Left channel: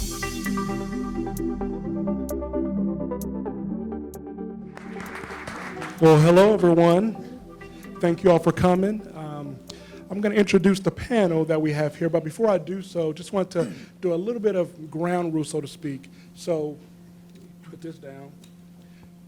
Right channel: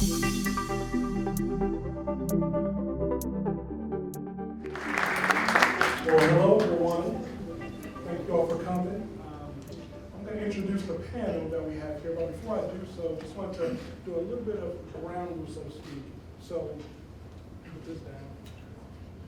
Well, hello everyone. Thank you all for coming. I'm going to introduce the panel that we have here, but before I do so, just want to do a little bit of ground rules, so to speak. So, put this down.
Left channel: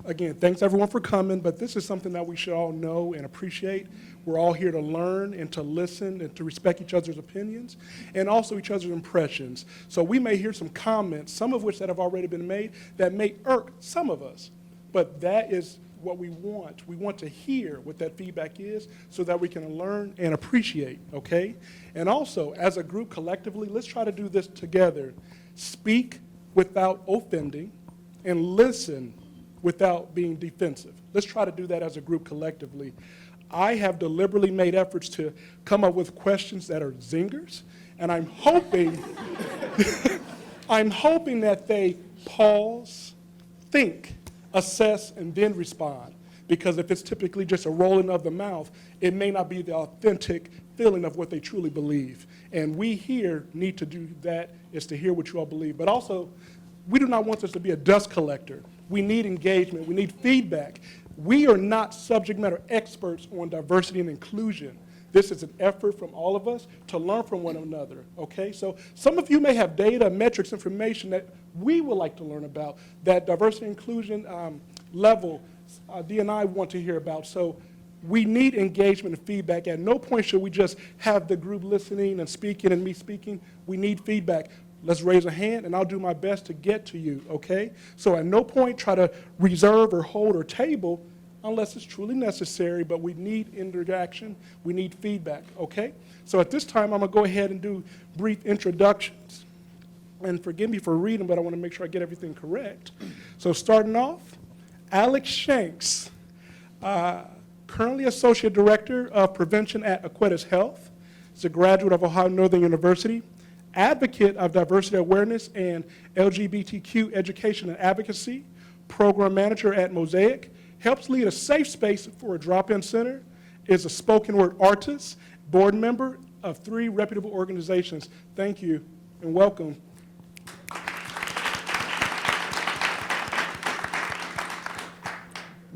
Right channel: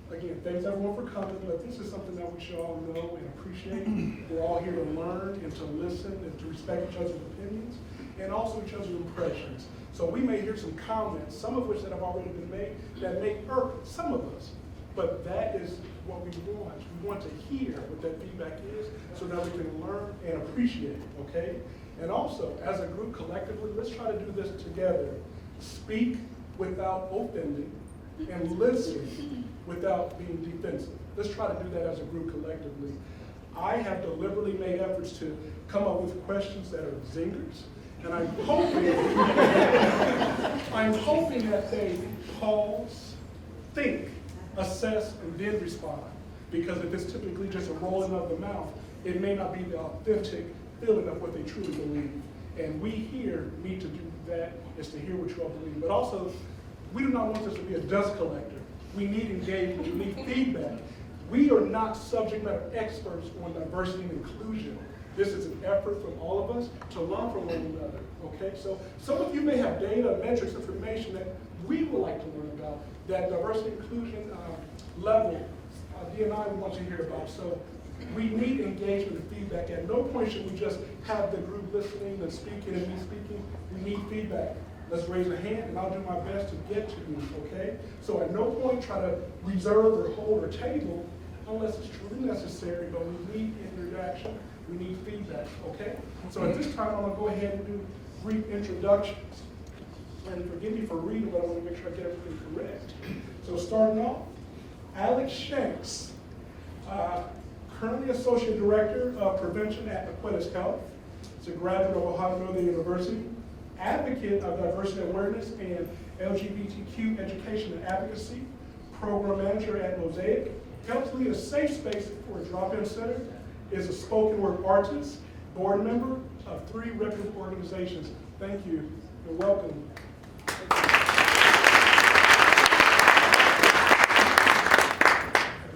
Again, thanks everyone for coming, but this is something that we should all know and appreciate. We're all here to learn and to listen and to respect each other's opinions and also each other's impressions. So we may hear some comments, some of which that have already been made, that may irk some of us, but that is what we want. We want to hear what that feedback is so that we can learn and appreciate, okay? And also, as a group collectively, let's try to do this together. Speak without offending and listen without being defensive. Let's try to do that as a group collectively. I have deliberately made efforts to come up with questions that are zingers, and I'm hoping, I'm hoping that they pause, think, assess, and then respond. Because if it's typically just a rolling of the mouth, it may not be the authentic feeling of what they truly believe. And we here need to do that, is to hear what you all believe. But also, we do not want this to be a dust collector. We need engagement, we need feedback. We are not subject matter experts on diversity and inclusion. This is an effort from all of us to learn from one another, okay? So some of you may have data, metrics, information that we would like to learn about, that diversity and inclusion level D&I want to hear about. So we need engagement and feedback. At no point should we just have the group listening and speaking and me speaking. We need feedback. Let's raise a hand and I'll do my best to get to you, okay? So at no point try to reserve or hold or table unless it's truly necessary, but we need interaction, we need feedback, okay? So at this time, I'm gonna go ahead and do brief introductions. And forgive me for reading, but I wanna make sure I get everything correct. So starting off, Alex Shanks, currently Associate Director of Prevention at Aquitas Health. He's a graduate of Ohio Northern University, advocate of diversity awareness and LGBTQ education and advocacy, program manager at Mosaic, helps lead a safe space for a drop-in center, is a spoken word artist, board member of 3 reputable organizations. Thank you and welcome.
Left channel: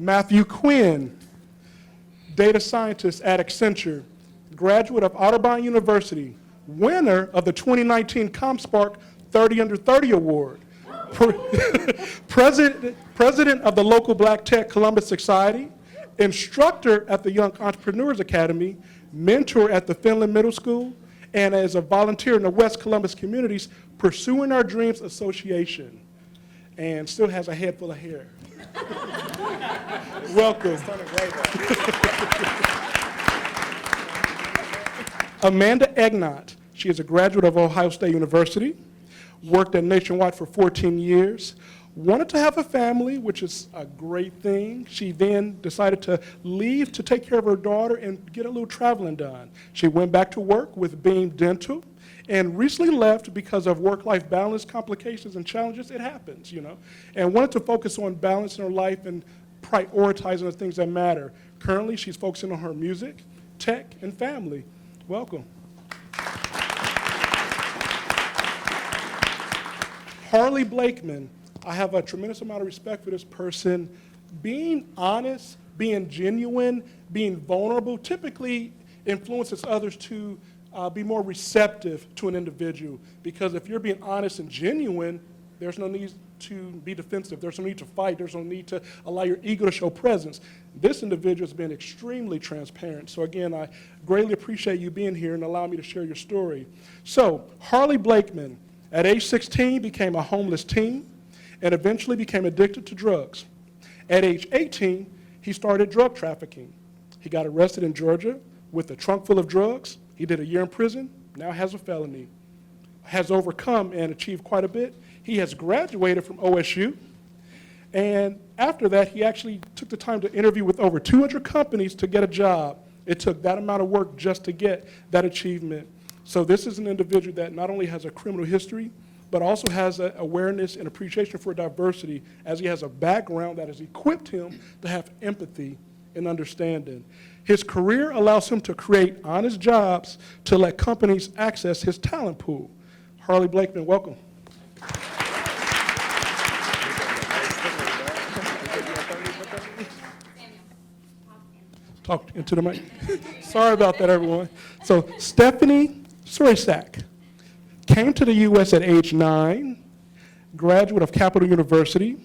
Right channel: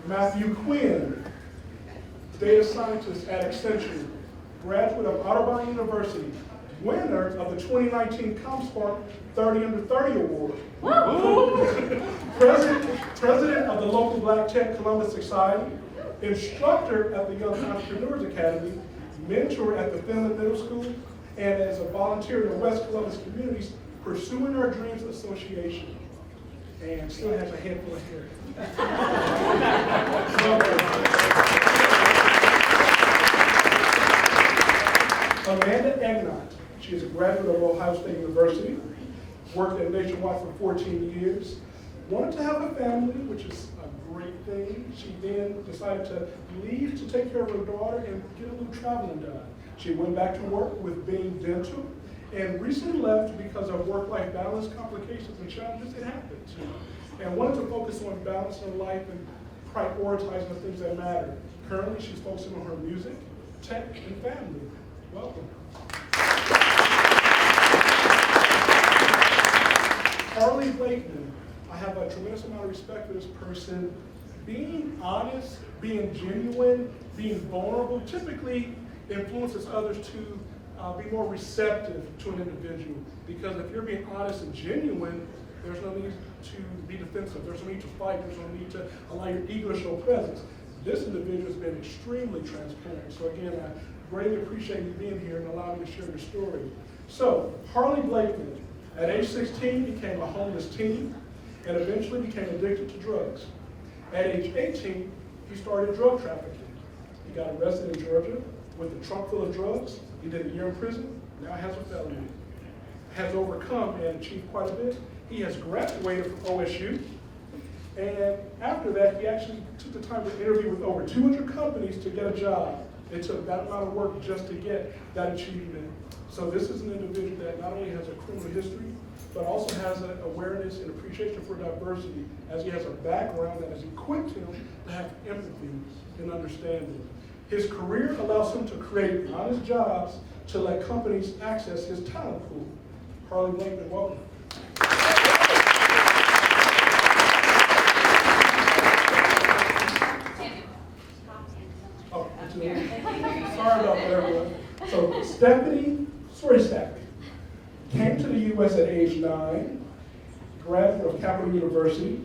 Matthew Quinn, data scientist at Accenture, graduate of Audubon University, winner of the 2019 ComSpark 30 Under 30 Award, president of the local Black Tech Columbus Society, instructor at the Young Entrepreneurs Academy, mentor at the Finland Middle School, and as a volunteer in the West Columbus Communities Pursuing Our Dreams Association, and still has a head full of hair. Welcome. Amanda Egnott. She is a graduate of Ohio State University, worked at Nationwide for 14 years, wanted to have a family, which is a great thing. She then decided to leave to take care of her daughter and get a little traveling done. She went back to work with Being Dental and recently left because of work-life balance complications and challenges. It happens, you know, and wanted to focus on balance in her life and prioritizing the things that matter. Currently, she's focusing on her music, tech, and family. Welcome. Harley Blakeman. I have a tremendous amount of respect for this person. Being honest, being genuine, being vulnerable typically influences others to be more receptive to an individual. Because if you're being honest and genuine, there's no need to be defensive. There's no need to fight. There's no need to allow your ego to show presence. This individual has been extremely transparent. So again, I greatly appreciate you being here and allowing me to share your story. So Harley Blakeman, at age 16, became a homeless teen and eventually became addicted to drugs. At age 18, he started drug trafficking. He got arrested in Georgia with a trunk full of drugs. He did a year in prison, now has a felony. Has overcome and achieved quite a bit. He has graduated from OSU. And after that, he actually took the time to interview with over 200 companies to get a job. It took that amount of work just to get that achievement. So this is an individual that not only has a criminal history, but also has an awareness and appreciation for diversity, as he has a background that has equipped him to have empathy and understanding. His career allows him to create honest jobs to let companies access his talent pool. Harley Blakeman, welcome. Talk into the mic. Sorry about that, everyone. So Stephanie Sracek came to the U.S. at age 9, graduate of Capital University,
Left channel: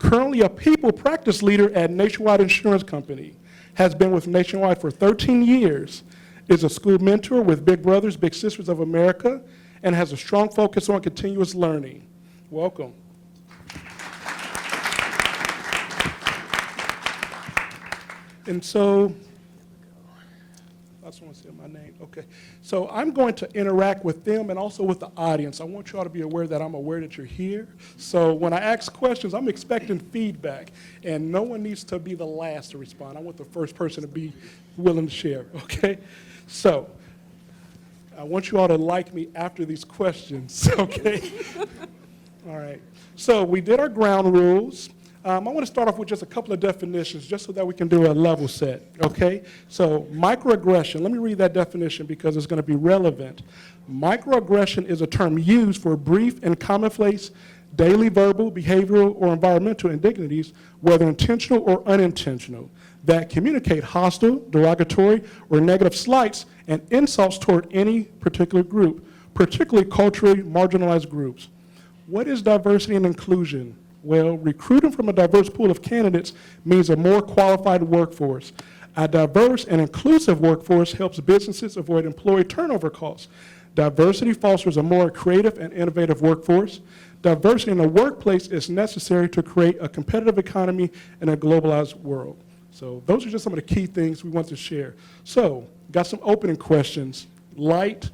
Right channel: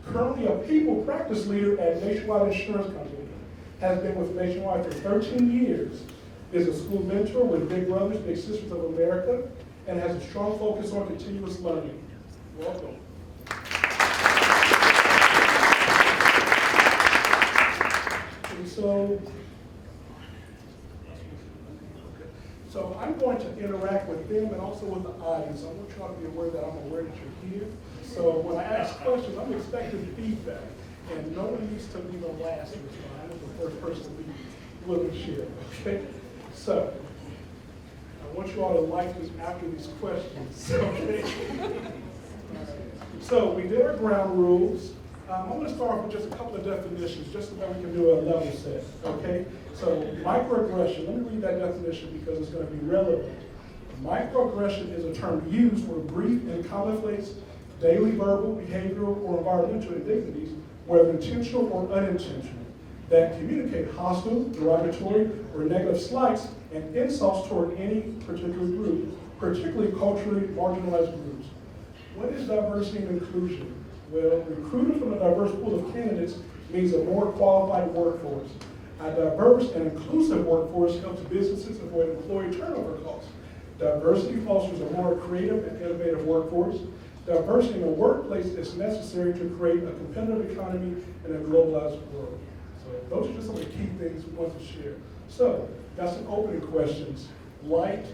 currently a people practice leader at Nationwide Insurance Company, has been with Nationwide for 13 years, is a school mentor with Big Brothers Big Sisters of America, and has a strong focus on continuous learning. Welcome. And so, I just want to say my name, okay. So I'm going to interact with them and also with the audience. I want you all to be aware that I'm aware that you're here. So when I ask questions, I'm expecting feedback, and no one needs to be the last to respond. I want the first person to be willing to share, okay? So I want you all to like me after these questions, okay? All right. So we did our ground rules. I want to start off with just a couple of definitions just so that we can do a level set, okay? So microaggression, let me read that definition because it's going to be relevant. Microaggression is a term used for brief and commonplace daily verbal, behavioral, or environmental indignities, whether intentional or unintentional, that communicate hostile, derogatory, or negative slights and insults toward any particular group, particularly culturally marginalized groups. What is diversity and inclusion? Well, recruiting from a diverse pool of candidates means a more qualified workforce. A diverse and inclusive workforce helps businesses avoid employee turnover costs. Diversity fosters a more creative and innovative workforce. Diversity in the workplace is necessary to create a competitive economy in a globalized world. So those are just some of the key things we want to share. So, got some opening questions. Light,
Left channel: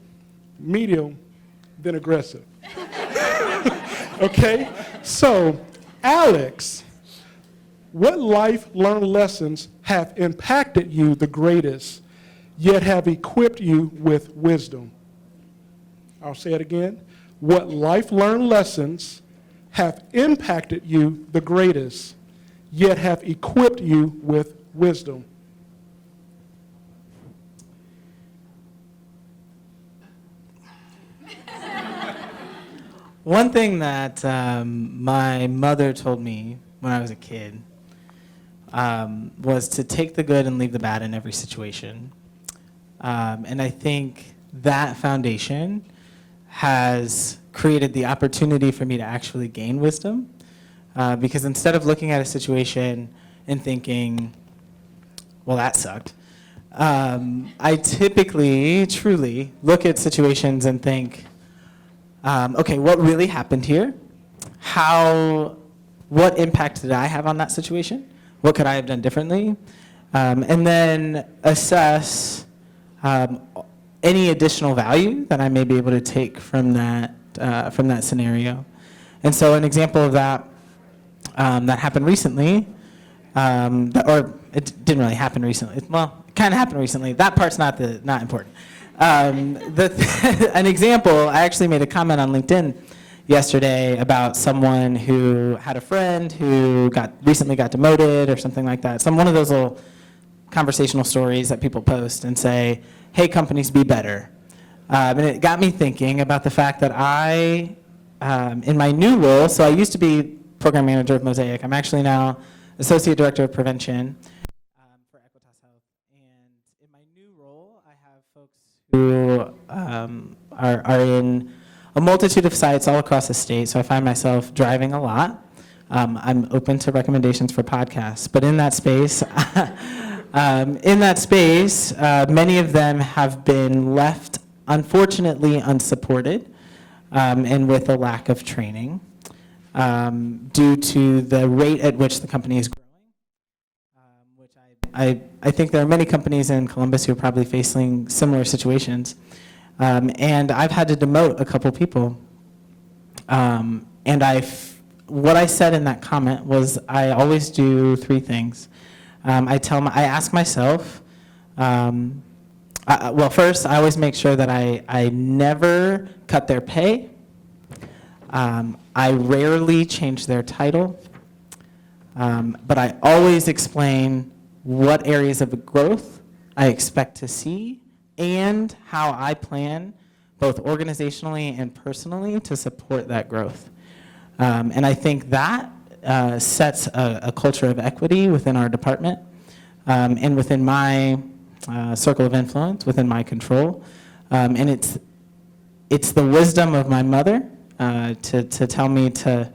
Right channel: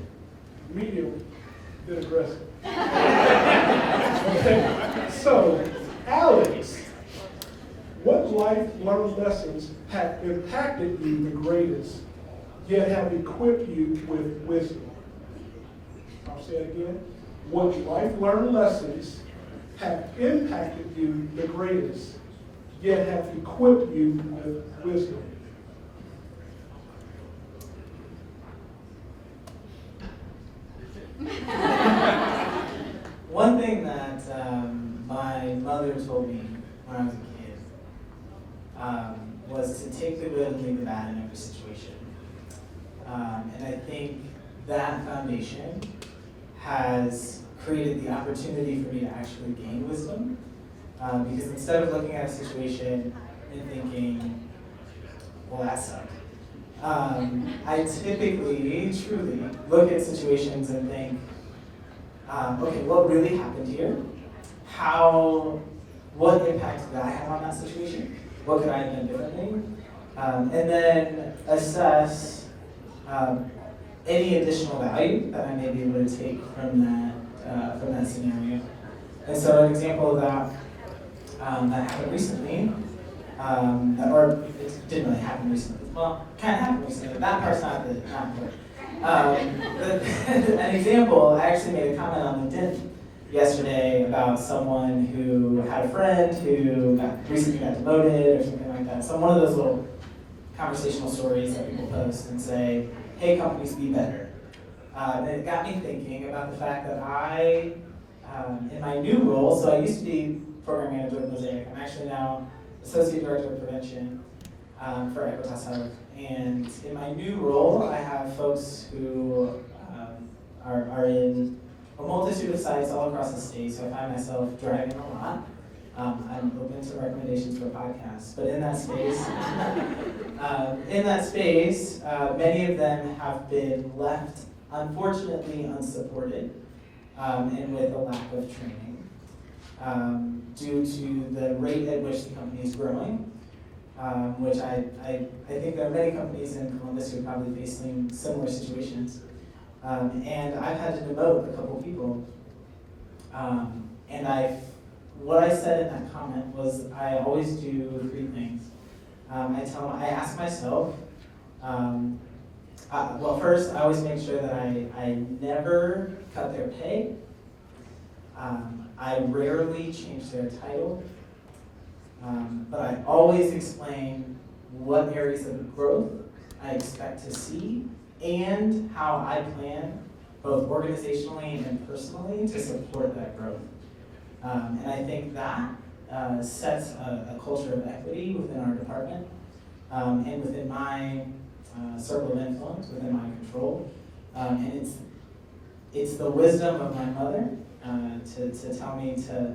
medium, then aggressive. Okay? So, Alex, what life-learned lessons have impacted you the greatest, yet have equipped you with wisdom? I'll say it again. What life-learned lessons have impacted you the greatest, yet have equipped you with wisdom? One thing that my mother told me when I was a kid was to take the good and leave the bad in every situation. And I think that foundation has created the opportunity for me to actually gain wisdom. Because instead of looking at a situation and thinking, well, that sucked, I typically, truly look at situations and think, okay, what really happened here? What impact did I have on that situation? What could I have done differently? And then assess any additional value that I may be able to take from that scenario. And so an example of that that happened recently, or it didn't really happen recently. Well, kind of happened recently. That part's not important. An example, I actually made a comment on LinkedIn yesterday about someone who had a friend who recently got demoted or something like that. One of those little conversational stories that people post and say, hey, companies, be better. And it got me thinking about the fact that I, in my new role, so I used to be program manager at Mosaic. I'm actually now associate director of prevention for Equitas. And in my new role, I have folks who are in a multitude of sites all across the state. So I find myself driving a lot. I'm open to recommendations for podcasts, but in that space, many of them have been left, unfortunately, unsupported and with a lack of training due to the rate at which the company is growing. Which I think there are many companies in Columbus who are probably facing similar situations. And I've had to demote a couple people. What I said in that comment was I always do three things. I ask myself, first, I always make sure that I never cut their pay. I rarely change their title. But I always explain what areas of growth I expect to see and how I plan, both organizationally and personally, to support that growth. And I think that sets a culture of equity within our department and within my circle of influence, within my control. And it's the wisdom of my mother to tell me to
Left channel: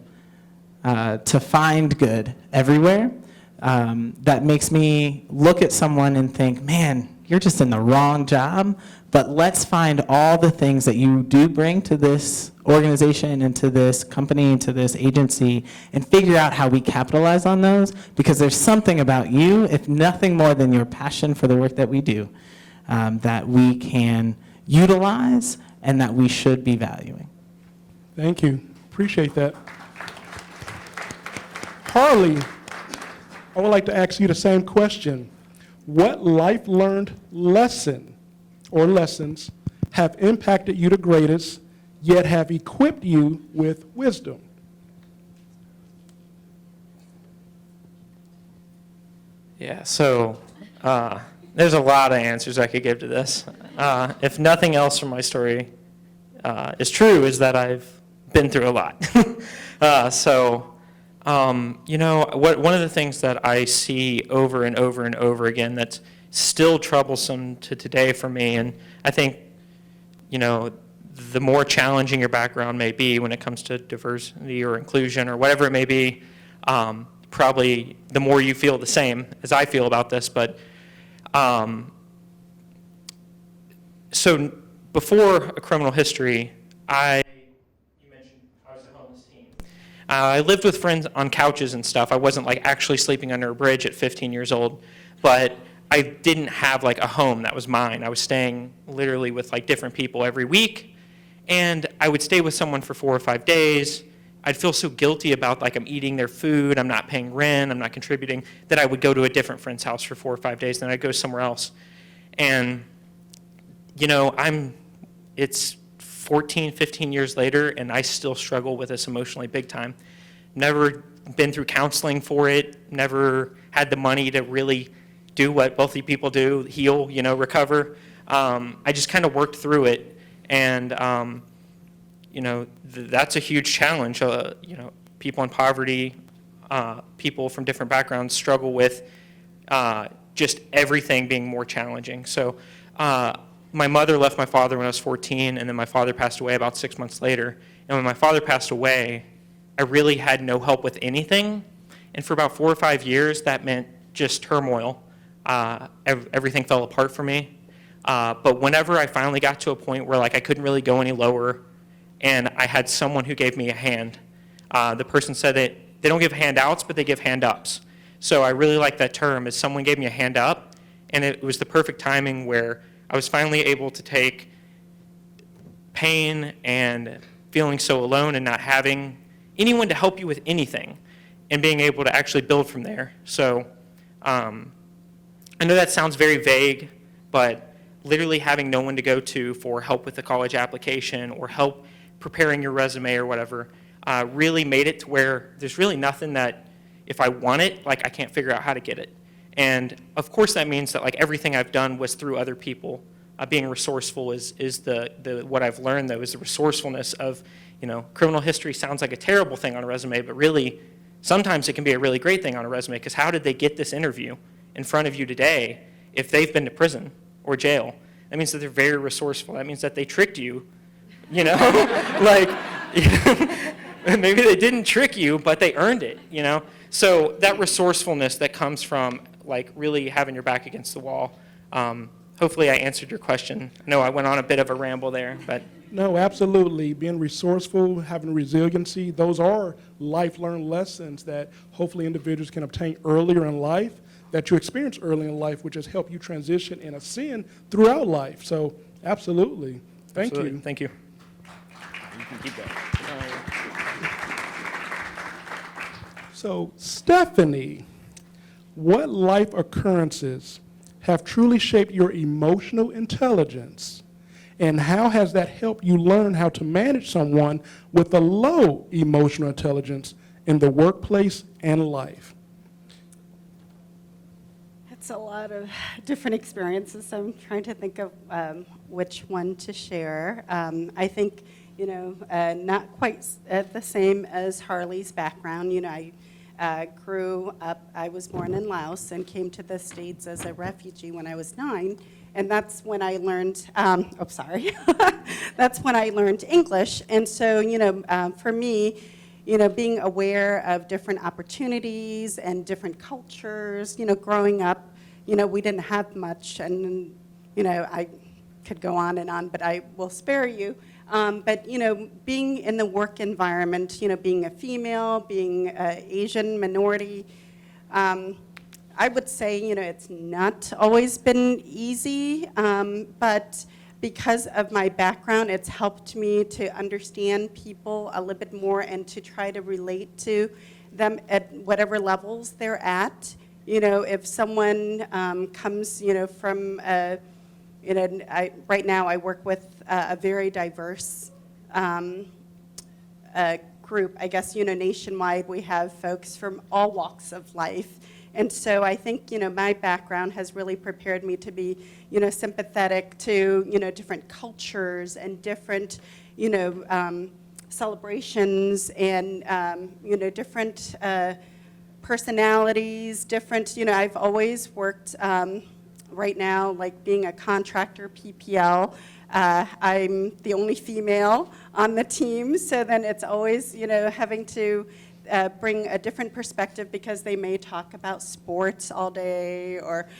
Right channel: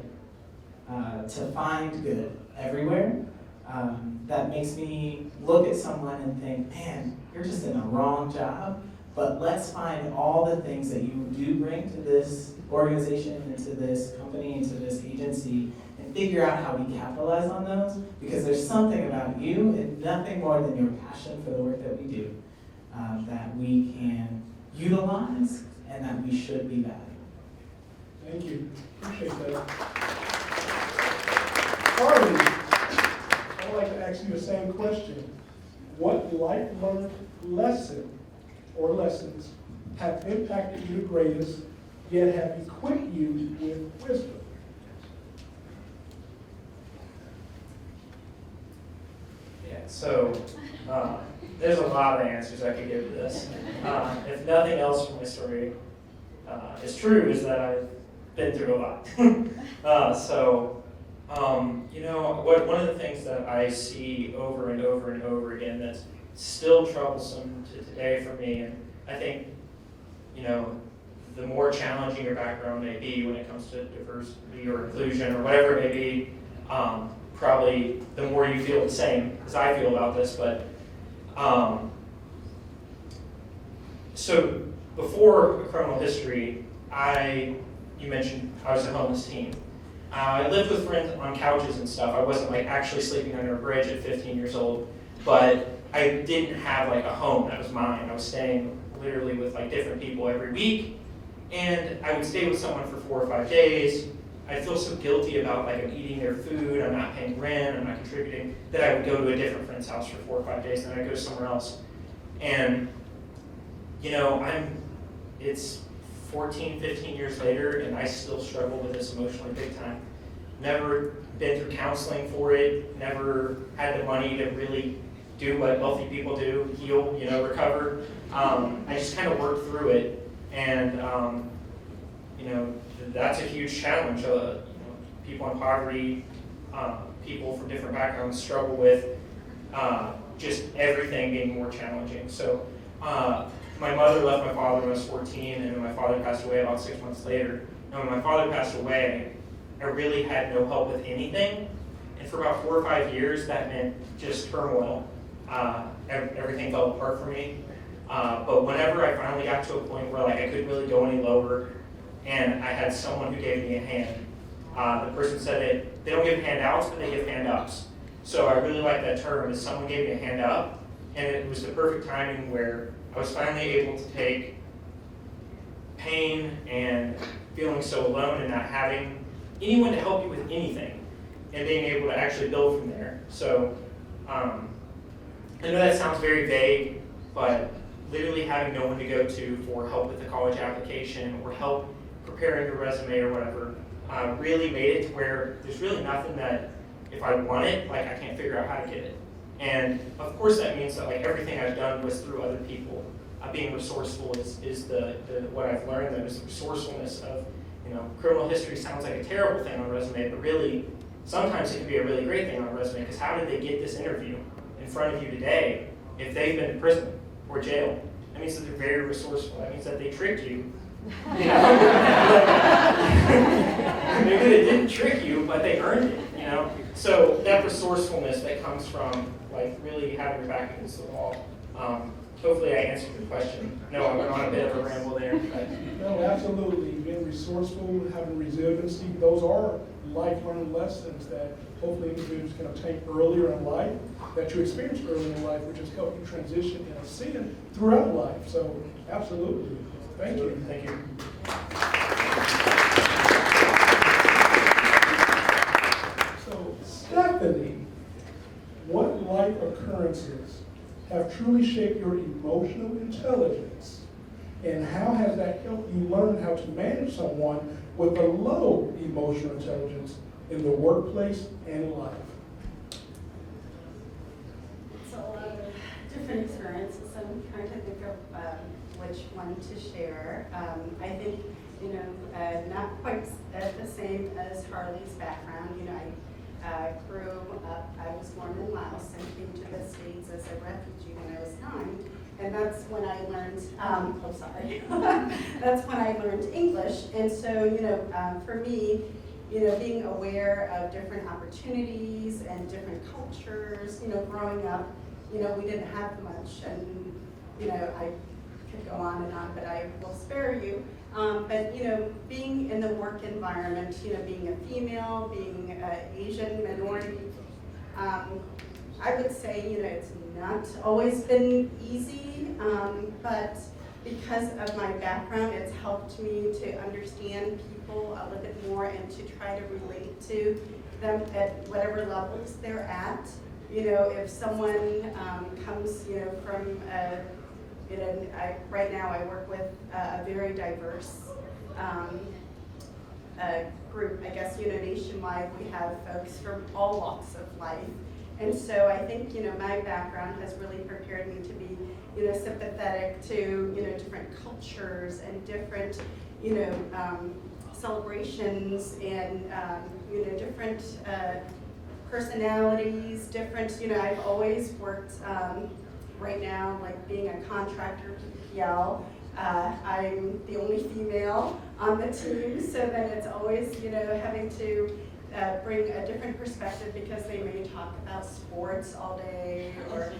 find good everywhere. That makes me look at someone and think, man, you're just in the wrong job, but let's find all the things that you do bring to this organization and to this company and to this agency and figure out how we capitalize on those, because there's something about you, if nothing more than your passion for the work that we do, that we can utilize and that we should be valuing. Thank you. Appreciate that. Harley, I would like to ask you the same question. What life learned lesson or lessons have impacted you the greatest, yet have equipped you with wisdom? Yeah, so there's a lot of answers I could give to this. If nothing else from my story is true, is that I've been through a lot. One of the things that I see over and over and over again that's still troublesome to today for me, and I think, the more challenging your background may be when it comes to diversity or inclusion or whatever it may be, probably the more you feel the same as I feel about this. But so before a criminal history, you mentioned I was a homeless teen. I lived with friends on couches and stuff. I wasn't actually sleeping under a bridge at 15 years old, but I didn't have a home that was mine. I was staying literally with different people every week, and I would stay with someone for 4 or 5 days. I'd feel so guilty about I'm eating their food, I'm not paying rent, I'm not contributing, that I would go to a different friend's house for 4 or 5 days, then I'd go somewhere else. And it's 14, 15 years later, and I still struggle with this emotionally big time. Never been through counseling for it, never had the money to really do what wealthy people do, heal, recover. I just kind of worked through it, and that's a huge challenge. People in poverty, people from different backgrounds struggle with just everything being more challenging. So my mother left my father when I was 14, and then my father passed away about 6 months later. And when my father passed away, I really had no help with anything. And for about 4 or 5 years, that meant just turmoil. Everything fell apart for me. But whenever I finally got to a point where I couldn't really go any lower, and I had someone who gave me a hand. The person said that they don't give handouts, but they give hand-ups. So I really like that term, is someone gave me a hand up, and it was the perfect timing where I was finally able to take pain and feeling so alone and not having anyone to help you with anything, and being able to actually build from there. So I know that sounds very vague, but literally having no one to go to for help with the college application or help preparing your resume or whatever really made it to where there's really nothing that, if I want it, I can't figure out how to get it. And of course that means that everything I've done was through other people. Being resourceful is the what I've learned, though, is the resourcefulness of, criminal history sounds like a terrible thing on a resume, but really sometimes it can be a really great thing on a resume, because how did they get this interview in front of you today if they've been to prison or jail? That means that they're very resourceful. That means that they tricked you, maybe they didn't trick you, but they earned it, So that resourcefulness that comes from really having your back against the wall. Hopefully I answered your question. No, I went on a bit of a ramble there, but. No, absolutely. Being resourceful, having resiliency, those are life-learned lessons that hopefully individuals can obtain earlier in life, that you experience early in life, which has helped you transition and ascend throughout life. So absolutely. Thank you. Thank you. So Stephanie, what life occurrences have truly shaped your emotional intelligence, and how has that helped you learn how to manage someone with a low emotional intelligence in the workplace and life? It's a lot of different experiences. I'm trying to think of which one to share. I think, not quite the same as Harley's background. grew up, I was born in Laos and came to the States as a refugee when I was 9. And that's when I learned, that's when I learned English. And so, for me, being aware of different opportunities and different cultures, growing up, we didn't have much. And, I could go on, but I will spare you. But, being in the work environment, being a female, being an Asian minority, I would say, it's not always been easy, but because of my background, it's helped me to understand people a little bit more and to try to relate to them at whatever levels they're at. If someone comes, from right now I work with a very diverse group. I guess, nationwide we have folks from all walks of life. And so I think, my background has really prepared me to be, sympathetic to, different cultures and different, celebrations and, different personalities, different, I've always worked, right now, like being a contractor PPL, I'm the only female on the team, so then it's always, having to bring a different perspective because they may talk about sports all day or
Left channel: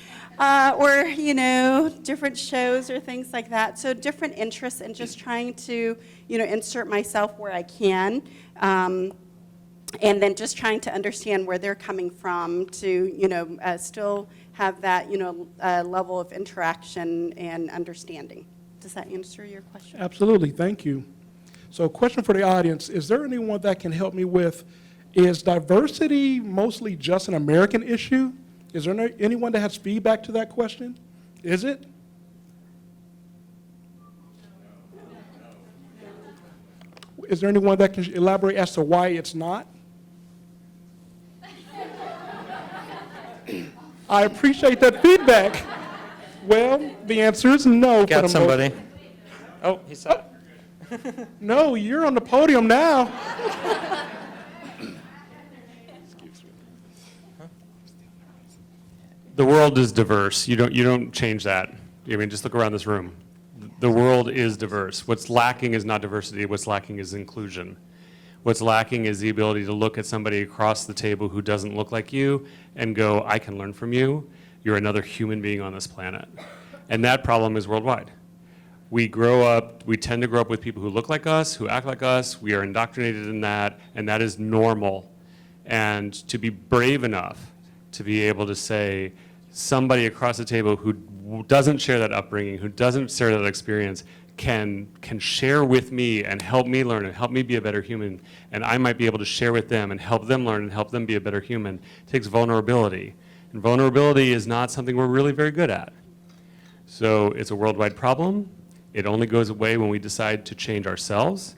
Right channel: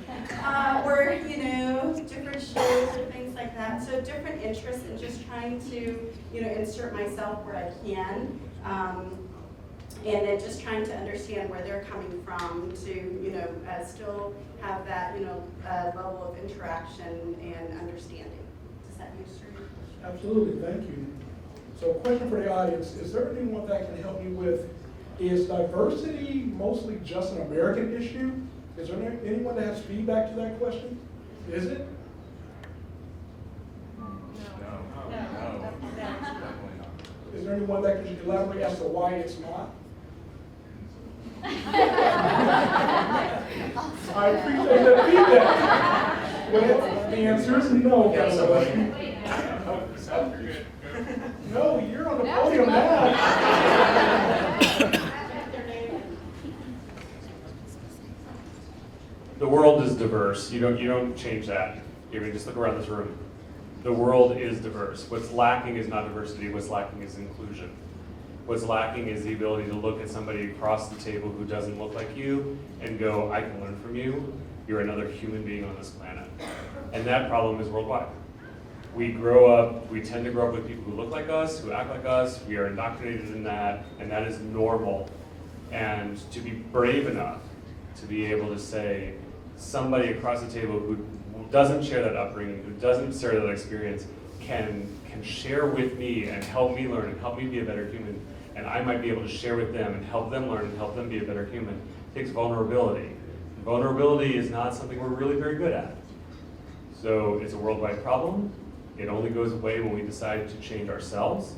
different shows or things like that. So different interests and just trying to, insert myself where I can. And then just trying to understand where they're coming from to, still have that, level of interaction and understanding. Does that answer your question? Absolutely, thank you. So question for the audience, is there anyone that can help me with, is diversity mostly just an American issue? Is there anyone that has feedback to that question? Is it? Is there anyone that can elaborate as to why it's not? I appreciate that feedback. Well, the answer is no. Got somebody. Oh, he said. No, you're on the podium now. The world is diverse. You don't change that. I mean, just look around this room. The world is diverse. What's lacking is not diversity. What's lacking is inclusion. What's lacking is the ability to look at somebody across the table who doesn't look like you and go, I can learn from you. You're another human being on this planet. And that problem is worldwide. We tend to grow up with people who look like us, who act like us. We are indoctrinated in that, and that is normal. And to be brave enough to be able to say, somebody across the table who doesn't share that upbringing, who doesn't share that experience, can share with me and help me learn and help me be a better human, and I might be able to share with them and help them learn and help them be a better human. It takes vulnerability. And vulnerability is not something we're really very good at. So it's a worldwide problem. It only goes away when we decide to change ourselves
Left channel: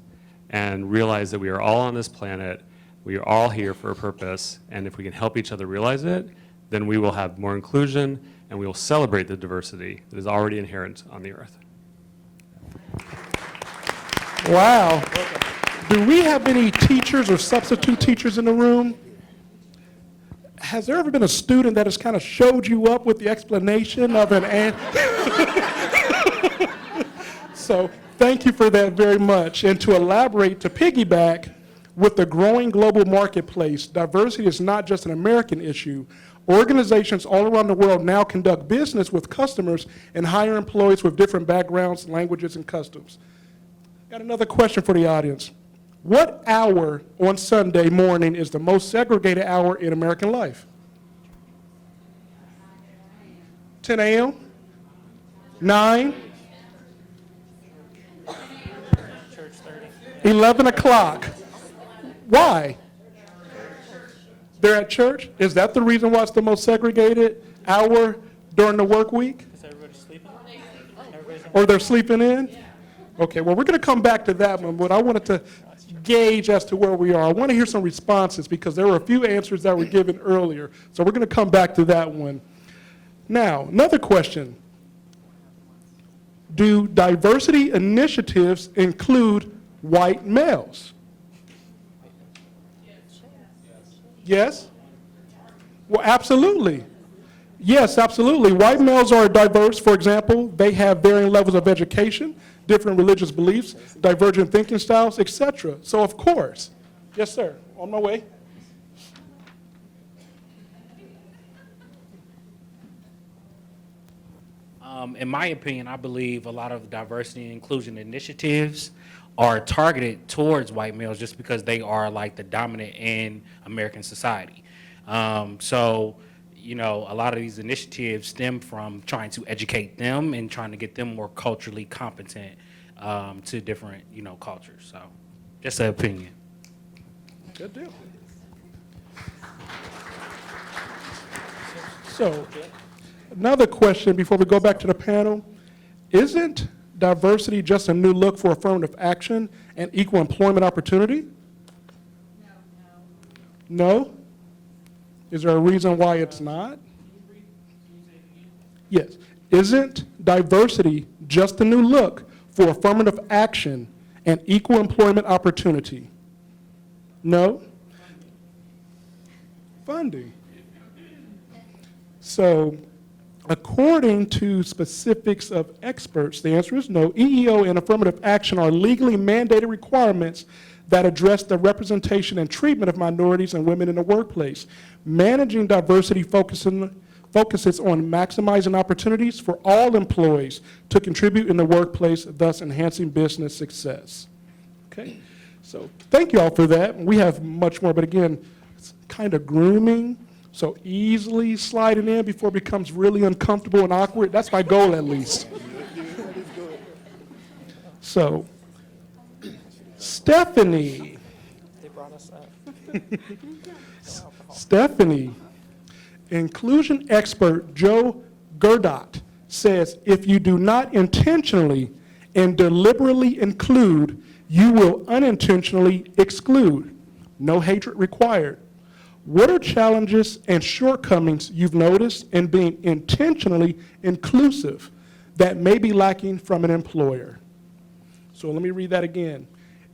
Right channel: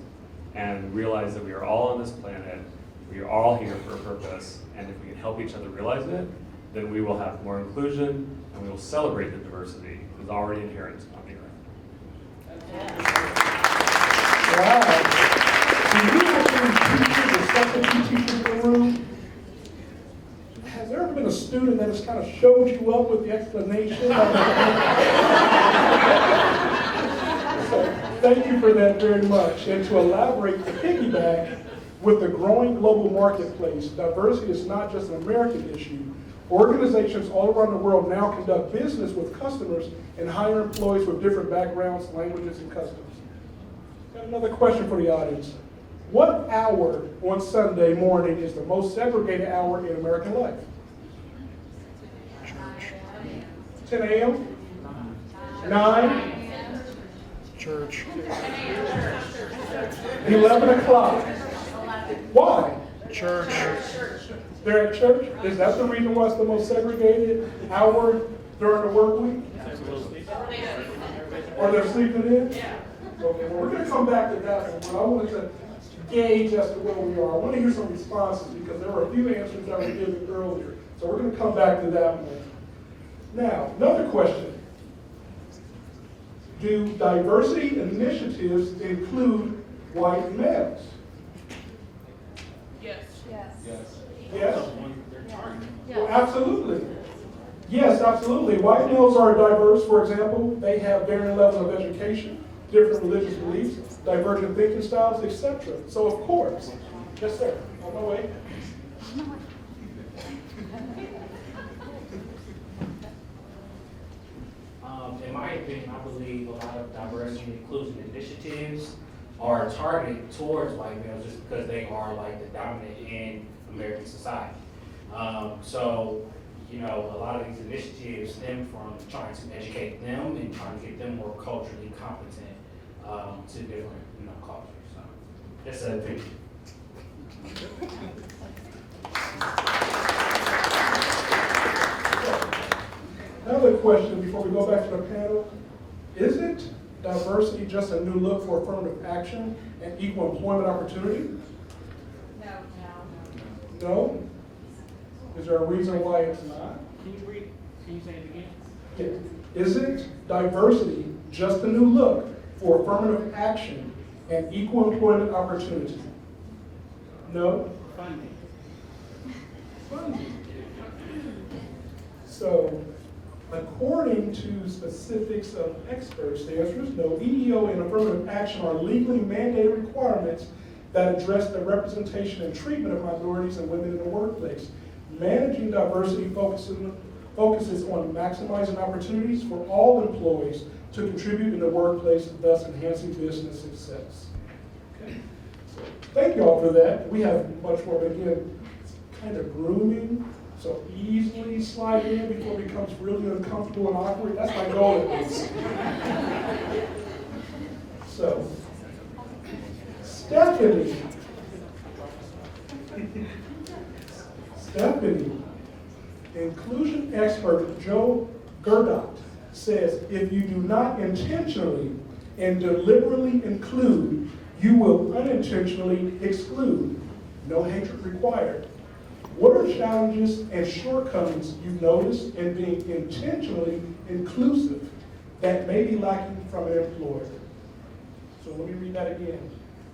and realize that we are all on this planet. We are all here for a purpose, and if we can help each other realize it, then we will have more inclusion and we will celebrate the diversity that is already inherent on the earth. Wow. Do we have any teachers or substitute teachers in the room? Has there ever been a student that has kind of showed you up with the explanation of it? So thank you for that very much. And to elaborate, to piggyback, with the growing global marketplace, diversity is not just an American issue. Organizations all around the world now conduct business with customers and hire employees with different backgrounds, languages, and customs. Got another question for the audience. What hour on Sunday morning is the most segregated hour in American life? 10 a.m.? 9? Church. 11 o'clock. Why? Church. They're at church? Is that the reason why it's the most segregated hour during the work week? Or they're sleeping in? Okay, well, we're going to come back to that one, but I wanted to gauge as to where we are. I want to hear some responses because there were a few answers that were given earlier. So we're going to come back to that one. Now, another question. Do diversity initiatives include white males? Yes? Well, absolutely. Yes, absolutely. White males are diverse. For example, they have varying levels of education, different religious beliefs, divergent thinking styles, etc. So, of course. Yes, sir. On my way. In my opinion, I believe a lot of diversity and inclusion initiatives are targeted towards white males just because they are like the dominant in American society. So, you know, a lot of these initiatives stem from trying to educate them and trying to get them more culturally competent to different, you know, cultures. So, just an opinion. So, another question before we go back to the panel. Isn't diversity just a new look for affirmative action and equal employment opportunity? No? Is there a reason why it's not? Can you say it again? Yes. Isn't diversity just a new look for affirmative action and equal employment opportunity? No? Funding. So, according to specifics of experts, the answer is no. EEO and affirmative action are legally mandated requirements that address the representation and treatment of minorities and women in the workplace. Managing diversity focuses on maximizing opportunities for all employees to contribute in the workplace, thus enhancing business success. Okay, so thank you all for that. We have much more, but again, it's kind of grooming, so easily sliding in before it becomes really uncomfortable and awkward. That's my goal, at least. So, Stephanie, inclusion expert Joe Gerdot says, if you do not intentionally and deliberately include, you will unintentionally exclude. No hatred required. What are challenges and shortcomings you've noticed in being intentionally inclusive that may be lacking from an employer? So let me read that again.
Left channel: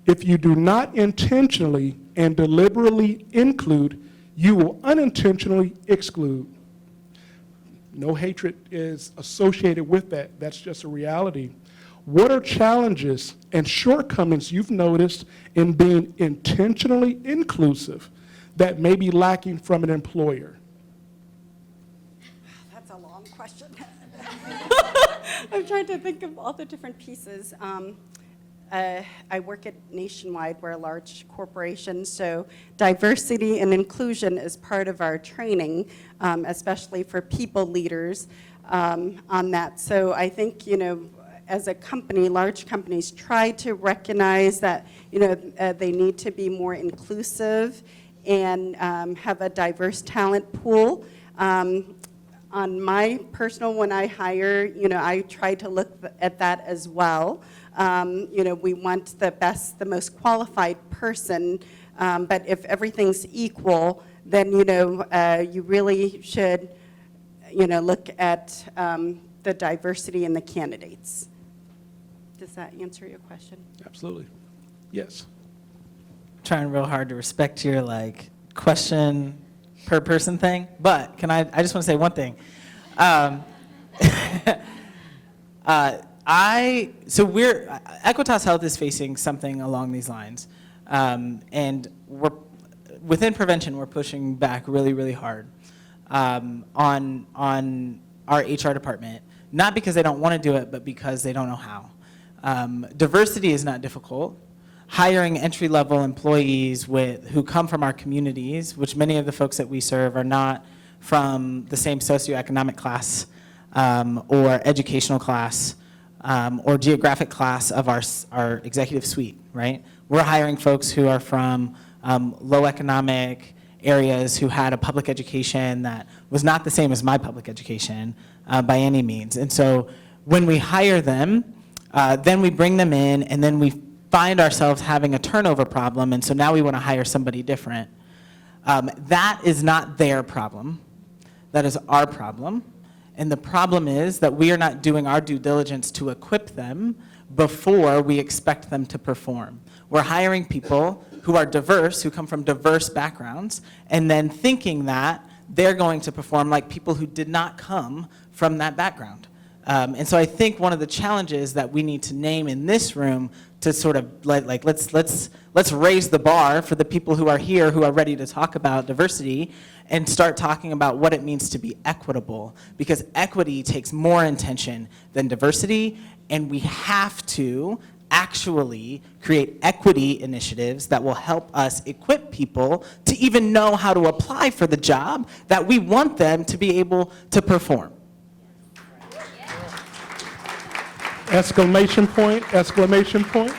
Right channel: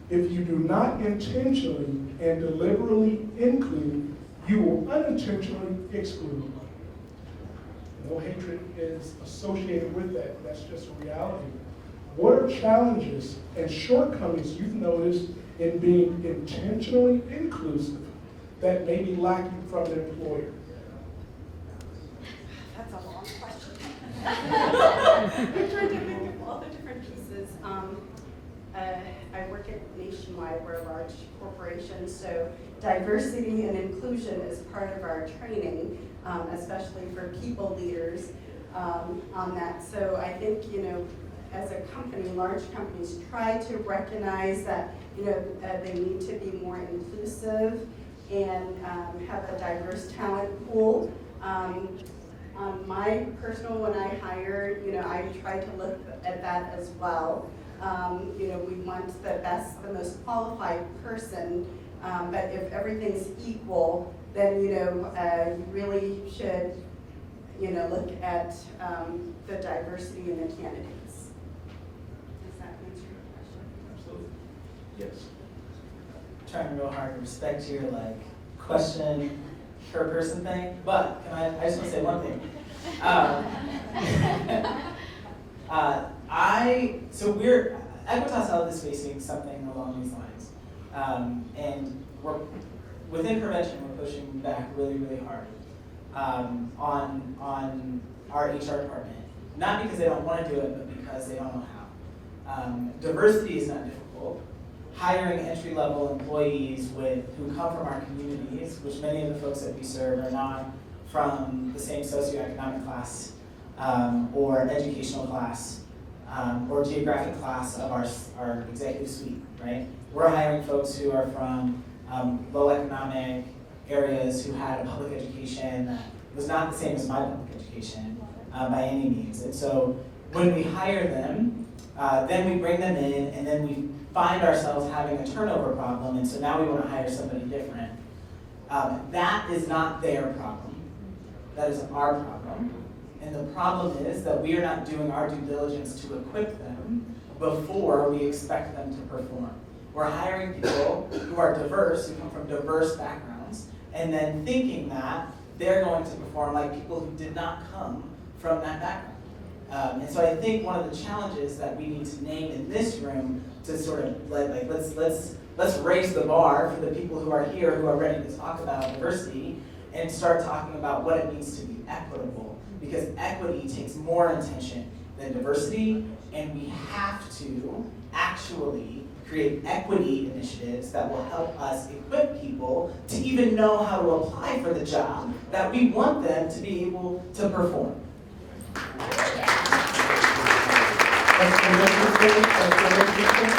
If you do not intentionally and deliberately include, you will unintentionally exclude. No hatred is associated with that. That's just a reality. What are challenges and shortcomings you've noticed in being intentionally inclusive that may be lacking from an employer? That's a long question. I'm trying to think of all the different pieces. I work at Nationwide. We're a large corporation, so diversity and inclusion is part of our training, especially for people leaders on that. So I think, you know, as a company, large companies try to recognize that, you know, they need to be more inclusive and have a diverse talent pool. On my personal, when I hire, you know, I try to look at that as well. You know, we want the best, the most qualified person, but if everything's equal, then, you know, you really should, you know, look at the diversity in the candidates. Does that answer your question? Absolutely. Yes. Trying real hard to respect your like question per person thing, but I just want to say one thing. Equitas Health is facing something along these lines, and within prevention, we're pushing back really, really hard on our HR department. Not because they don't want to do it, but because they don't know how. Diversity is not difficult. Hiring entry-level employees who come from our communities, which many of the folks that we serve are not from the same socioeconomic class or educational class or geographic class of our executive suite, right? We're hiring folks who are from low economic areas who had a public education that was not the same as my public education by any means. And so when we hire them, then we bring them in, and then we find ourselves having a turnover problem, and so now we want to hire somebody different. That is not their problem. That is our problem. And the problem is that we are not doing our due diligence to equip them before we expect them to perform. We're hiring people who are diverse, who come from diverse backgrounds, and then thinking that they're going to perform like people who did not come from that background. And so I think one of the challenges that we need to name in this room to sort of let's raise the bar for the people who are here who are ready to talk about diversity and start talking about what it means to be equitable, because equity takes more intention than diversity, and we have to actually create equity initiatives that will help us equip people to even know how to apply for the job that we want them to be able to perform. Exclamation point, exclamation point.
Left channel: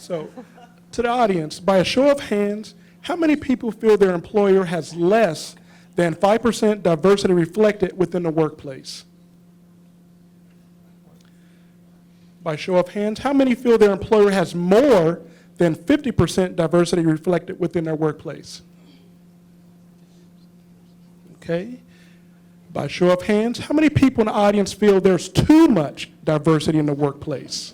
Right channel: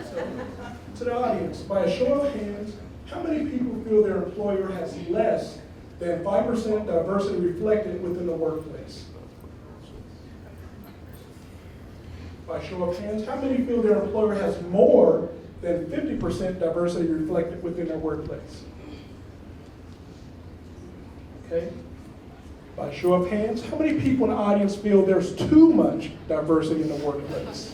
So, to the audience, by a show of hands, how many people feel their employer has less than 5% diversity reflected within the workplace? By show of hands, how many feel their employer has more than 50% diversity reflected within their workplace? Okay. By show of hands, how many people in the audience feel there's too much diversity in the workplace?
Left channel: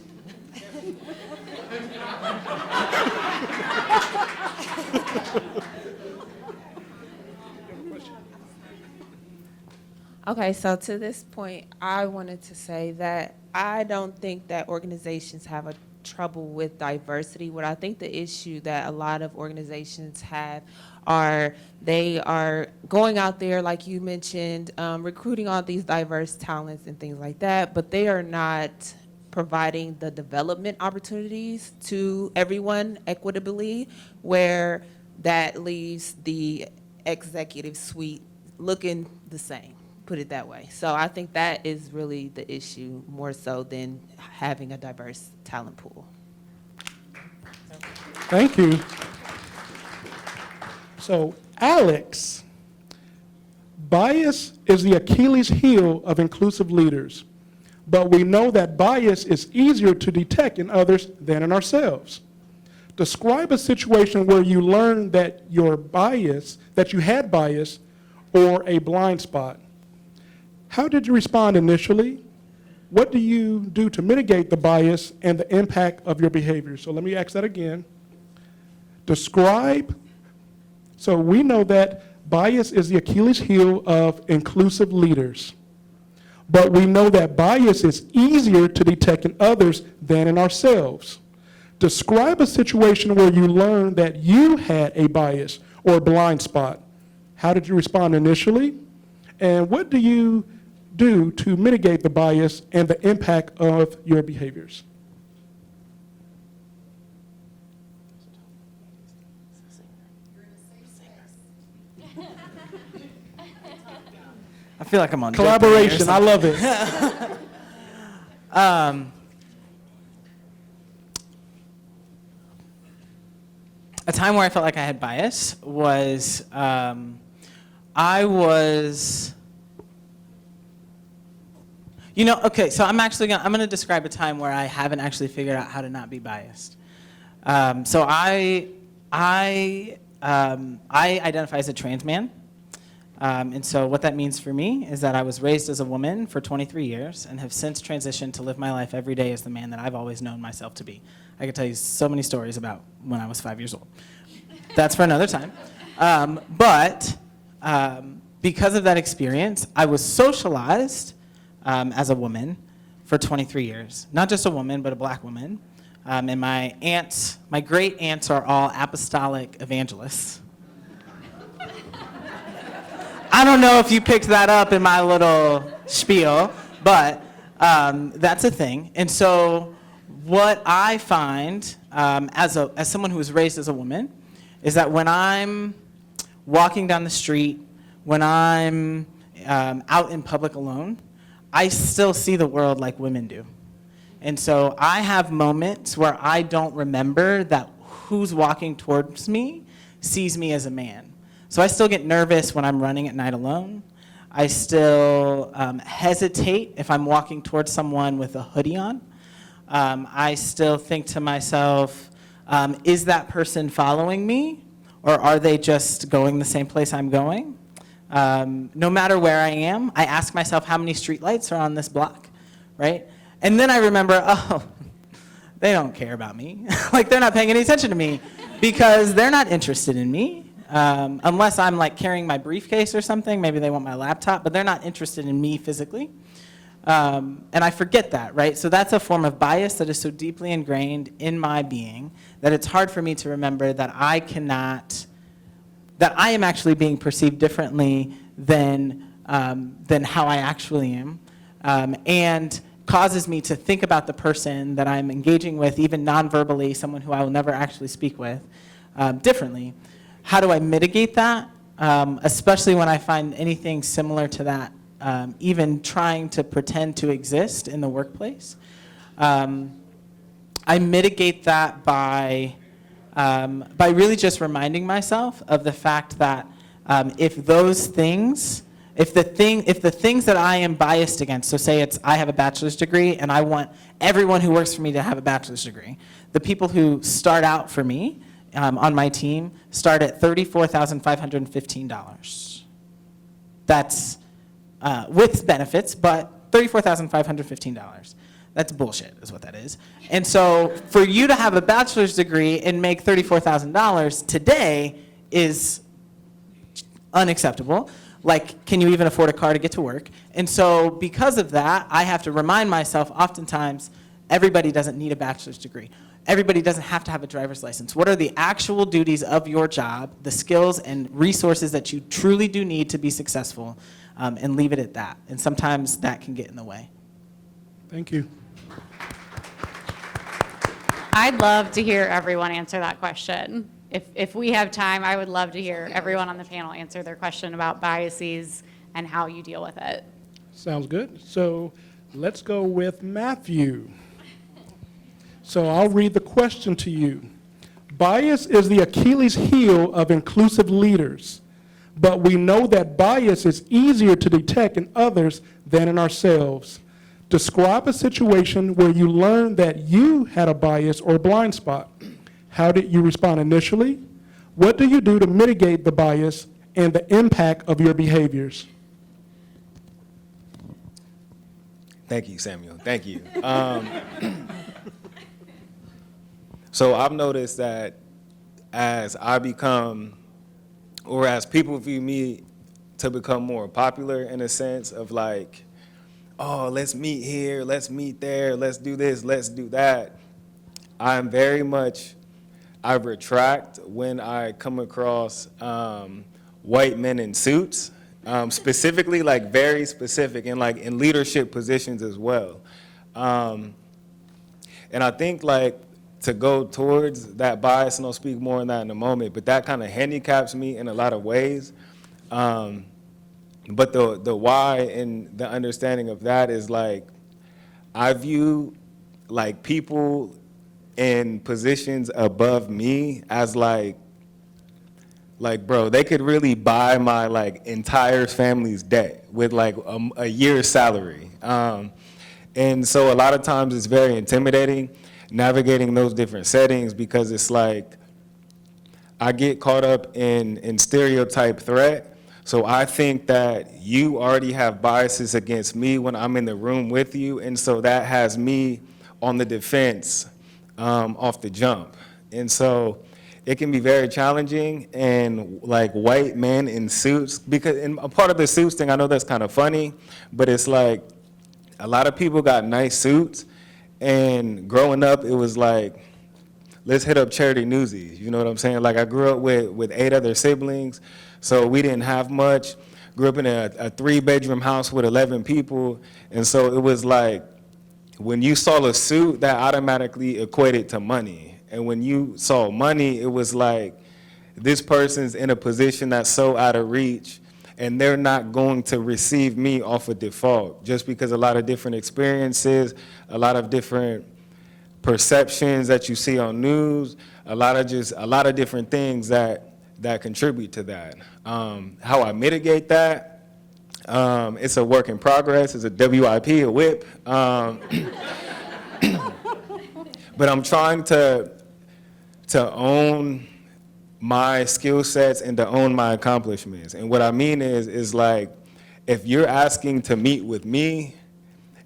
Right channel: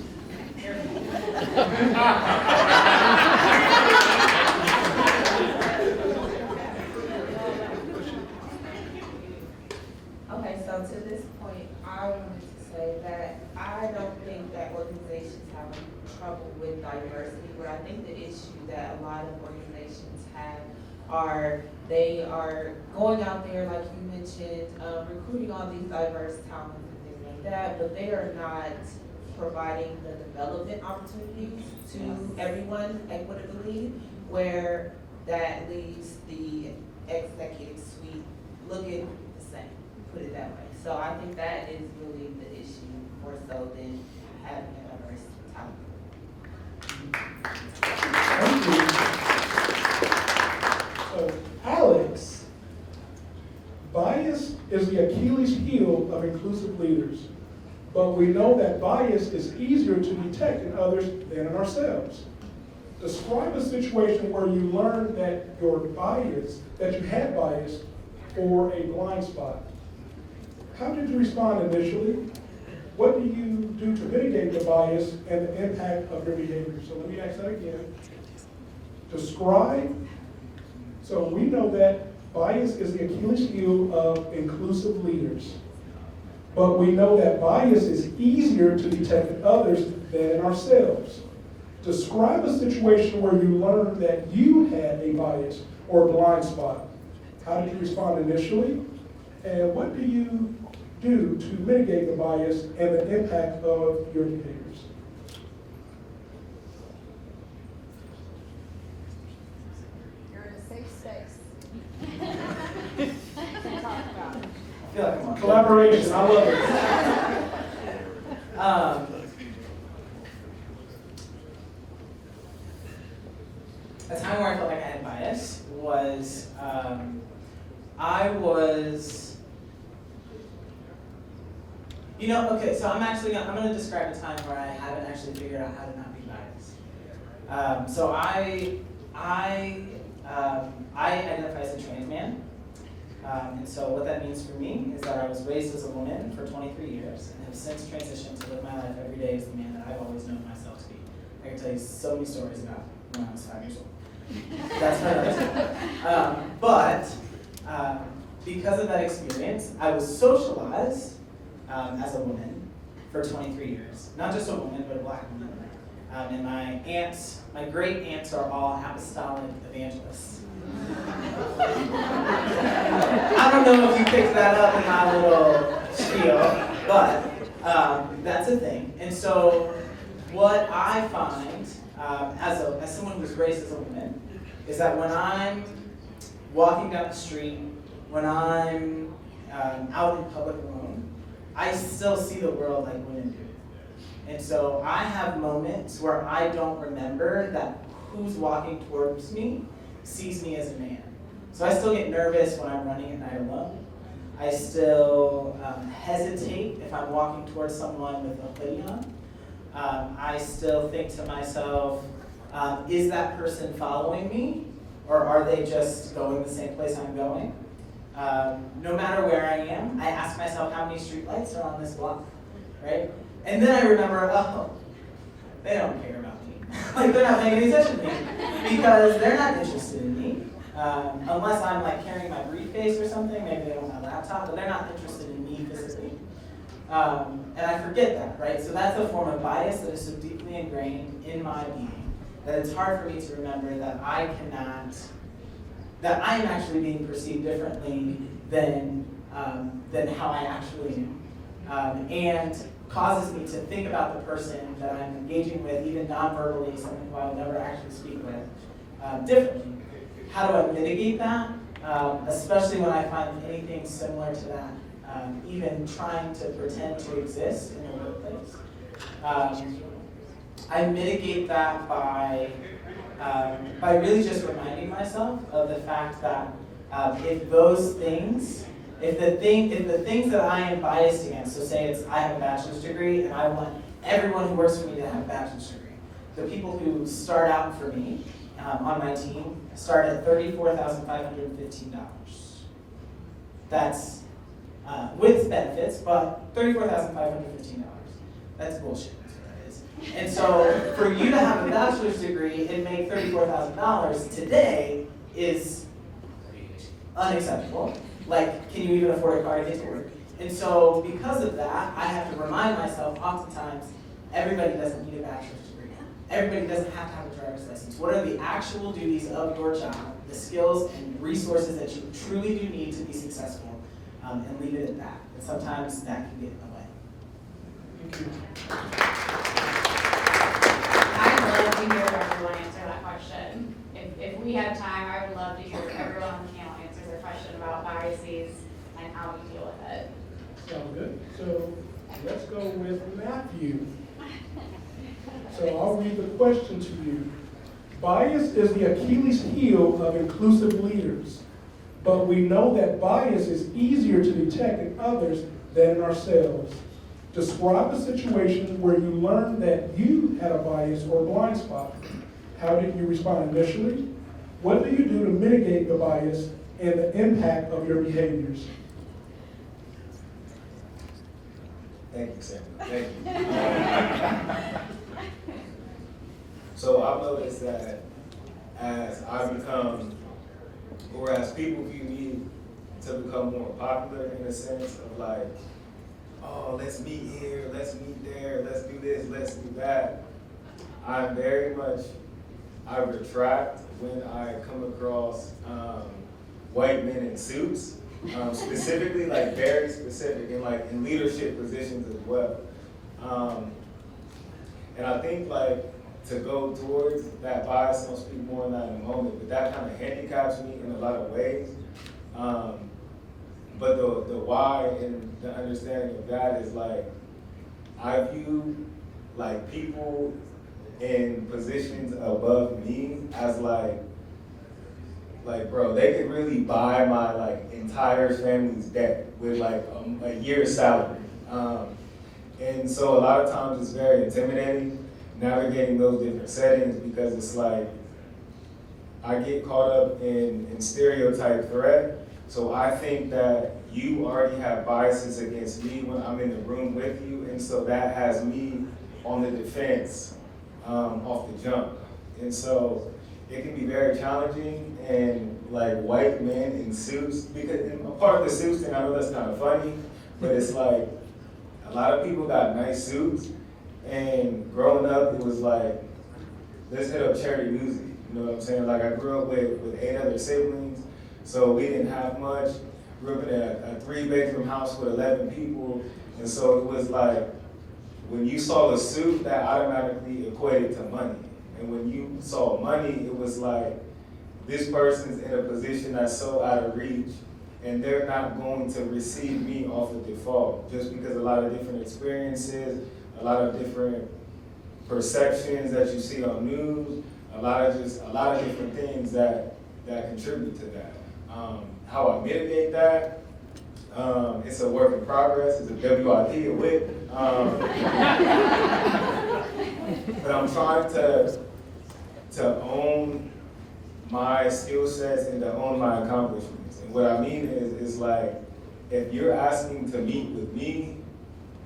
Okay, so to this point, I wanted to say that I don't think that organizations have a trouble with diversity. What I think the issue that a lot of organizations have are they are going out there, like you mentioned, recruiting all these diverse talents and things like that, but they are not providing the development opportunities to everyone equitably, where that leaves the executive suite looking the same. Put it that way. So I think that is really the issue more so than having a diverse talent pool. Thank you. So, Alex, bias is the Achilles heel of inclusive leaders, but we know that bias is easier to detect in others than in ourselves. Describe a situation where you learned that your bias, that you had bias, or a blind spot. How did you respond initially? What do you do to mitigate the bias and the impact of your behavior? So let me ask that again. Describe. So we know that bias is the Achilles heel of inclusive leaders. But we know that bias is easier to detect in others than in ourselves. Describe a situation where you learned that you had a bias or a blind spot. How did you respond initially? And what do you do to mitigate the bias and the impact of your behaviors? You're in a safe space. I feel like I'm on Collaboration, I love it. A time where I felt like I had bias was okay, so I'm gonna describe a time where I haven't actually figured out how to not be biased. So I identify as a trans man. And so what that means for me is that I was raised as a woman for 23 years and have since transitioned to live my life every day as the man that I've always known myself to be. I could tell you so many stories about when I was 5 years old. That's for another time. But because of that experience, I was socialized as a woman for 23 years. Not just a woman, but a black woman. And my great aunts are all apostolic evangelists. I don't know if you picked that up in my little spiel, but that's a thing. And so what I find as someone who was raised as a woman is that when I'm walking down the street, when I'm out in public alone, I still see the world like women do. And so I have moments where I don't remember that who's walking towards me sees me as a man. So I still get nervous when I'm running at night alone. I still hesitate if I'm walking towards someone with a hoodie on. I still think to myself, is that person following me? Or are they just going the same place I'm going? No matter where I am, I ask myself how many streetlights are on this block, right? And then I remember, oh, they don't care about me. Like, they're not paying any attention to me because they're not interested in me. unless I'm like carrying my briefcase or something, maybe they want my laptop, but they're not interested in me physically. And I forget that, right? So that's a form of bias that is so deeply ingrained in my being that it's hard for me to remember that I am actually being perceived differently than how I actually am, and causes me to think about the person that I'm engaging with, even non-verbally, someone who I will never actually speak with, differently. How do I mitigate that, especially when I find anything similar to that, even trying to pretend to exist in the workplace? I mitigate that by really just reminding myself of the fact that if the things that I am biased against, so say I have a bachelor's degree and I want everyone who works for me to have a bachelor's degree, the people who start out for me on my team start at $34,515. That's with benefits, but $34,515. That's bullshit, is what that is. And so for you to have a bachelor's degree and make $34,000 today is unacceptable. Like, can you even afford a car to get to work? And so because of that, I have to remind myself oftentimes, everybody doesn't need a bachelor's degree. Everybody doesn't have to have a driver's license. What are the actual duties of your job, the skills and resources that you truly do need to be successful, and leave it at that. And sometimes that can get in the way. Thank you. I'd love to hear everyone answer that question. If we have time, I would love to hear everyone on the panel answer their question about biases and how you deal with it. Sounds good. So let's go with Matthew. So I'll read the question to you. Bias is the Achilles heel of inclusive leaders, but we know that bias is easier to detect in others than in ourselves. Describe a situation where you learned that you had a bias or blind spot. How did you respond initially? What do you do to mitigate the bias and the impact of your behaviors? Thank you, Samuel. Thank you. So I've noticed that as I become, or as people view me to become more popular in a sense of like, oh, let's meet here, let's meet there, let's do this, let's do that. I retract when I come across white men in suits, specifically, like very specific, and like in leadership positions as well. And I think like to go towards that bias, and I'll speak more on that in a moment, but that kind of handicaps me in a lot of ways. But the why and the understanding of that is like, I view like people in positions above me as like bro, they could really buy my like entire family's debt with like a year's salary. And so a lot of times it's very intimidating navigating those different settings, because it's like I get caught up in stereotype threat. So I think that you already have biases against me when I'm in the room with you, and so that has me on the defense off the jump. And so it can be very challenging, and like white men in suits, because and a part of the suits thing, I know that's kind of funny, but it's like a lot of people got nice suits, and growing up it was like, let's hit up Charity Newsies, you know what I'm saying? Like I grew up with 8 other siblings, so we didn't have much. Grew up in a 3-bedroom house with 11 people, and so it was like, when you saw a suit, that automatically equated to money. And when you saw money, it was like, this person's in a position that's so out of reach, and they're not going to receive me off of default, just because a lot of different experiences, a lot of different perceptions that you see on news, a lot of different things that contribute to that. How I mitigate that, it's a work in progress. It's a WIP, a whip. But I'm trying to own my skill sets and to own my accomplishments. And what I mean is like, if you're asking to meet with me,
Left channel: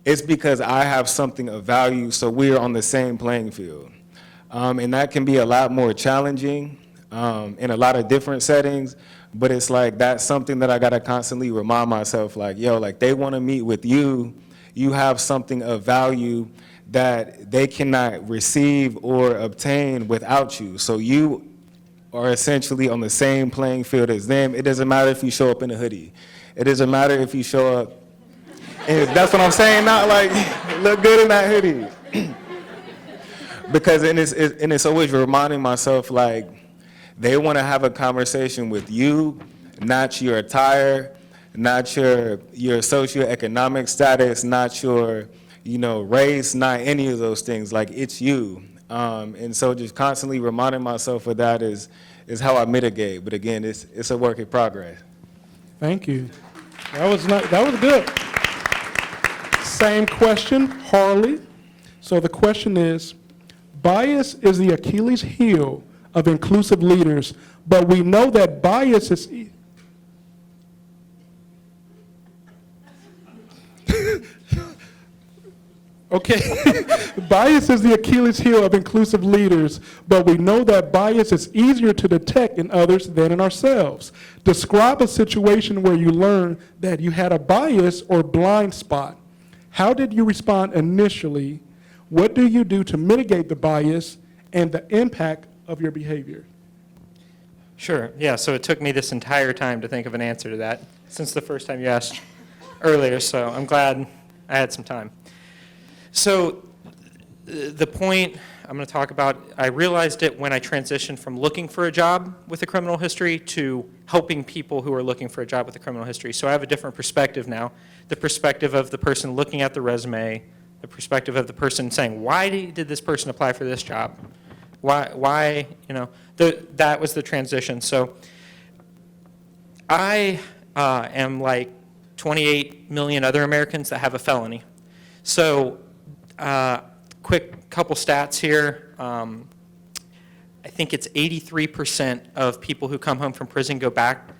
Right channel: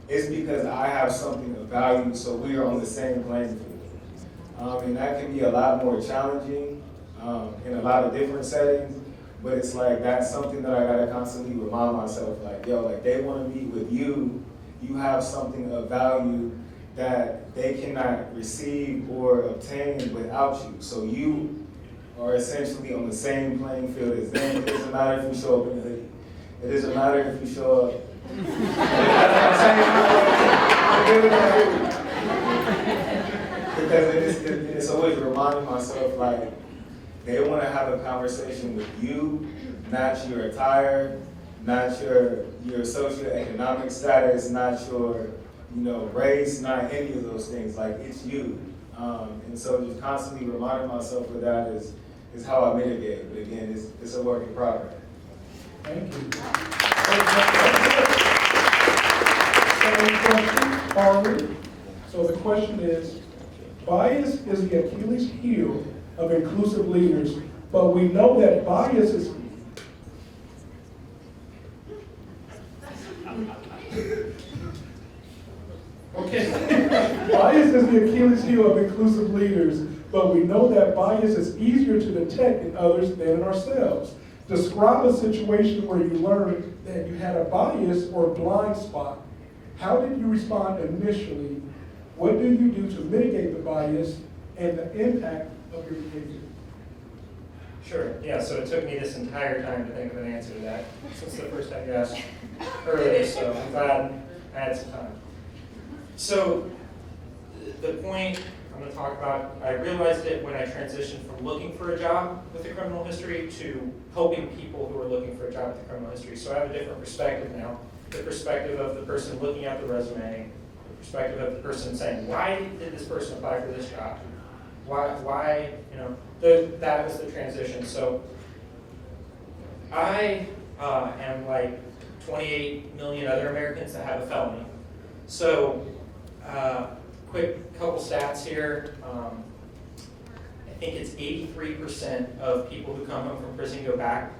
it's because I have something of value, so we're on the same playing field. And that can be a lot more challenging in a lot of different settings. But it's like, that's something that I gotta constantly remind myself, like, yo, like they wanna meet with you, you have something of value that they cannot receive or obtain without you. So you are essentially on the same playing field as them. It doesn't matter if you show up in a hoodie. It doesn't matter if you show up, and that's what I'm saying, not like, look good in that hoodie. Because, and it's always reminding myself, like, they want to have a conversation with you, not your attire, not your socioeconomic status, not your, race, not any of those things. Like, it's you. And so just constantly reminding myself of that is how I mitigate. But again, it's a work in progress. Thank you. That was good. Same question, Harley. So the question is, bias is the Achilles heel of inclusive leaders, but we know that bias is... Okay, bias is the Achilles heel of inclusive leaders, but we know that bias is easier to detect in others than in ourselves. Describe a situation where you learned that you had a bias or blind spot. How did you respond initially? What do you do to mitigate the bias and the impact of your behavior? Sure, yeah, so it took me this entire time to think of an answer to that since the first time you asked earlier, so I'm glad I had some time. So the point I'm going to talk about, I realized it when I transitioned from looking for a job with a criminal history to helping people who are looking for a job with a criminal history. So I have a different perspective now, the perspective of the person looking at the resume, the perspective of the person saying, why did this person apply for this job? Why, that was the transition. So I am like 28 million other Americans that have a felony. So quick couple stats here. I think it's 83% of people who come home from prison go back.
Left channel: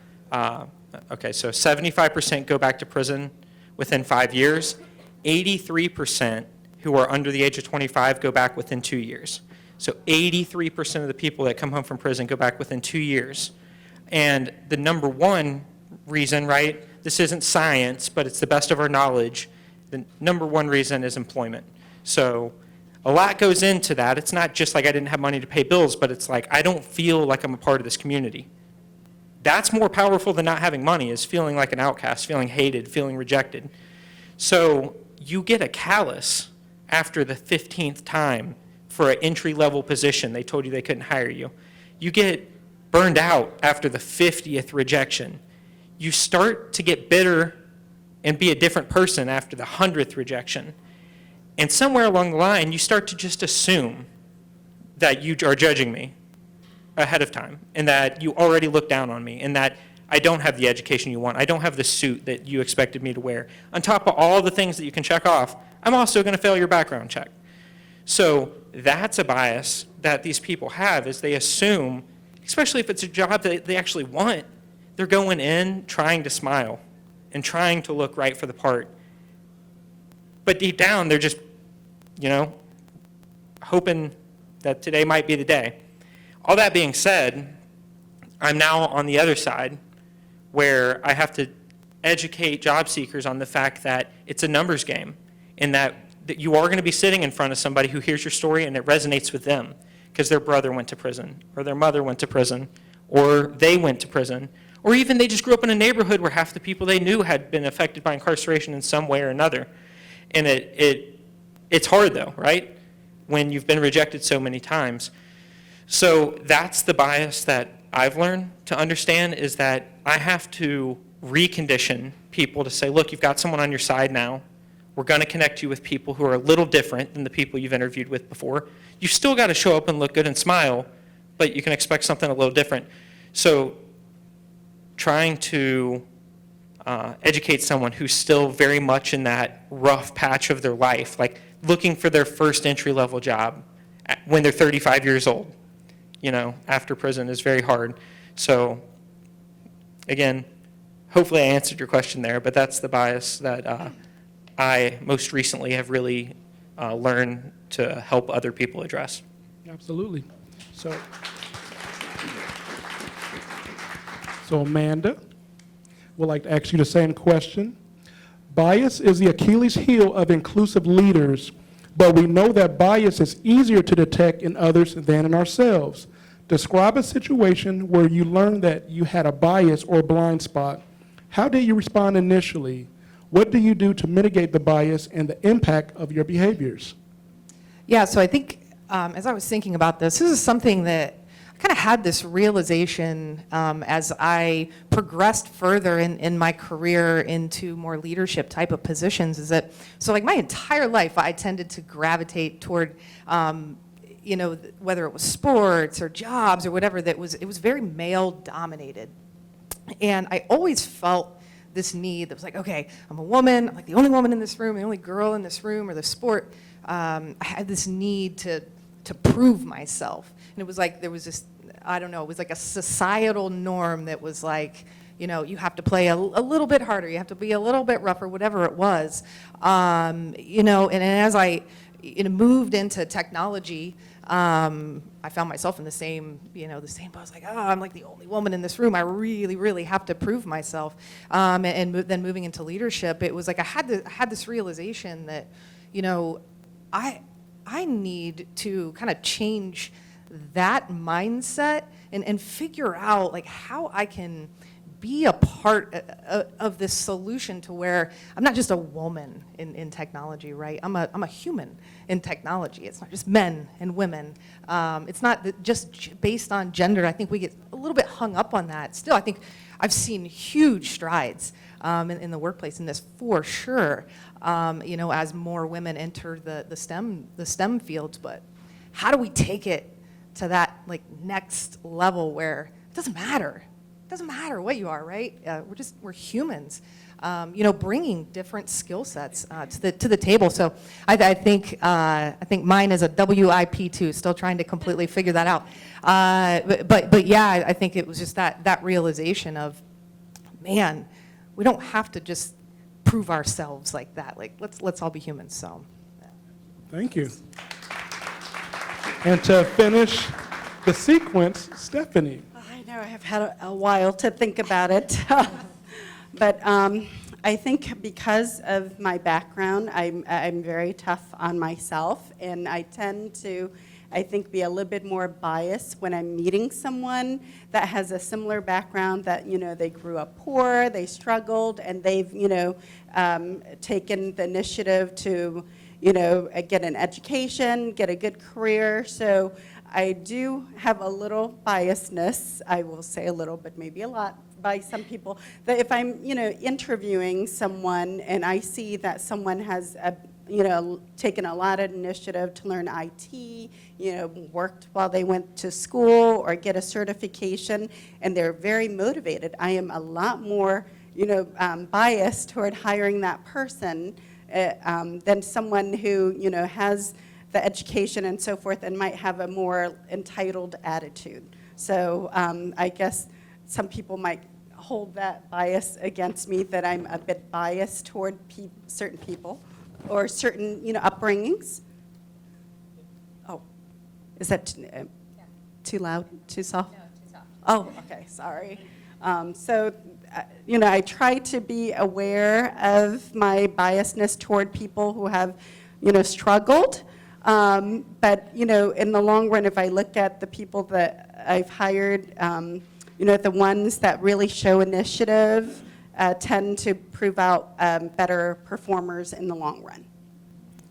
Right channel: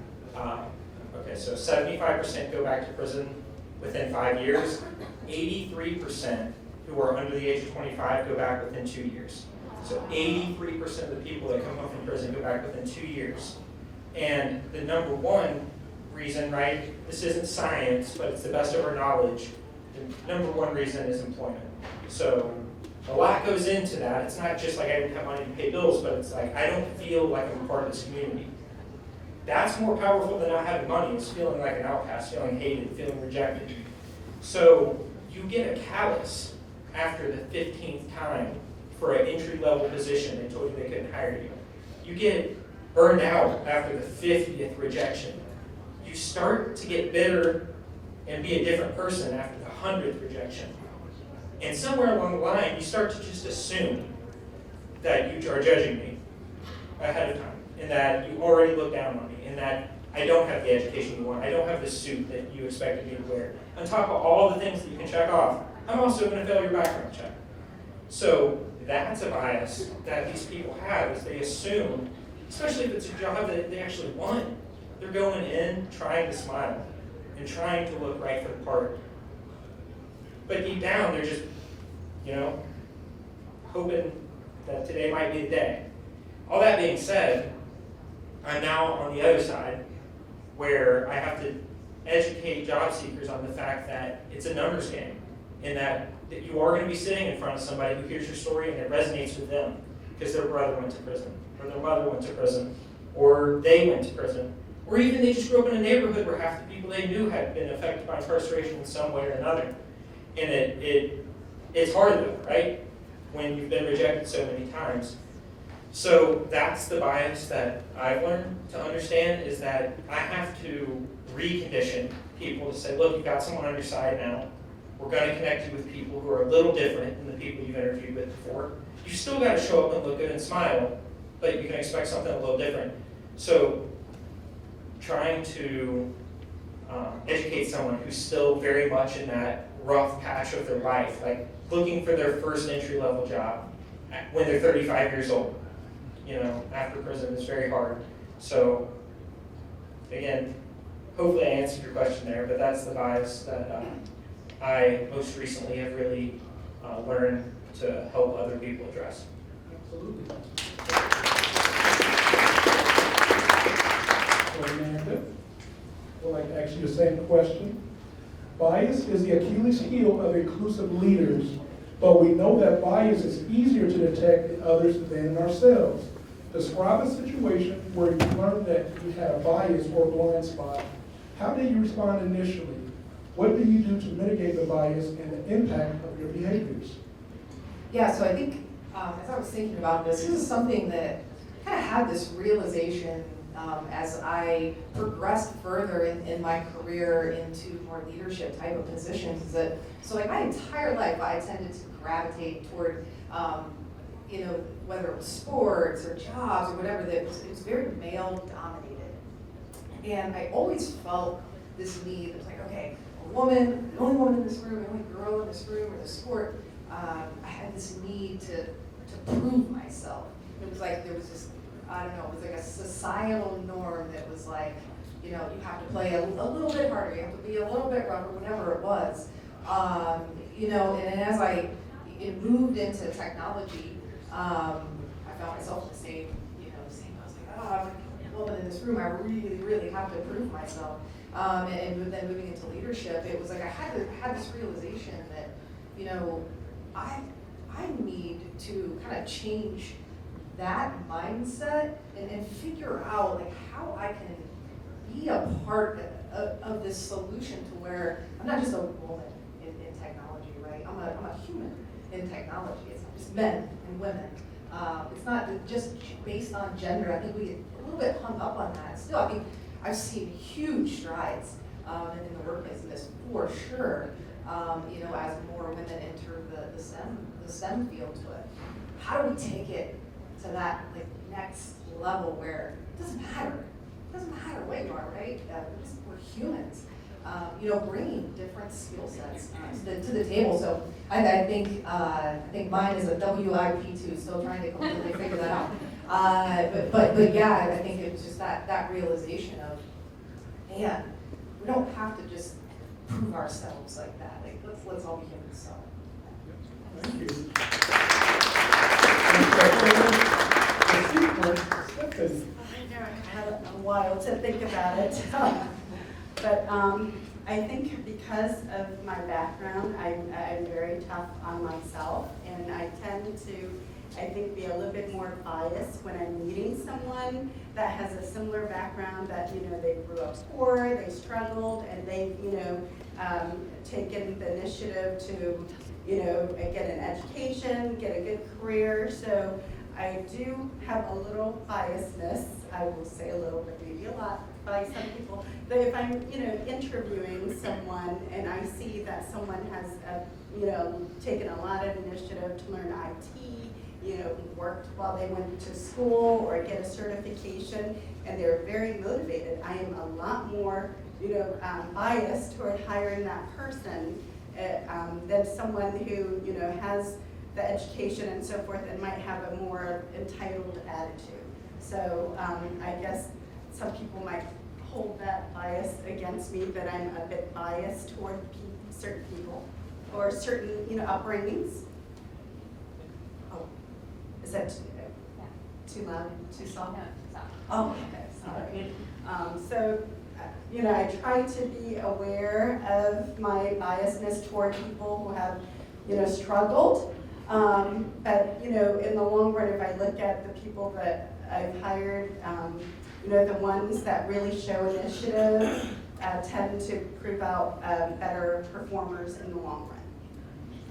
Okay, so 75% go back to prison within 5 years. 83% who are under the age of 25 go back within 2 years. So 83% of the people that come home from prison go back within 2 years. And the number one reason, right, this isn't science, but it's the best of our knowledge, the number one reason is employment. So a lot goes into that. It's not just like I didn't have money to pay bills, but it's like I don't feel like I'm a part of this community. That's more powerful than not having money, is feeling like an outcast, feeling hated, feeling rejected. So you get a callus after the 15th time for an entry-level position. They told you they couldn't hire you. You get burned out after the 50th rejection. You start to get bitter and be a different person after the 100th rejection. And somewhere along the line, you start to just assume that you are judging me ahead of time, and that you already look down on me, and that I don't have the education you want. I don't have the suit that you expected me to wear. On top of all the things that you can check off, I'm also going to fail your background check. So that's a bias that these people have, is they assume, especially if it's a job that they actually want, they're going in trying to smile and trying to look right for the part. But deep down, they're just, hoping that today might be the day. All that being said, I'm now on the other side where I have to educate job seekers on the fact that it's a numbers game, and that you are going to be sitting in front of somebody who hears your story and it resonates with them because their brother went to prison, or their mother went to prison, or they went to prison, or even they just grew up in a neighborhood where half the people they knew had been affected by incarceration in some way or another. And it's hard though, right? When you've been rejected so many times. So that's the bias that I've learned to understand, is that I have to recondition people to say, look, you've got someone on your side now. We're going to connect you with people who are a little different than the people you've interviewed with before. You've still got to show up and look good and smile, but you can expect something a little different. So trying to educate someone who's still very much in that rough patch of their life, like looking for their first entry-level job when they're 35 years old, after prison, is very hard. So again, hopefully I answered your question there, but that's the bias that I most recently have really learned to help other people address. Absolutely. So, So Amanda, would like to ask you the same question. Bias is the Achilles heel of inclusive leaders, but we know that bias is easier to detect in others than in ourselves. Describe a situation where you learned that you had a bias or blind spot. How did you respond initially? What do you do to mitigate the bias and the impact of your behaviors? Yeah, so I think as I was thinking about this is something that I kind of had this realization as I progressed further in my career into more leadership type of positions is that, so like my entire life I tended to gravitate toward, you know, whether it was sports or jobs or whatever, it was very male dominated. And I always felt this need that was like, okay, I'm a woman, I'm like the only woman in this room, the only girl in this room or the sport. I had this need to prove myself. And it was like, there was this, I don't know, it was like a societal norm that was like, you know, you have to play a little bit harder, you have to be a little bit rougher, whatever it was. You know, and as I moved into technology, I found myself in the same, you know, the same, I was like, oh, I'm like the only woman in this room, I really, really have to prove myself. And then moving into leadership, it was like I had this realization that, you know, I need to kind of change that mindset and figure out like how I can be a part of this solution to where I'm not just a woman in technology, right? I'm a human in technology. It's not just men and women. It's not just based on gender. I think we get a little bit hung up on that. Still, I think I've seen huge strides in the workplace in this for sure. You know, as more women enter the STEM fields, but how do we take it to that like next level where it doesn't matter what you are, right? We're humans. You know, bringing different skill sets to the table. So I think mine is a WIP2, still trying to completely figure that out. But yeah, I think it was just that realization of, man, we don't have to just prove ourselves like that. Like let's all be humans. So. Thank you. And to finish the sequence, Stephanie. I know I've had a while to think about it. But I think because of my background, I'm very tough on myself, and I tend to, I think, be a little bit more biased when I'm meeting someone that has a similar background, that, you know, they grew up poor, they struggled, and they've, you know, taken the initiative to, you know, get an education, get a good career. So I do have a little biasness, I will say a little, but maybe a lot, by some people, that if I'm, you know, interviewing someone and I see that someone has, you know, taken a lot of initiative to learn IT, you know, worked while they went to school or get a certification, and they're very motivated, I am a lot more, you know, biased toward hiring that person than someone who, you know, has the education and so forth and might have a more entitled attitude. So I guess some people might hold that bias against me, that I'm a bit biased toward certain people or certain, you know, upbringings. Oh, is that too loud, too soft? No, too soft. Oh, okay, sorry. So, you know, I try to be aware of my biasness toward people who have, you know, struggled. But, you know, in the long run, if I look at the people that I've hired, you know, the ones that really show initiative tend to prove out better performers in the long run.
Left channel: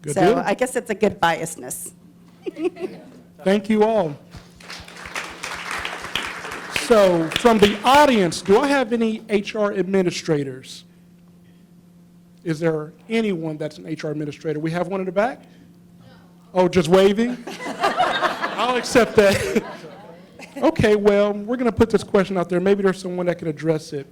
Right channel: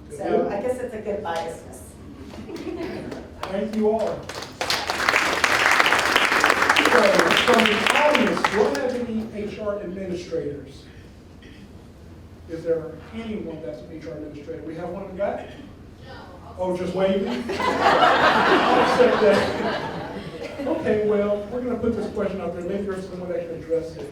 Good So deal. I guess it's a good biasness. Thank you all. So from the audience, do I have any HR administrators? Is there anyone that's an HR administrator? We have one in the back? Oh, just waving? I'll accept that. Okay, well, we're going to put this question out there. Maybe there's someone that can address it.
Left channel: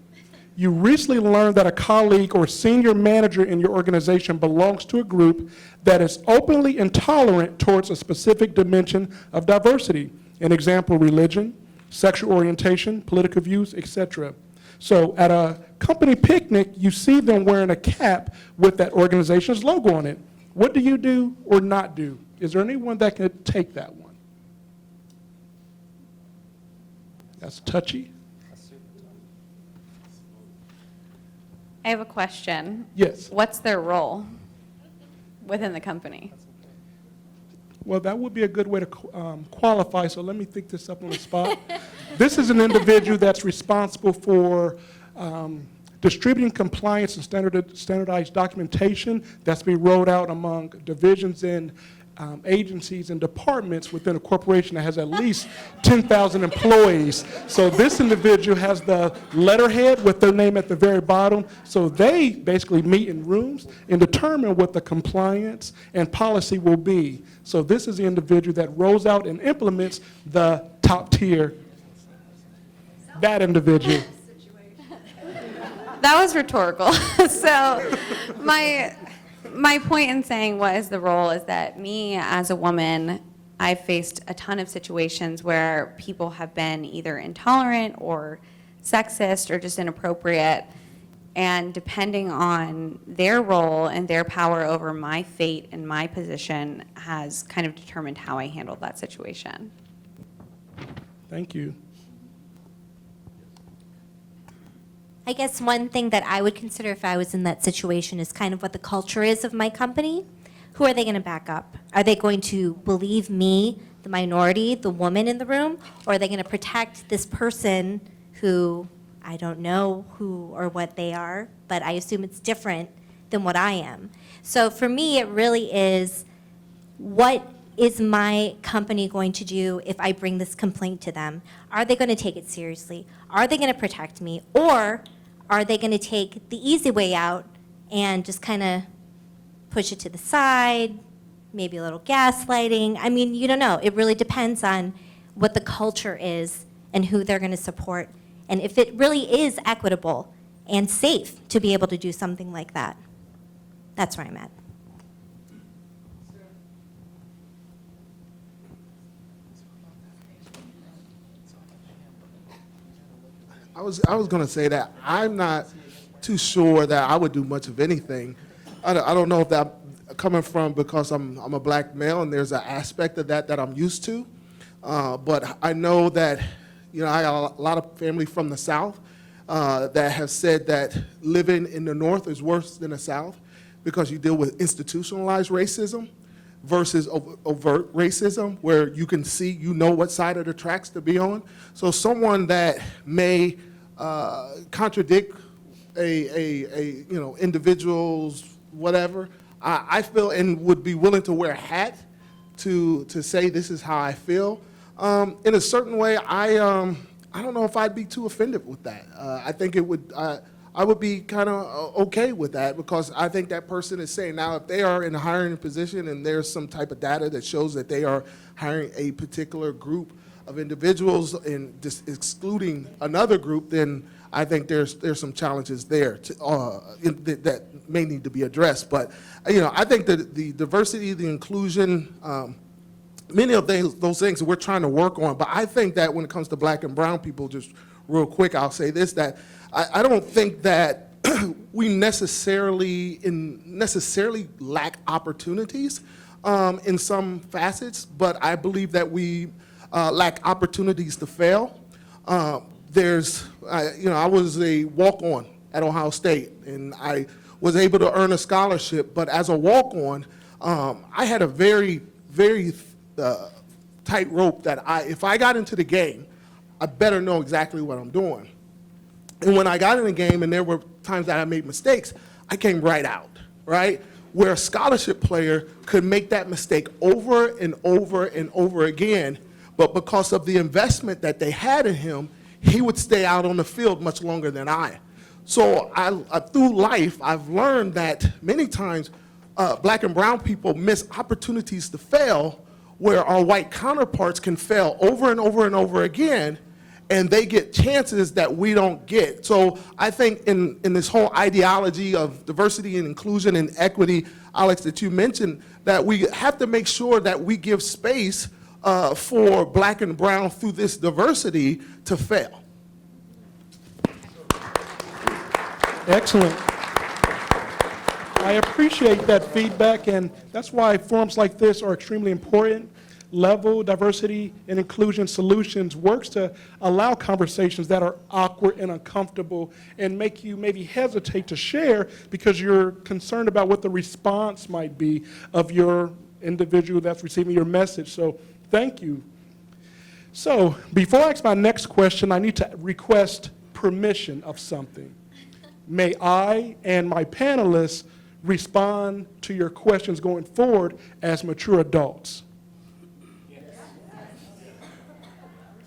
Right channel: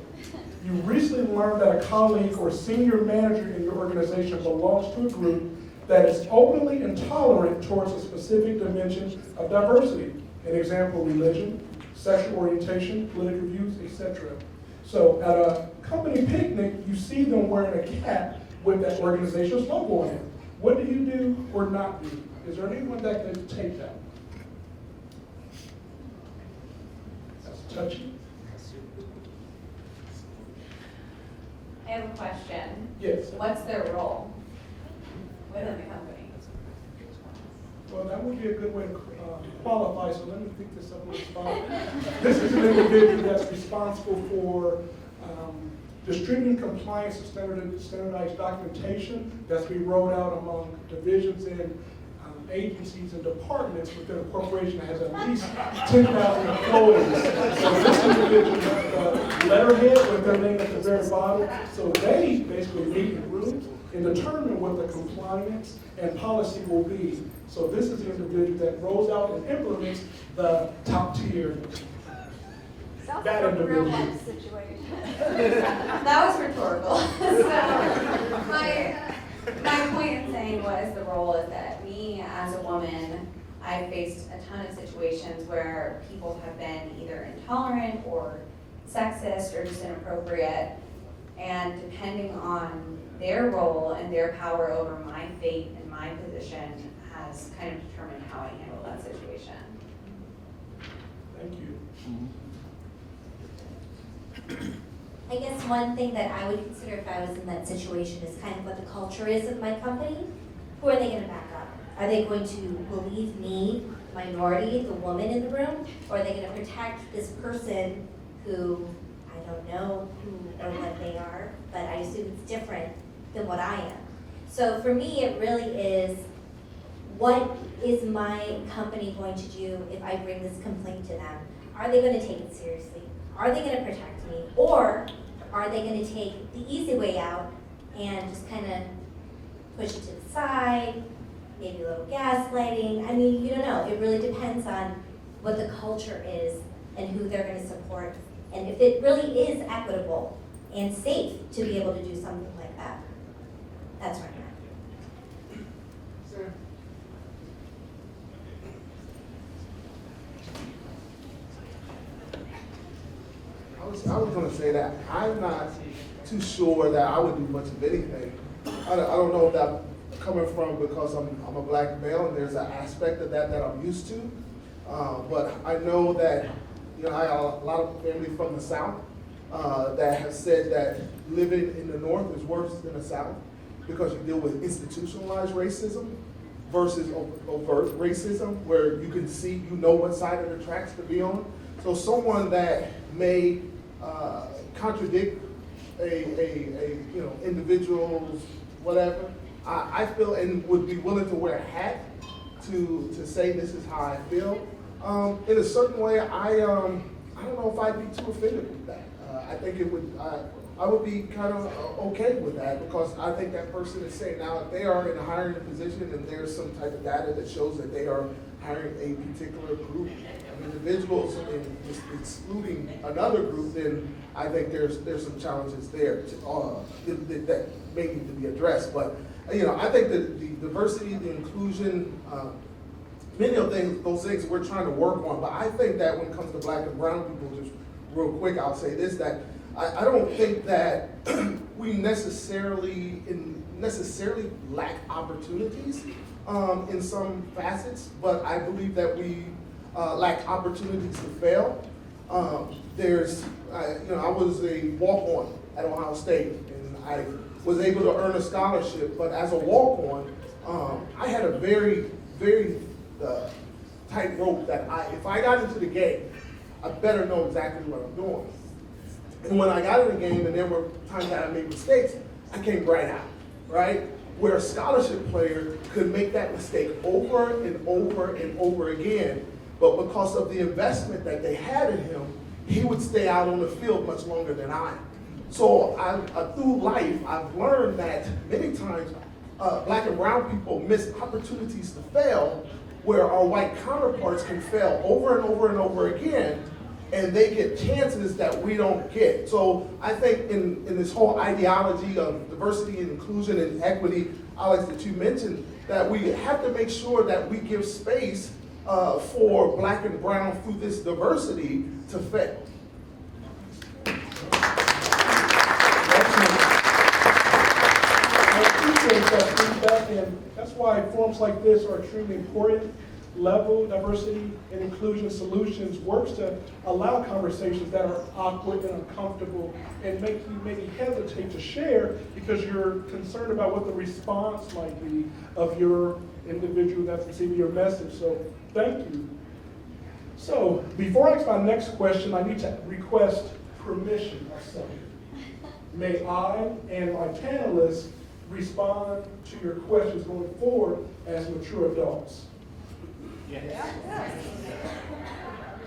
You recently learned that a colleague or senior manager in your organization belongs to a group that is openly intolerant towards a specific dimension of diversity. An example, religion, sexual orientation, political views, etc. So at a company picnic, you see them wearing a cap with that organization's logo on it. What do you do or not do? Is there anyone that can take that one? That's Touchy. I have a question. Yes. What's their role within the company? Well, that would be a good way to qualify, so let me think this up on the spot. This is an individual that's responsible for distributing compliance and standardized documentation that's being rolled out among divisions and agencies and departments within a corporation that has at least 10,000 employees. So this individual has the letterhead with their name at the very bottom. So they basically meet in rooms and determine what the compliance and policy will be. So this is the individual that rolls out and implements the top tier. That individual. That was rhetorical. So my point in saying what is the role is that me as a woman, I faced a ton of situations where people have been either intolerant or sexist or just inappropriate. And depending on their role and their power over my fate and my position has kind of determined how I handled that situation. Thank you. I guess one thing that I would consider if I was in that situation is kind of what the culture is of my company. Who are they going to back up? Are they going to believe me, the minority, the woman in the room? Or are they going to protect this person who I don't know who or what they are, but I assume it's different than what I am? So for me, it really is, what is my company going to do if I bring this complaint to them? Are they going to take it seriously? Are they going to protect me? Or are they going to take the easy way out and just kind of push it to the side, maybe a little gaslighting? I mean, you don't know. It really depends on what the culture is and who they're going to support, and if it really is equitable and safe to be able to do something like that. That's where I'm at. I was going to say that I'm not too sure that I would do much of anything. I don't know if that coming from because I'm a black male and there's an aspect of that I'm used to. But I know that, you know, I got a lot of family from the South that have said that living in the North is worse than the South because you deal with institutionalized racism versus overt racism, where you can see, you know what side of the tracks to be on. So someone that may contradict a you know, individual's whatever, I feel, and would be willing to wear a hat to say this is how I feel. In a certain way, I don't know if I'd be too offended with that. I think it would. I would be kind of okay with that because I think that person is saying, now if they are in a hiring position and there's some type of data that shows that they are hiring a particular group of individuals and just excluding another group, then I think there's some challenges there that may need to be addressed. But you know, I think that the diversity, the inclusion, many of those things we're trying to work on. But I think that when it comes to black and brown people, just real quick, I'll say this, that I don't think that we necessarily lack opportunities in some facets, but I believe that we lack opportunities to fail. You know, I was a walk-on at Ohio State, and I was able to earn a scholarship, but as a walk-on, I had a very, very tight rope that if I got into the game, I better know exactly what I'm doing. And when I got in the game and there were times that I made mistakes, I came right out, right? Where a scholarship player could make that mistake over and over and over again, but because of the investment that they had in him, he would stay out on the field much longer than I. So through life, I've learned that many times black and brown people miss opportunities to fail where our white counterparts can fail over and over and over again, and they get chances that we don't get. So I think in this whole ideology of diversity and inclusion and equity, Alex, that you mentioned, that we have to make sure that we give space for black and brown through this diversity to fail. Excellent. I appreciate that feedback, and that's why forums like this are extremely important. Level Diversity and Inclusion Solutions works to allow conversations that are awkward and uncomfortable and make you maybe hesitate to share because you're concerned about what the response might be of your individual that's receiving your message. So thank you. So before I ask my next question, I need to request permission of something. May I and my panelists respond to your questions going forward as mature adults?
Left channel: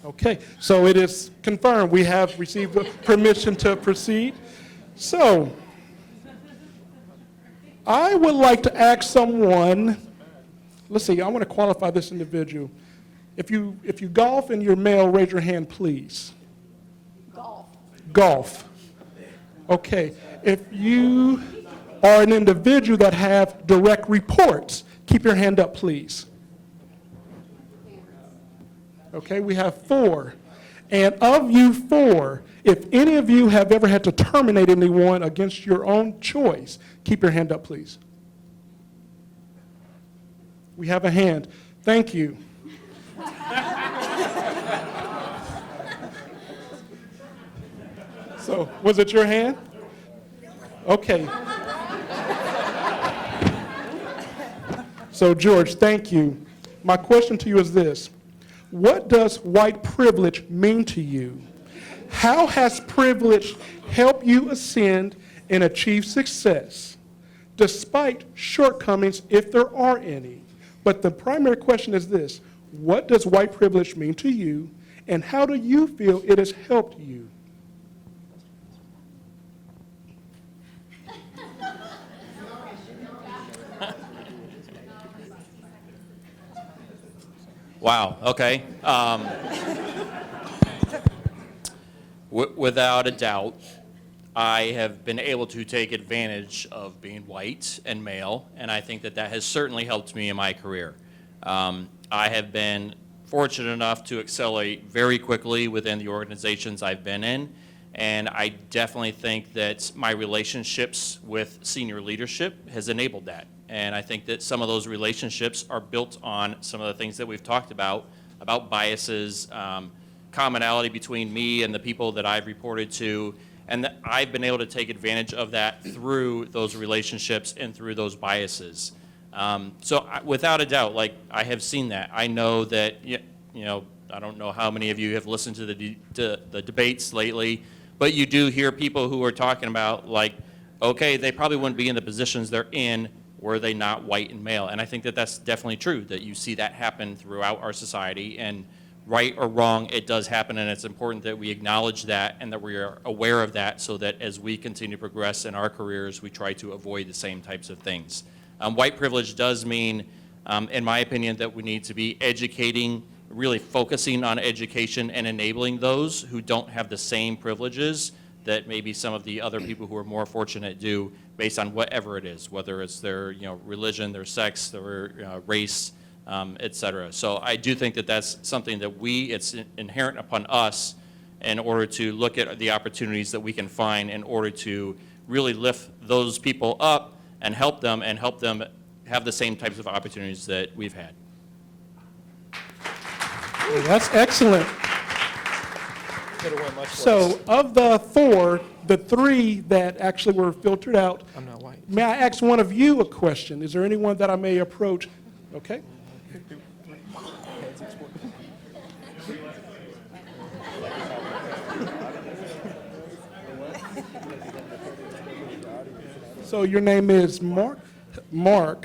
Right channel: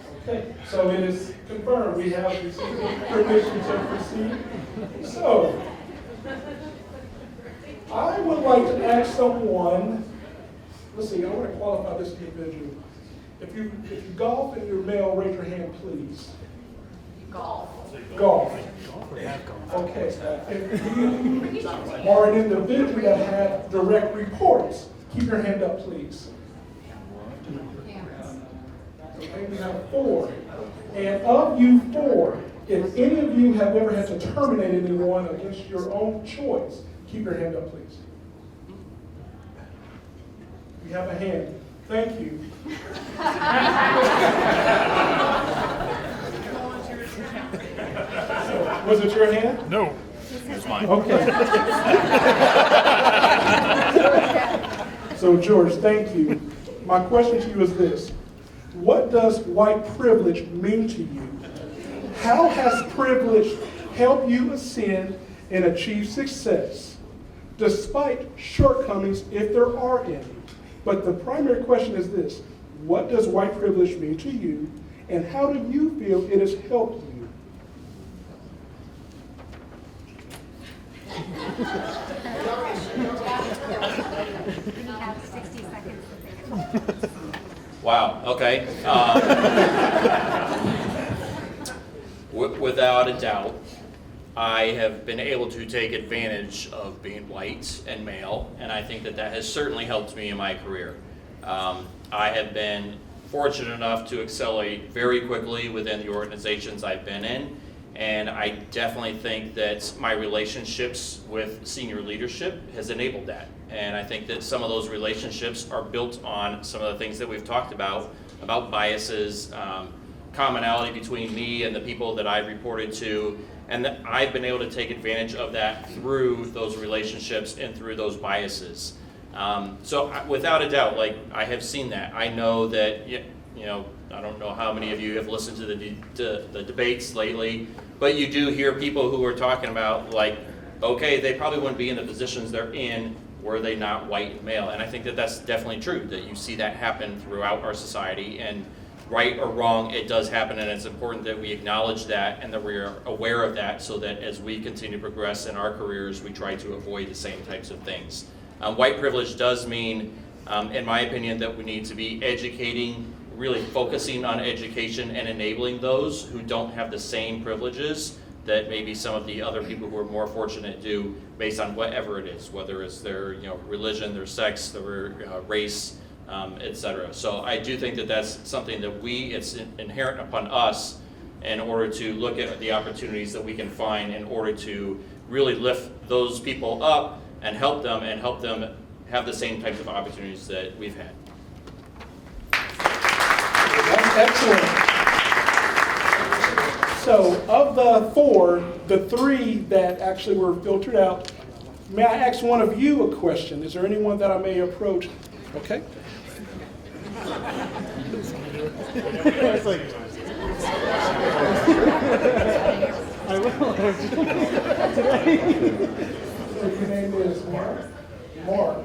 Okay, so it is confirmed. We have received permission to proceed. So, I would like to ask someone, let's see, I want to qualify this individual. If you golf and you're male, raise your hand, please. Golf. Okay, if you are an individual that have direct reports, keep your hand up, please. Okay, we have 4. And of you 4, if any of you have ever had to terminate anyone against your own choice, keep your hand up, please. We have a hand. Thank you. So, was it your hand? No, it's mine. Okay. So, George, thank you. My question to you is this. What does white privilege mean to you? How has privilege helped you ascend and achieve success, despite shortcomings, if there are any? But the primary question is this. What does white privilege mean to you, and how do you feel it has helped you? Wow, okay. Without a doubt, I have been able to take advantage of being white and male, and I think that that has certainly helped me in my career. I have been fortunate enough to accelerate very quickly within the organizations I've been in, and I definitely think that my relationships with senior leadership has enabled that. And I think that some of those relationships are built on some of the things that we've talked about biases, commonality between me and the people that I've reported to, and that I've been able to take advantage of that through those relationships and through those biases. So without a doubt, like, I have seen that. I know that, you know, I don't know how many of you have listened to the debates lately, but you do hear people who are talking about, like, okay, they probably wouldn't be in the positions they're in were they not white and male. And I think that that's definitely true, that you see that happen throughout our society. And right or wrong, it does happen, and it's important that we acknowledge that and that we are aware of that, so that as we continue to progress in our careers, we try to avoid the same types of things. White privilege does mean, in my opinion, that we need to be educating, really focusing on education and enabling those who don't have the same privileges that maybe some of the other people who are more fortunate do, based on whatever it is, whether it's their religion, their sex, their race, etc. So I do think that that's something that it's inherent upon us in order to look at the opportunities that we can find in order to really lift those people up and help them have the same types of opportunities that we've had. That's excellent. So of the 4, the 3 that actually were filtered out, may I ask one of you a question? Is there anyone that I may approach? Okay. So your name is Mark? Mark,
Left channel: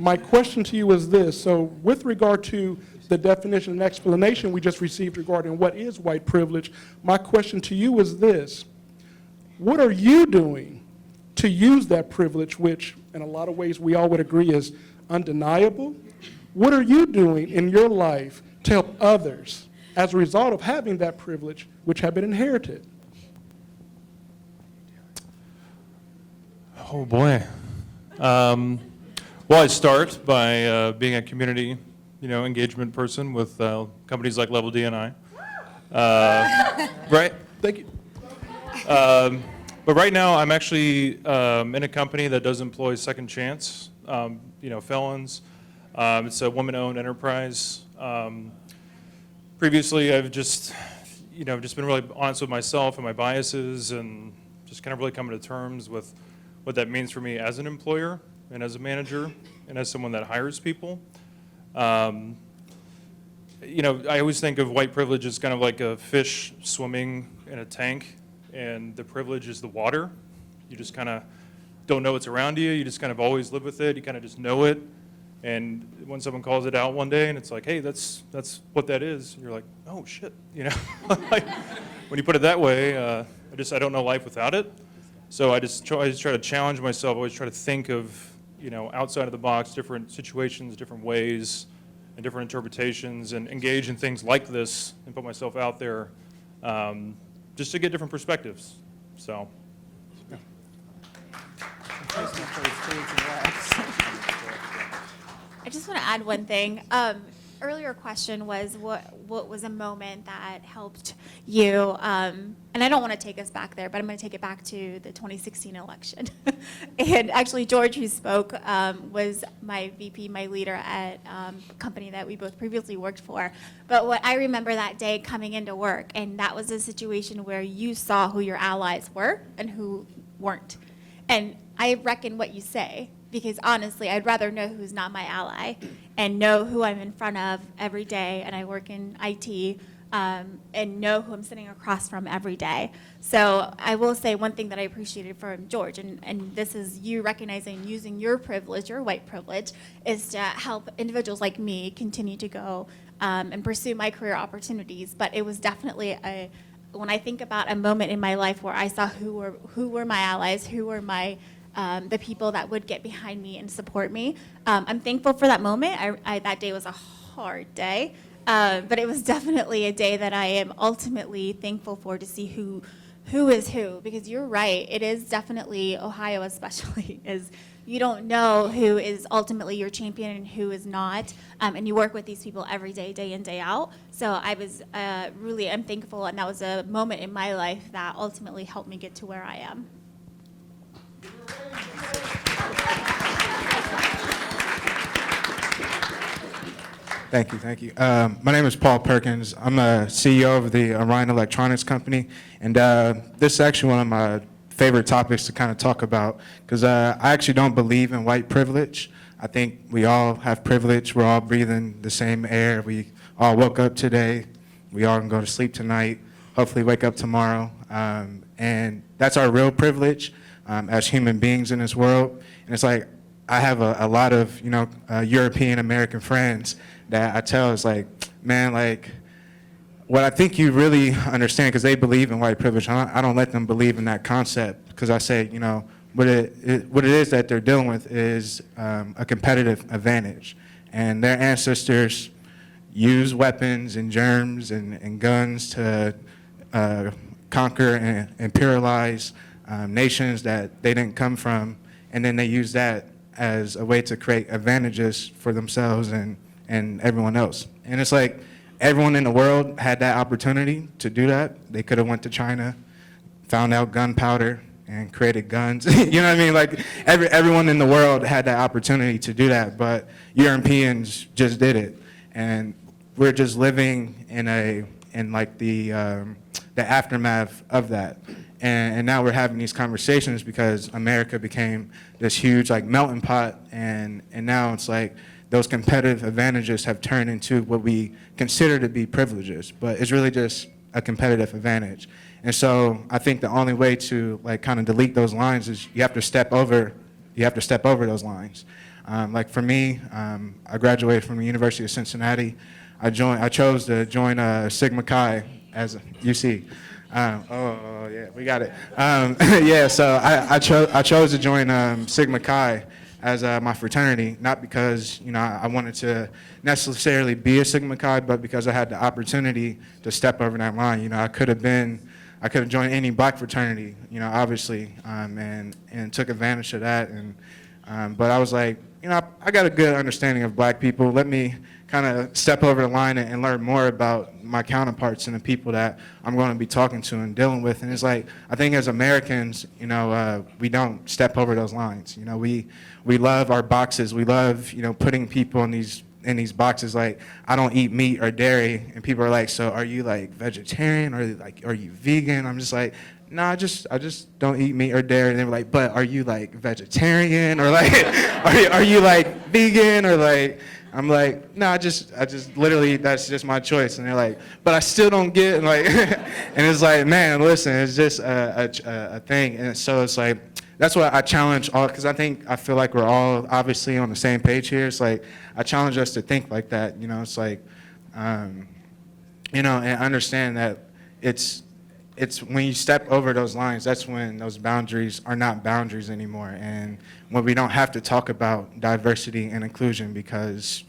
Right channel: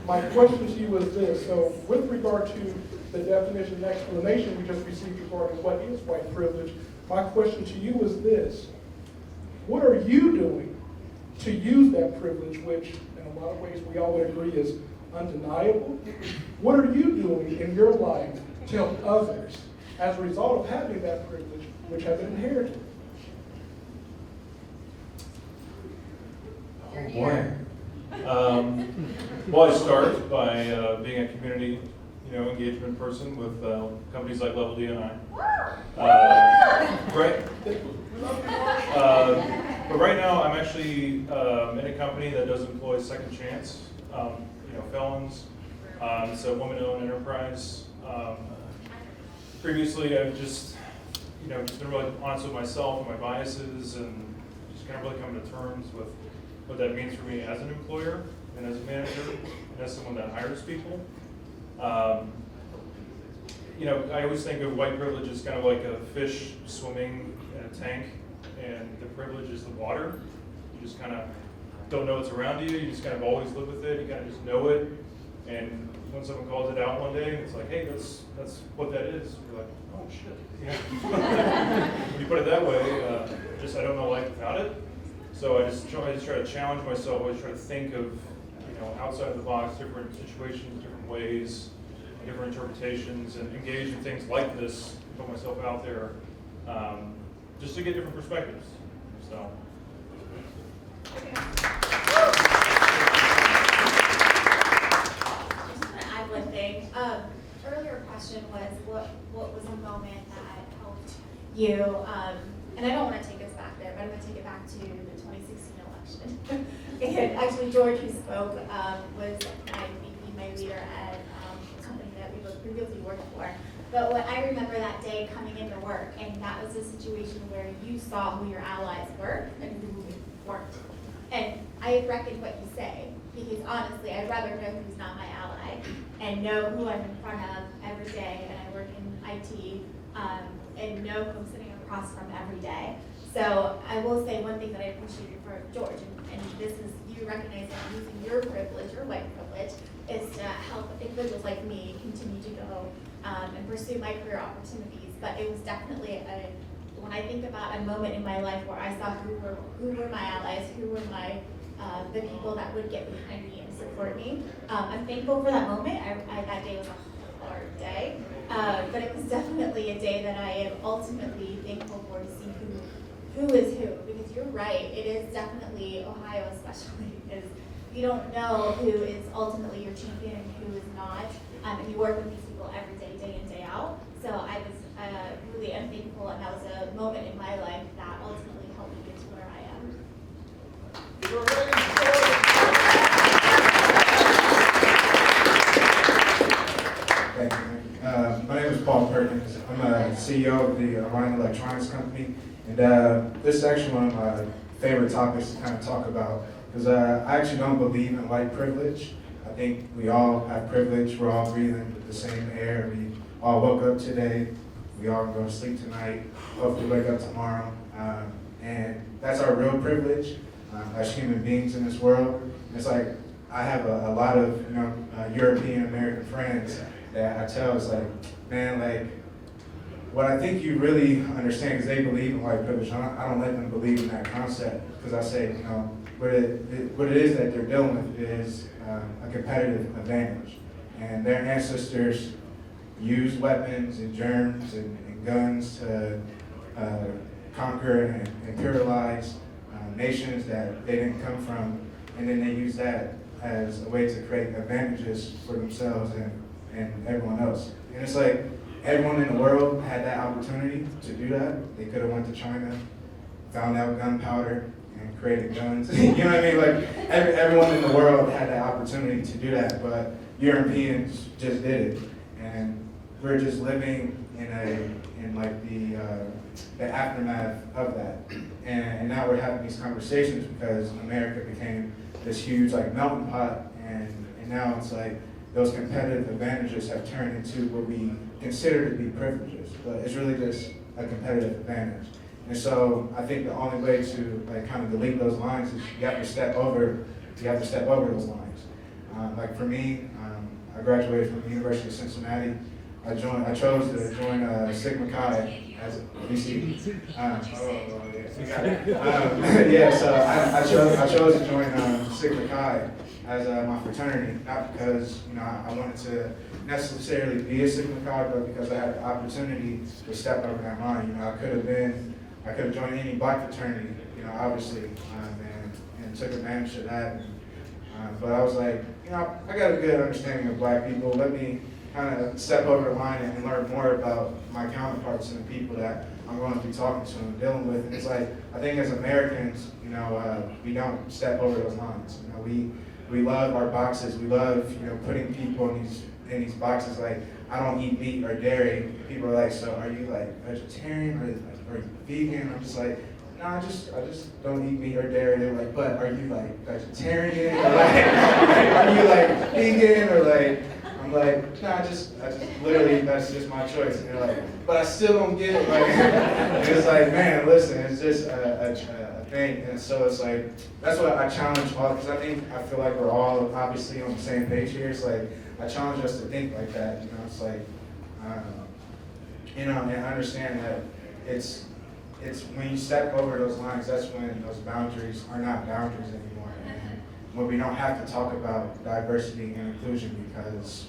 my question to you is this. So with regard to the definition and explanation we just received regarding what is white privilege, my question to you is this. What are you doing to use that privilege, which in a lot of ways we all would agree is undeniable? What are you doing in your life to help others as a result of having that privilege, which have been inherited? Oh boy. Well, I start by being a community, engagement person with companies like Level D&I. Right? Thank you. But right now, I'm actually in a company that does employ second chance, felons. It's a woman-owned enterprise. Previously, I've just been really honest with myself and my biases, and just kind of really coming to terms with what that means for me as an employer and as a manager and as someone that hires people. I always think of white privilege as kind of like a fish swimming in a tank, and the privilege is the water. You just kind of don't know it's around you. You just kind of always live with it. You kind of just know it. And when someone calls it out one day and it's like, hey, that's what that is, you're like, oh shit, Like, when you put it that way, I don't know life without it. So I just try to challenge myself. I always try to think of, outside of the box, different situations, different ways, and different interpretations, and engage in things like this and put myself out there, just to get different perspectives. So. I just want to add one thing. Earlier question was what was a moment that helped you? And I don't want to take us back there, but I'm going to take it back to the 2016 election. And actually, George, who spoke, was my VP, my leader at a company that we both previously worked for. But what I remember that day coming into work, and that was a situation where you saw who your allies were and who weren't. And I reckon what you say, because honestly, I'd rather know who's not my ally and know who I'm in front of every day, and I work in IT, and know who I'm sitting across from every day. So I will say one thing that I appreciated from George, and this is you recognizing using your privilege, your white privilege, is to help individuals like me continue to go and pursue my career opportunities. But it was definitely when I think about a moment in my life where I saw who were my allies, who were my the people that would get behind me and support me. I'm thankful for that moment. That day was a hard day, but it was definitely a day that I am ultimately thankful for, to see who is who. Because you're right, it is definitely, Ohio especially, is you don't know who is ultimately your champion and who is not. And you work with these people every day, day in, day out. So I was I'm thankful, and that was a moment in my life that ultimately helped me get to where I am. Thank you. My name is Paul Perkins. I'm a CEO of the Orion Electronics Company, and this is actually one of my favorite topics to kind of talk about, because I actually don't believe in white privilege. I think we all have privilege. We're all breathing the same air. We all woke up today. We all can go to sleep tonight, hopefully wake up tomorrow. And that's our real privilege as human beings in this world. And it's like, I have a lot of, European American friends that I tell, it's like, man, like, what I think you really understand, because they believe in white privilege, I don't let them believe in that concept, because I say, what it is that they're dealing with is a competitive advantage. And their ancestors used weapons and germs and guns to conquer and imperialize nations that they didn't come from, and then they use that as a way to create advantages for themselves and everyone else. And it's like, everyone in the world had that opportunity to do that. They could have went to China, found out gunpowder, and created guns. You know what I mean? Like, everyone in the world had that opportunity to do that, but Europeans just did it. And we're just living in the aftermath of that. And now we're having these conversations because America became this huge melting pot, and now it's like those competitive advantages have turned into what we consider to be privileges, but it's really just a competitive advantage. And so I think the only way to kind of delete those lines is you have to step over those lines. Like for me, I graduated from the University of Cincinnati. I chose to join Sigma Chi as you see. Yeah, we got it. Yeah, so I chose to join Sigma Chi as my fraternity, not because I wanted to necessarily be a Sigma Chi, but because I had the opportunity to step over that line. I could have joined any black fraternity, obviously, and took advantage of that. But I was like, I got a good understanding of black people. Let me kind of step over the line and learn more about my counterparts and the people that I'm going to be talking to and dealing with. And it's like, I think as Americans, we don't step over those lines. We love our boxes. We love, putting people in these in these boxes like I don't eat meat or dairy, and people are like, so are you like vegetarian or like are you vegan? I'm just like, no, I just don't eat meat or dairy. And they were like, but are you like vegetarian or like are you like vegan or like? I'm like, no, I just literally that's just my choice. And they're like, but I still don't get like, and it's like, man, listen, it's just a thing. And so it's like that's what I challenge all, because I feel like we're all obviously on the same page here. It's like I challenge us to think like that. You know, it's like, you know, and understand that it's when you step over those lines, that's when those boundaries are not boundaries anymore. And when we don't have to talk about diversity and inclusion because,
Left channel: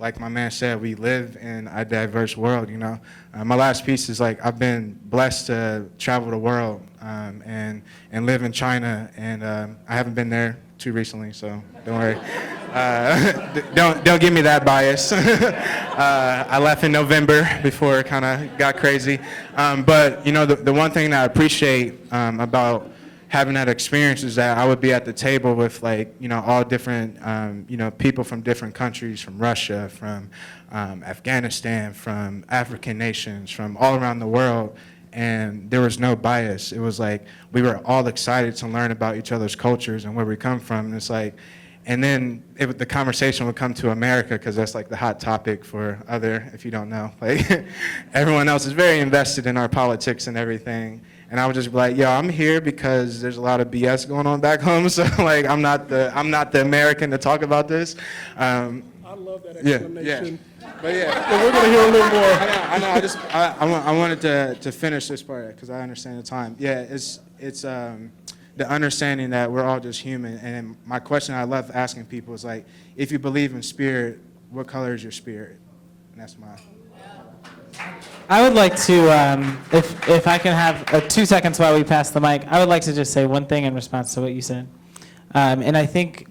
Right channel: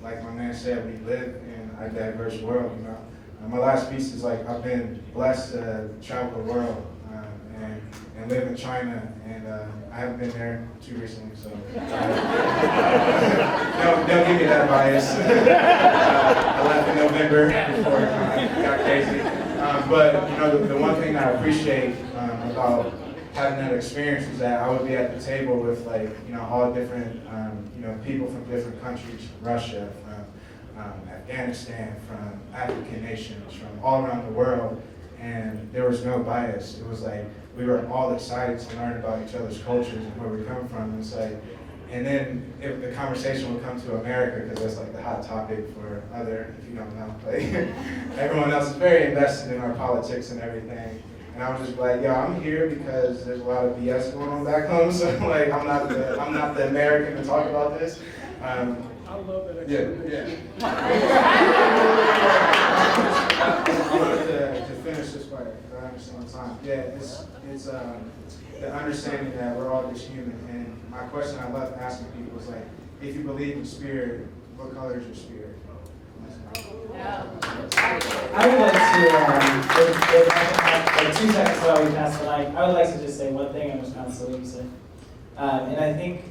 like my man said, we live in a diverse world, you know. My last piece is like, I've been blessed to travel the world and live in China, and I haven't been there too recently, so don't give me that bias. I left in November before it kind of got crazy. But you know, the one thing that I appreciate about having that experience is that I would be at the table with like, you know, all different, you know, people from different countries, from Russia, from Afghanistan, from African nations, from all around the world, and there was no bias. It was like we were all excited to learn about each other's cultures and where we come from. And it's like, and then the conversation would come to America because that's like the hot topic for if you don't know, like everyone else is very invested in our politics and everything. And I would just be like, yo, I'm here because there's a lot of BS going on back home. So like, I'm not the American to talk about this. I love that explanation. Yeah. We're gonna hear a little more. I wanted to finish this part because I understand the time. Yeah, it's the understanding that we're all just human. And my question I love asking people is like, if you believe in spirit, what color is your spirit? And that's my. I would like to, if I can have like 2 seconds while we pass the mic, I would like to just say one thing in response to what you said. And I think,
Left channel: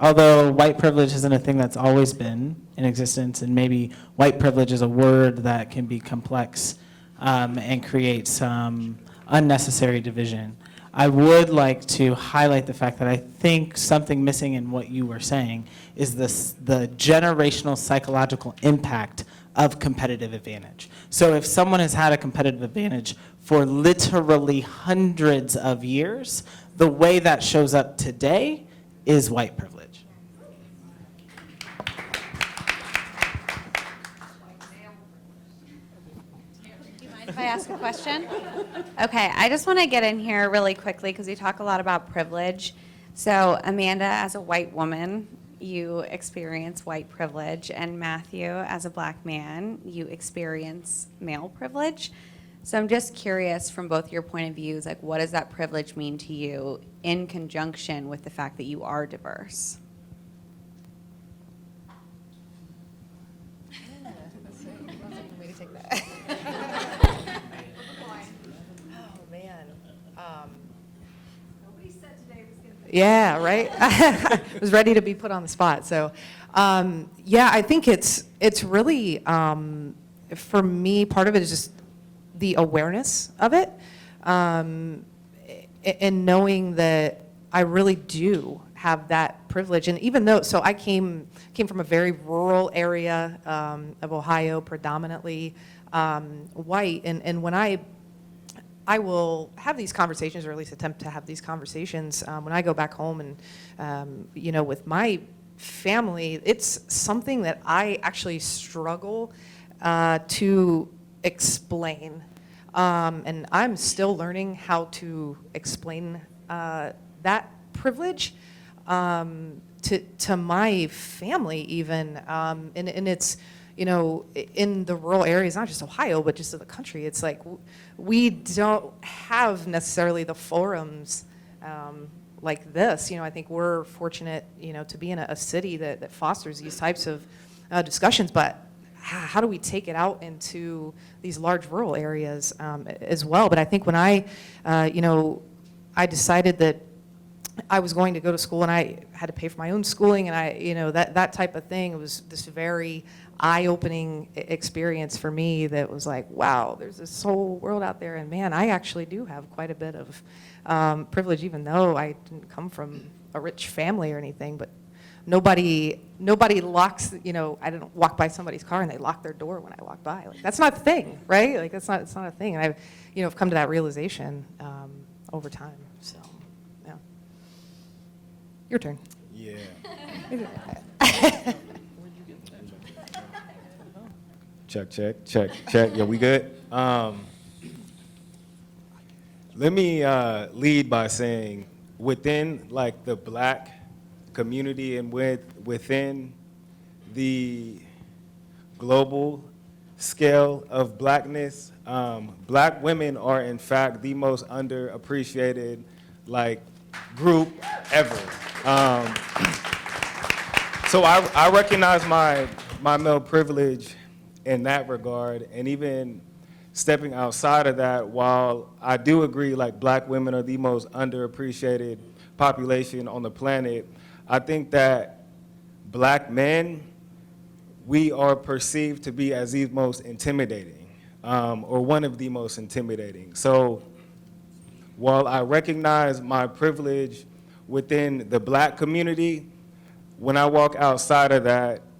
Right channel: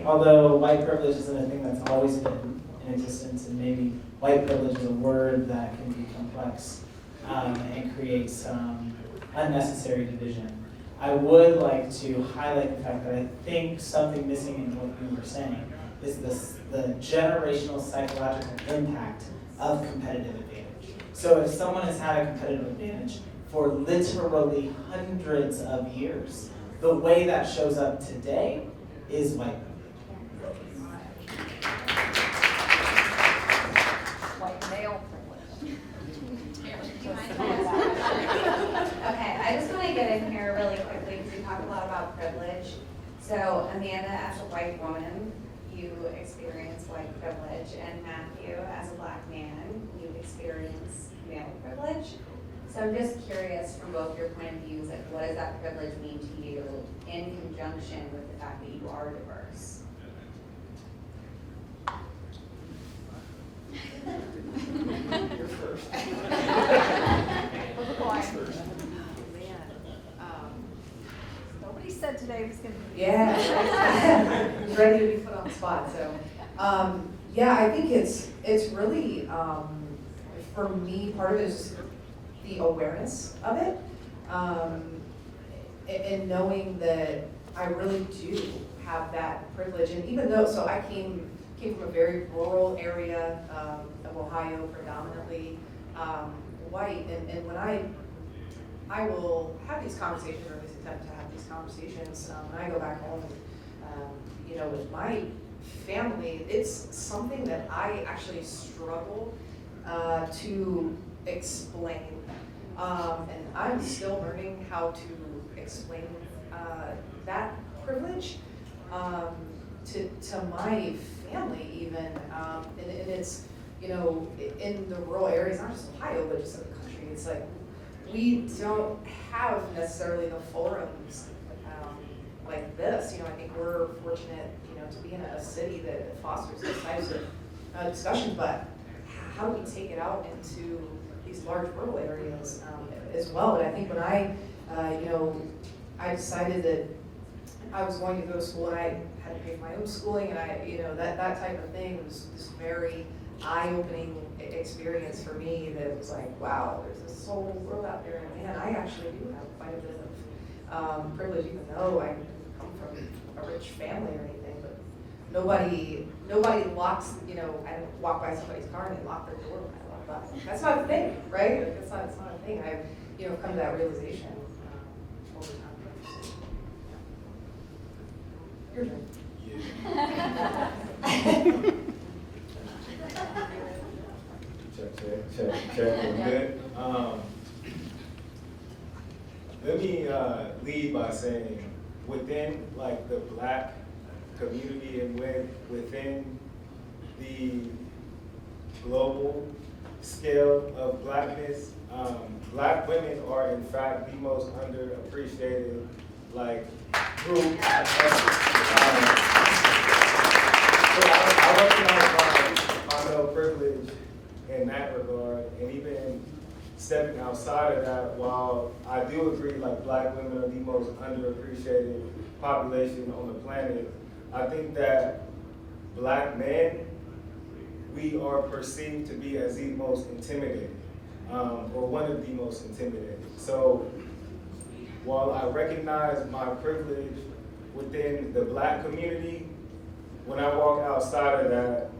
although white privilege isn't a thing that's always been in existence, and maybe white privilege is a word that can be complex and create some unnecessary division, I would like to highlight the fact that I think something missing in what you were saying is the generational psychological impact of competitive advantage. So if someone has had a competitive advantage for literally hundreds of years, the way that shows up today is white privilege. White male privilege. Do you mind if I ask a question? Okay, I just want to get in here really quickly because we talk a lot about privilege. So Amanda, as a white woman, you experience white privilege, and Matthew, as a black man, you experience male privilege. So I'm just curious from both your point of views, like what does that privilege mean to you in conjunction with the fact that you are diverse? Nobody said today was going to be. Yeah, right? I was ready to be put on the spot. So, yeah, I think it's really, for me, part of it is just the awareness of it, and knowing that I really do have that privilege. And even though, so I came from a very rural area of Ohio, predominantly white, and when I will have these conversations, or at least attempt to have these conversations when I go back home and, you know, with my family, it's something that I actually struggle to explain. And I'm still learning how to explain that privilege to my family even. And it's, you know, in the rural areas, not just Ohio, but just in the country, it's like, we don't have necessarily the forums like this. You know, I think we're fortunate, you know, to be in a city that fosters these types of discussions, but how do we take it out into these large rural areas as well? But I think when I, you know, I decided that I was going to go to school and I had to pay for my own schooling, and I, you know, that type of thing was this very eye-opening experience for me that was like, wow, there's this whole world out there, and man, I actually do have quite a bit of privilege, even though I didn't come from a rich family or anything. But nobody locks, you know, I don't walk by somebody's car and they lock their door when I walk by. Like, that's not a thing, right? Like, it's not a thing. And I've, you know, I've come to that realization over time. So, yeah. Your turn. Check. Yeah, we good? Let me lead by saying, within like the Black community and within the global scale of Blackness, Black women are in fact the most underappreciated like group ever. So I recognize my male privilege in that regard, and even stepping outside of that, while I do agree like Black women are the most underappreciated population on the planet, I think that Black men, we are perceived to be as the most intimidating, or one of the most intimidating. So while I recognize my privilege within the Black community, when I walk outside of that,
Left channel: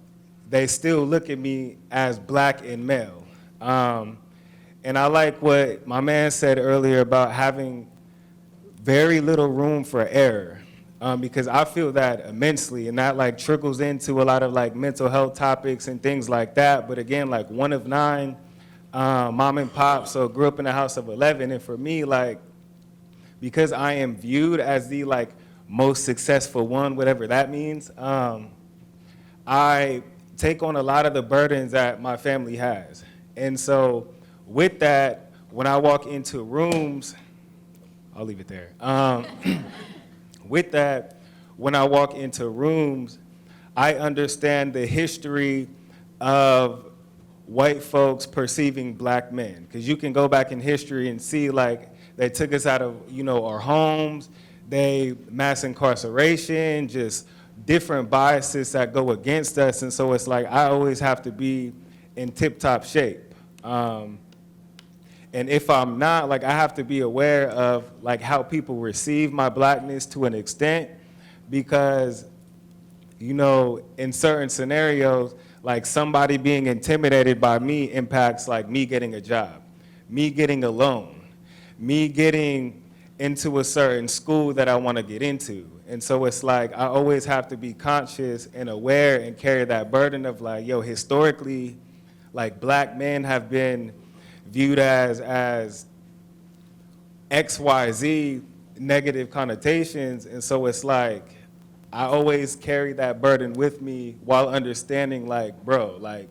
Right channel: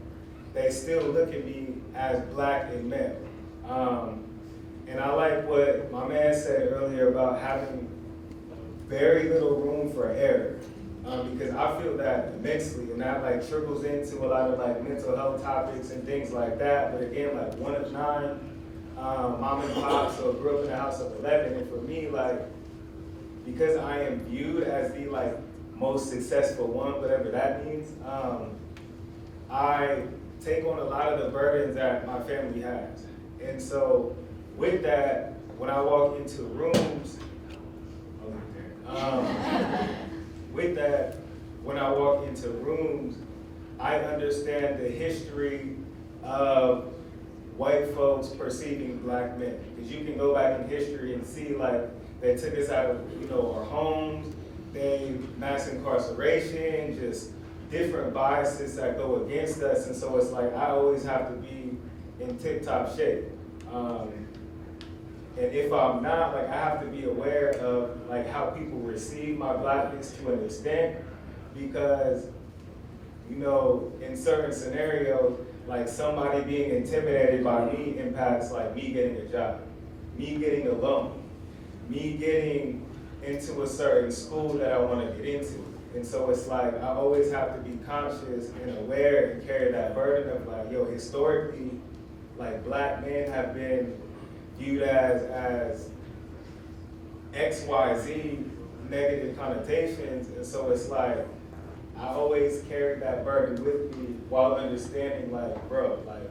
they still look at me as Black and male. And I like what my man said earlier about having very little room for error, because I feel that immensely, and that like trickles into a lot of like mental health topics and things like that. But again, like one of 9, mom and pop, so grew up in a house of 11, and for me, like, because I am viewed as the like most successful one, whatever that means, I take on a lot of the burdens that my family has. And so with that, when I walk into rooms, I'll leave it there. With that, when I walk into rooms, I understand the history of white folks perceiving Black men. Because you can go back in history and see like they took us out of, you know, our homes, they mass incarceration, just different biases that go against us. And so it's like I always have to be in tip-top shape. And if I'm not, like I have to be aware of like how people receive my Blackness to an extent, because, you know, in certain scenarios, like somebody being intimidated by me impacts like me getting a job, me getting a loan, me getting into a certain school that I want to get into. And so it's like I always have to be conscious and aware and carry that burden of like, yo, historically, like Black men have been viewed as XYZ negative connotations. And so it's like I always carry that burden with me while understanding like, bro, like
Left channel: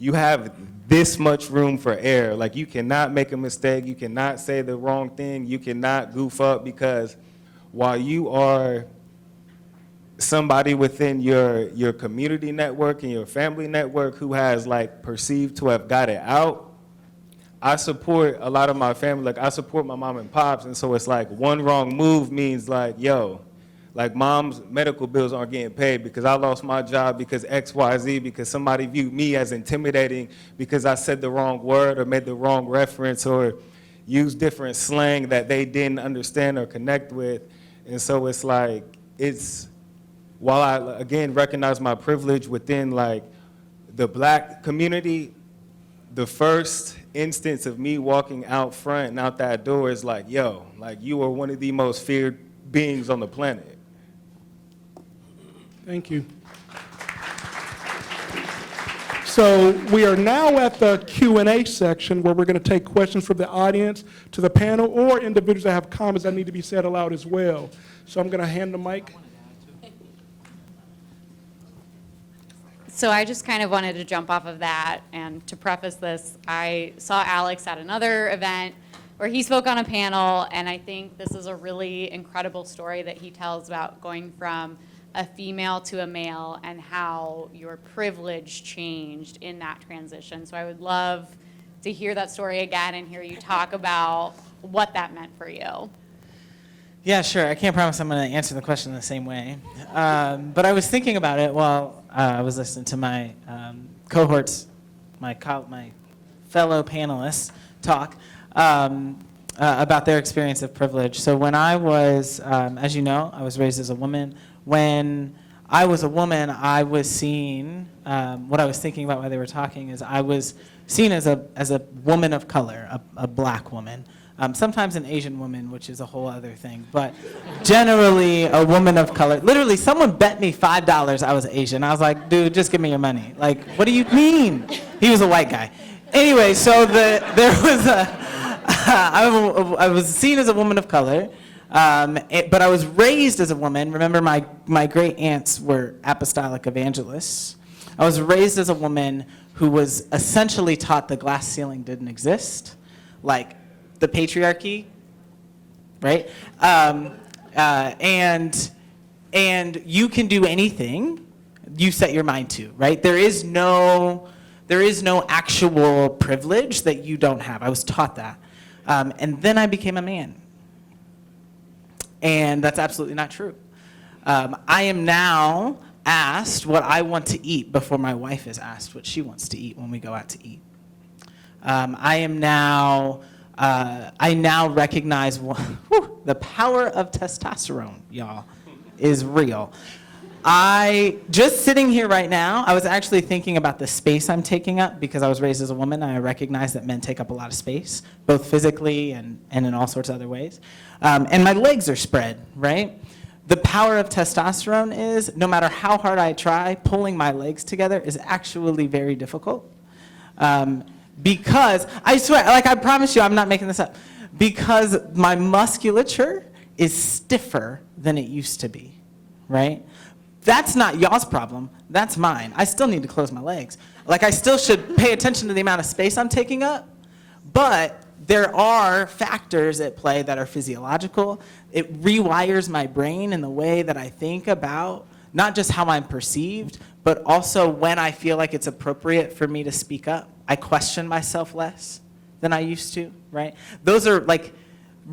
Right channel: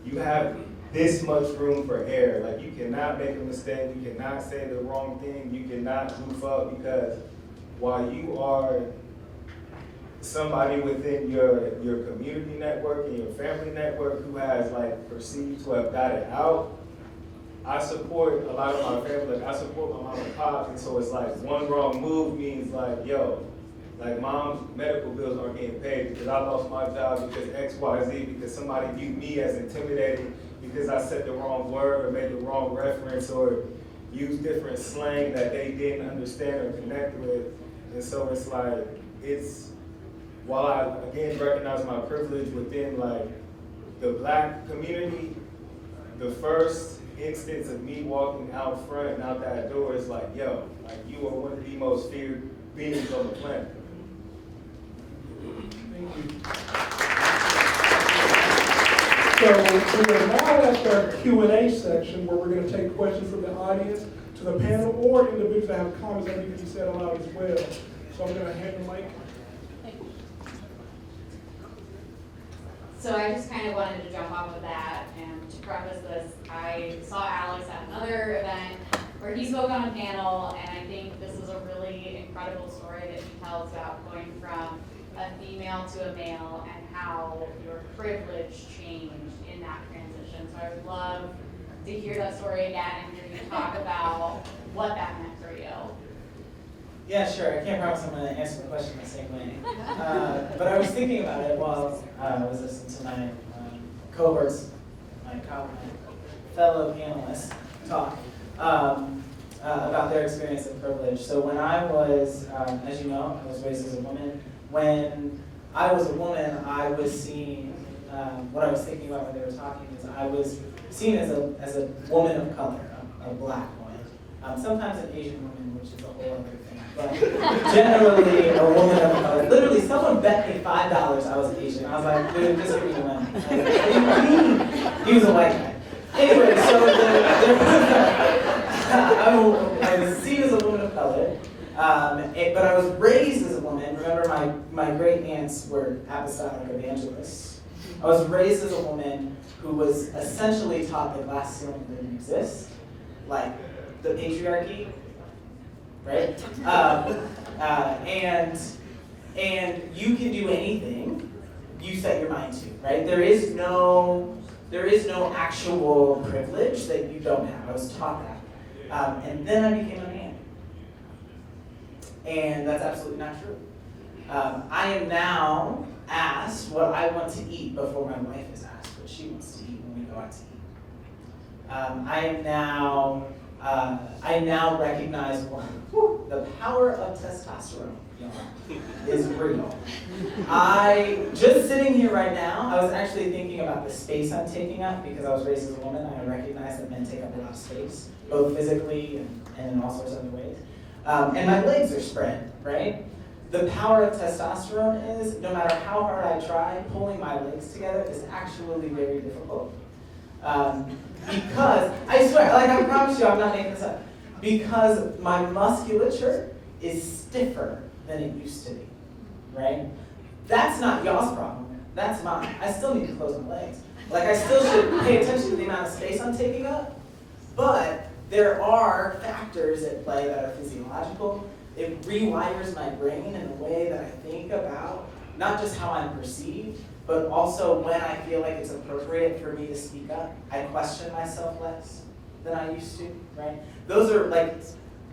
you have this much room for error. Like you cannot make a mistake, you cannot say the wrong thing, you cannot goof up, because while you are somebody within your community network and your family network who has like perceived to have got it out, I support a lot of my family. Like I support my mom and pops, and so it's like one wrong move means like, yo, like mom's medical bills aren't getting paid because I lost my job because XYZ, because somebody viewed me as intimidating because I said the wrong word or made the wrong reference or used different slang that they didn't understand or connect with. And so it's like, while I, again, recognize my privilege within like the Black community, the first instance of me walking out front and out that door is like, yo, like you are one of the most feared beings on the planet. Thank you. So we are now at the Q&A section where we're going to take questions from the audience to the panel or individuals that have comments that need to be said aloud as well. So I'm going to hand the mic. So I just kind of wanted to jump off of that, and to preface this, I saw Alex at another event where he spoke on a panel, and I think this is a really incredible story that he tells about going from a female to a male and how your privilege changed in that transition. So I would love to hear that story again and hear you talk about what that meant for you. Yeah, sure. I can't promise I'm going to answer the question the same way. But I was thinking about it while I was listening to my cohorts, my fellow panelists talk about their experience of privilege. So when I was, as you know, I was raised as a woman. When I was a woman, I was seen, what I was thinking about while they were talking is I was seen as a woman of color, a black woman. Sometimes an Asian woman, which is a whole other thing, but generally a woman of color. Literally, someone bet me $5 I was Asian. I was like, dude, just give me your money. Like, what do you mean? He was a white guy. Anyway, so there was I was seen as a woman of color, but I was raised as a woman. Remember, my great aunts were apostolic evangelists. I was raised as a woman who was essentially taught the glass ceiling didn't exist, like the patriarchy, right? And you can do anything you set your mind to, right? There is no actual privilege that you don't have. I was taught that. And then I became a man. And that's absolutely not true. I am now asked what I want to eat before my wife is asked what she wants to eat when we go out to eat. I now recognize the power of testosterone, y'all, is real. Just sitting here right now, I was actually thinking about the space I'm taking up because I was raised as a woman. And I recognize that men take up a lot of space, both physically and in all sorts of other ways. And my legs are spread, right? The power of testosterone is, no matter how hard I try, pulling my legs together is actually very difficult. Because, I swear, like I promise you, I'm not making this up, because my musculature is stiffer than it used to be, right? That's not y'all's problem, that's mine. I still need to close my legs. Like I still should pay attention to the amount of space I'm taking up, but there are factors at play that are physiological. It rewires my brain in the way that I think about not just how I'm perceived, but also when I feel like it's appropriate for me to speak up. I question myself less than I used to, right? Those are like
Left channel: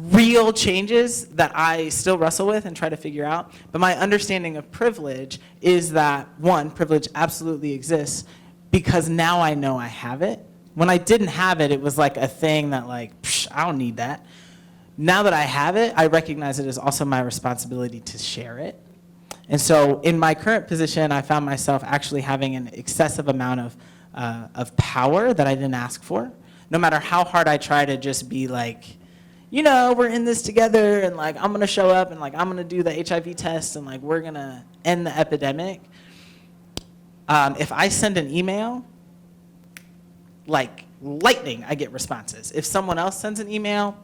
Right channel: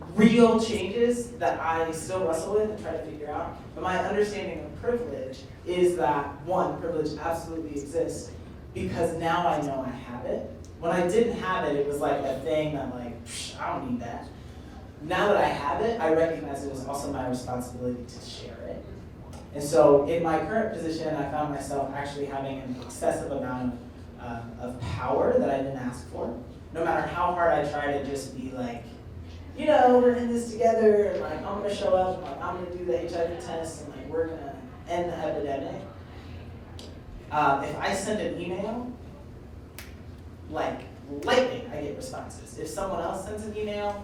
real changes that I still wrestle with and try to figure out. But my understanding of privilege is that, one, privilege absolutely exists because now I know I have it. When I didn't have it, it was like a thing that like, I don't need that. Now that I have it, I recognize it as also my responsibility to share it. And so in my current position, I found myself actually having an excessive amount of power that I didn't ask for. No matter how hard I try to just be like, you know, we're in this together, and like I'm gonna show up, and like I'm gonna do the HIV test, and like we're gonna end the epidemic. If I send an email, like lightning, I get responses. If someone else sends an email,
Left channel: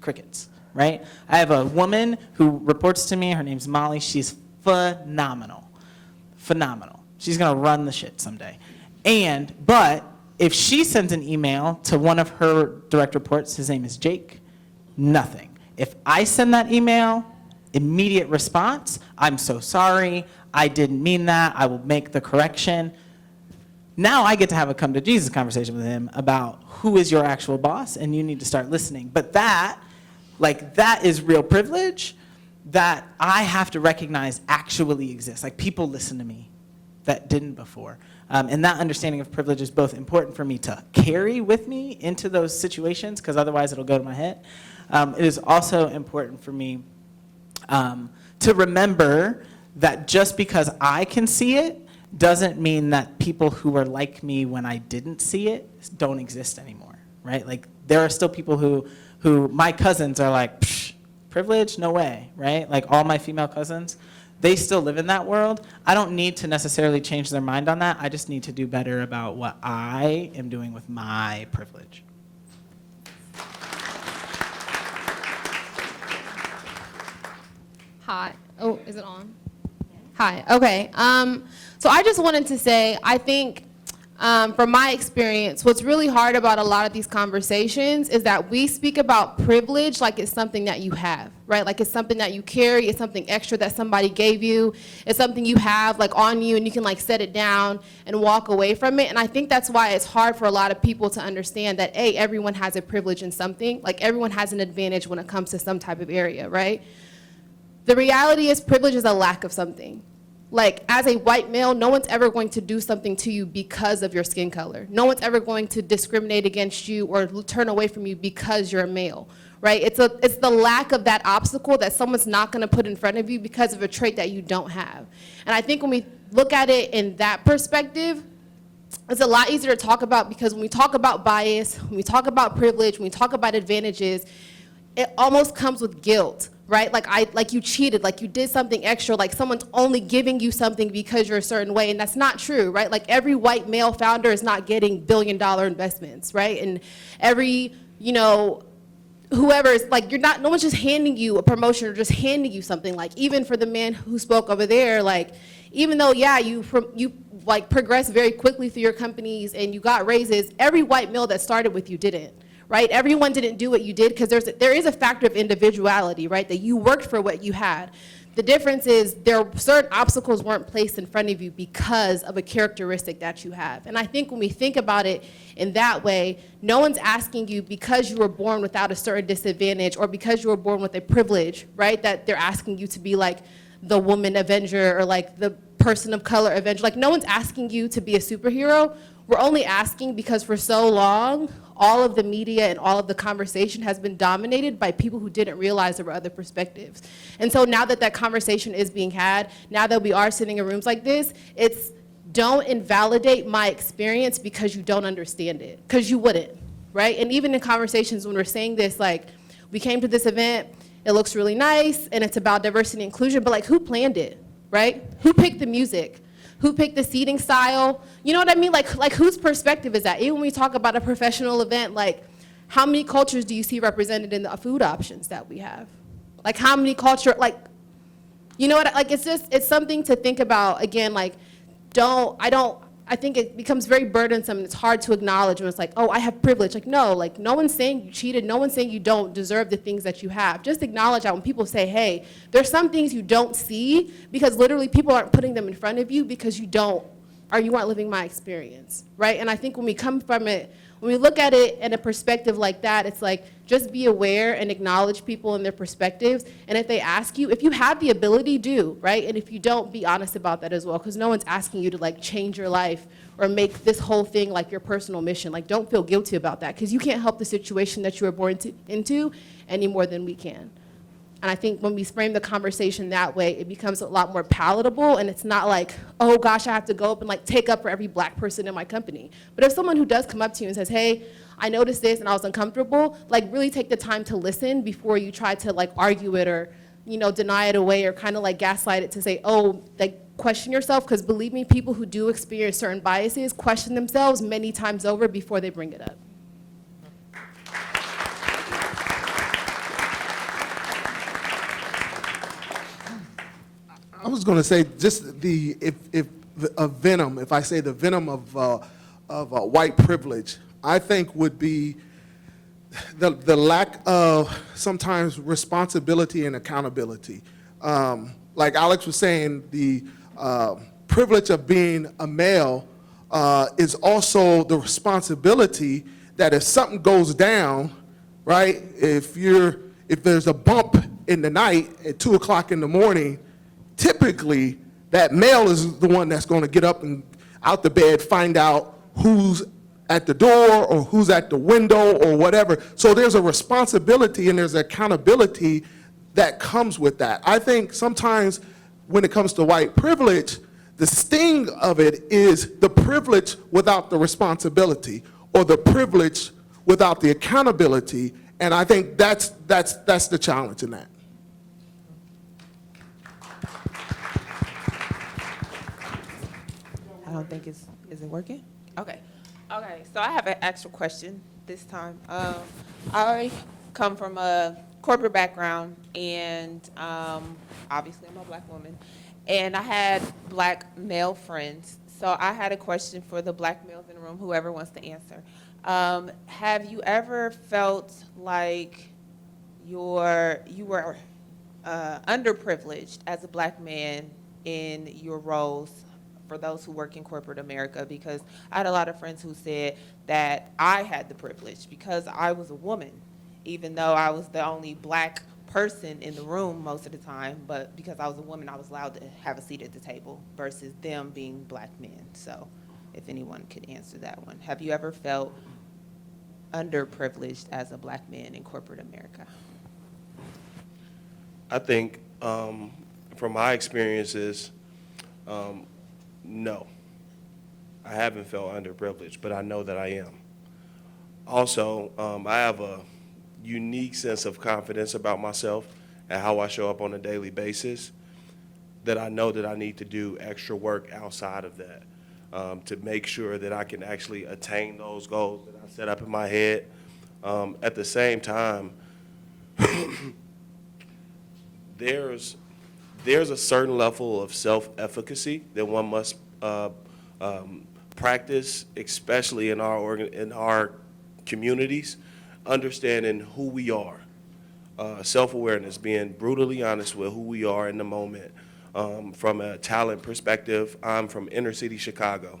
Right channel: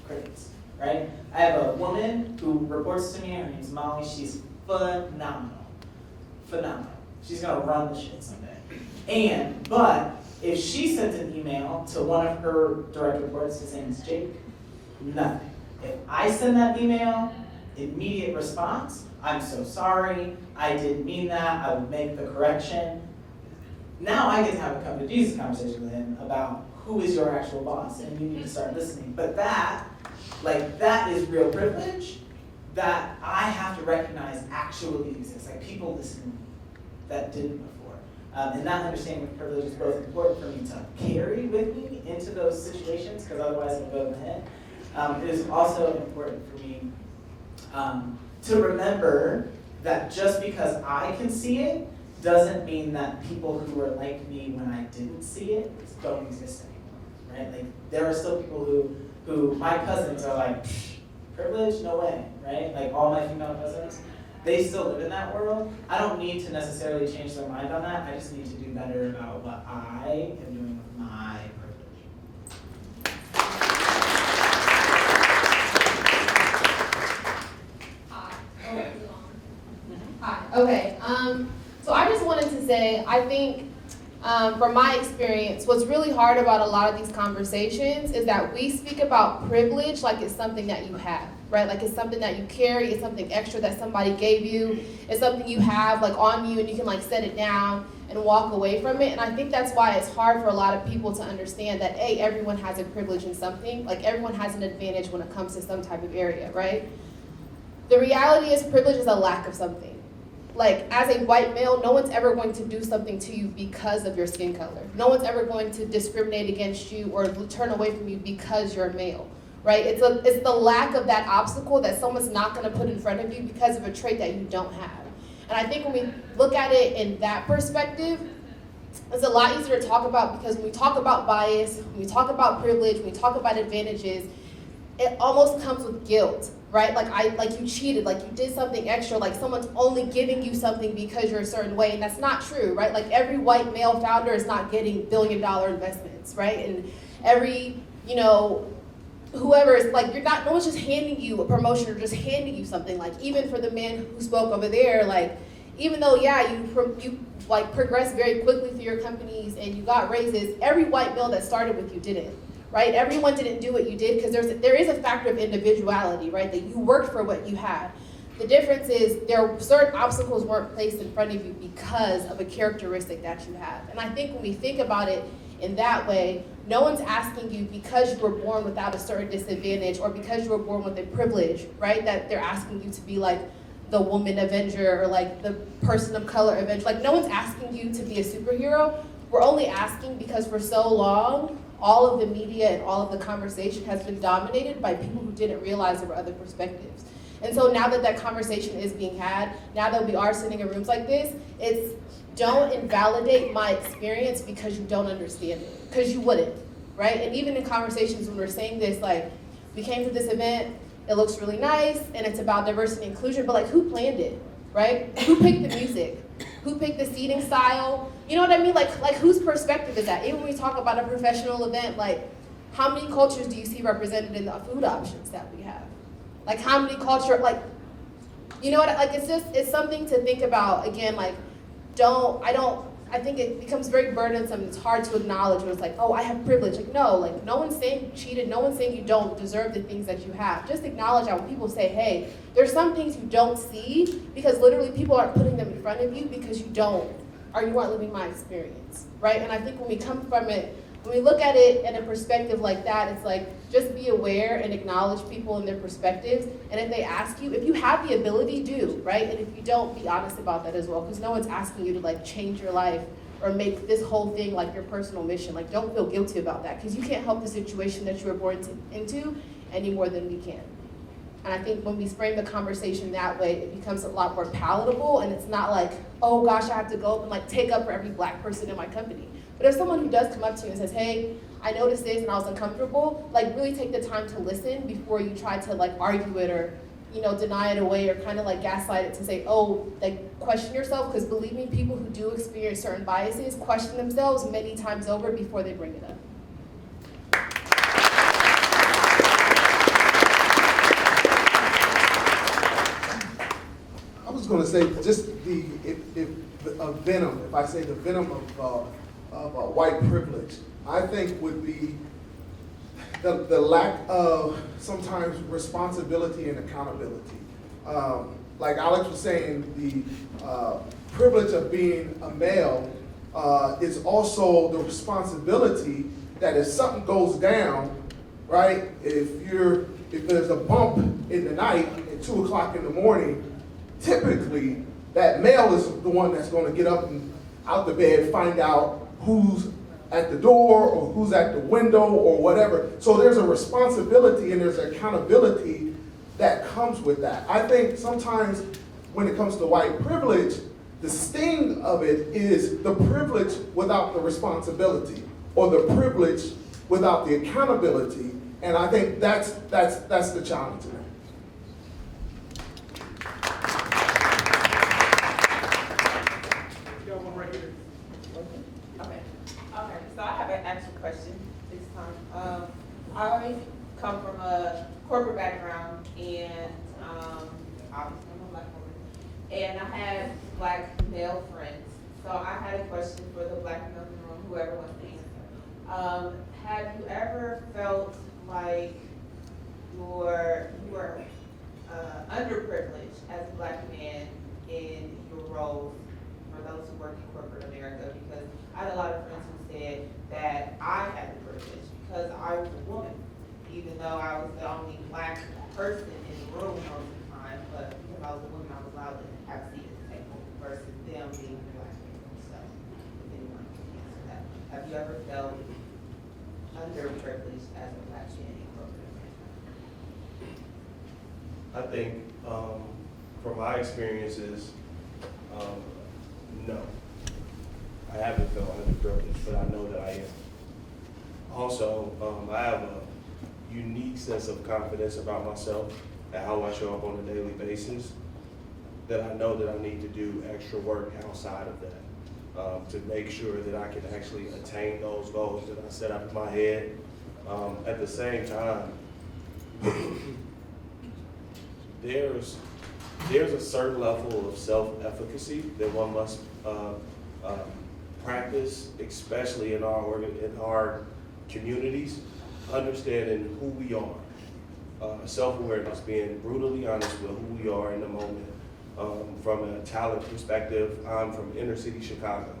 crickets, right? I have a woman who reports to me, her name's Molly, she's phenomenal. She's gonna run the shit someday. But if she sends an email to one of her direct reports, his name is Jake, nothing. If I send that email, immediate response, I'm so sorry, I didn't mean that, I will make the correction. Now I get to have a come to Jesus conversation with him about who is your actual boss, and you need to start listening. But that is real privilege that I have to recognize actually exists. Like people listen to me that didn't before. And that understanding of privilege is both important for me to carry with me into those situations, because otherwise it'll go to my head. It is also important for me to remember that just because I can see it doesn't mean that people who were like me when I didn't see it don't exist anymore, right? Like there are still people who my cousins are like, privilege? No way, right? Like all my female cousins, they still live in that world. I don't need to necessarily change their mind on that. I just need to do better about what I am doing with my privilege. Hi. Oh, is it on? Hi. Okay. So I just wanted to say, I think from my experience, what's really hard about a lot of these conversations is that we speak about privilege like it's something that you have, right? Like it's something that you carry, it's something extra that somebody gave you, it's something you have like on you and you can like set it down and walk away from it. And I think that's why it's hard for a lot of people to understand that, A, everyone has a privilege in something, like everyone has an advantage when it comes to some type of area, right? The reality is privilege is a lack of something. Like, as a white male, no one's ever going to do something to you because of your skin color. No one's ever going to discriminate against you or turn away from you because you're a male, right? It's the lack of that obstacle that someone's not going to put in front of you because of a trait that you don't have. And I think when we look at it in that perspective, it's a lot easier to talk about, because when we talk about bias, when we talk about privilege, when we talk about advantages, it almost comes with guilt, right? Like you cheated, like you did something extra, like someone's only giving you something because you're a certain way, and that's not true, right? Like every white male founder is not getting billion-dollar investments, right? And every, whoever is like, no one's just handing you a promotion or just handing you something. Like even for the man who spoke over there, like even though, yeah, you like progressed very quickly through your companies and you got raises, every white male that started with you didn't, right? Everyone didn't do what you did, because there is a factor of individuality, right? That you worked for what you had. The difference is certain obstacles weren't placed in front of you because of a characteristic that you have. And I think when we think about it in that way, no one's asking you because you were born without a certain disadvantage or because you were born with a privilege, right? That they're asking you to be like the woman Avenger or like the person of color Avenger. Like no one's asking you to be a superhero. We're only asking because for so long, all of the media and all of the conversation has been dominated by people who didn't realize there were other perspectives. And so now that that conversation is being had, now that we are sitting in rooms like this, it's don't invalidate my experience because you don't understand it, because you wouldn't, right? And even in conversations when we're saying this, like we came to this event, it looks really nice, and it's about diversity and inclusion, but like who planned it, right? Who picked the music? Who picked the seating style? You know what I mean? Like whose perspective is that? Even when we talk about a professional event, like how many cultures do you see represented in the food options that we have? Like how many culture, like, you know what, like it's something to think about. Again, like I think it becomes very burdensome. It's hard to acknowledge when it's like, oh, I have privilege. Like no one's saying you cheated. No one's saying you don't deserve the things that you have. Just acknowledge that when people say, hey, there's some things you don't see because literally people aren't putting them in front of you because you aren't living my experience, right? And I think when we come from it, when we look at it in a perspective like that, it's like, just be aware and acknowledge people and their perspectives. And if they ask you, if you have the ability, do, right? And if you don't, be honest about that as well, because no one's asking you to like change your life or make this whole thing like your personal mission. Like don't feel guilty about that, because you can't help the situation that you were born into any more than we can. And I think when we frame the conversation that way, it becomes a lot more palatable, and it's not like, oh gosh, I have to go up and like take up for every black person in my company. But if someone who does come up to you and says, hey, I noticed this and I was uncomfortable, like really take the time to listen before you try to like argue it or, deny it away or kind of like gaslight it to say, oh, like question yourself, because believe me, people who do experience certain biases question themselves many times over before they bring it up. I was going to say just if I say the venom of white privilege, I think would be the lack of sometimes responsibility and accountability. Like Alex was saying, the privilege of being a male is also the responsibility that if something goes down, right? If there's a bump in the night at 2 o'clock in the morning, typically that male is the one that's going to get up and out the bed, find out who's at the door or who's at the window or whatever. So there's a responsibility and there's accountability that comes with that. I think sometimes when it comes to white privilege, the sting of it is the privilege without the responsibility, or the privilege without the accountability. And I think that's the challenge in that. Is it working? Okay. Okay. So I have an actual question this time. I come from a corporate background, and obviously I'm a black woman, and I had black male friends. So I had a question for the black males in the room, whoever wants to answer. Have you ever felt like you were underprivileged as a black man in your roles for those who work in corporate America? Because I had a lot of friends who said that I had the privilege because I was a woman, even though I was the only black person in the room most of the time, but because I was a woman, I was allowed to have a seat at the table versus them being black men. So if anyone could answer that one. Have you ever felt underprivileged as a black man in corporate America? I think from my experiences, No, I haven't felt underprivileged, but I know that I am. Also, I have a unique sense of confidence about myself and how I show up on a daily basis, that I know that I need to do extra work outside of that to make sure that I can actually attain those goals that I set up in my head. At the same time, there's a certain level of self-efficacy that one must practice, especially in our communities, understanding who we are, self-awareness, being brutally honest with who we are in the moment. From a talent perspective, I'm from inner city Chicago.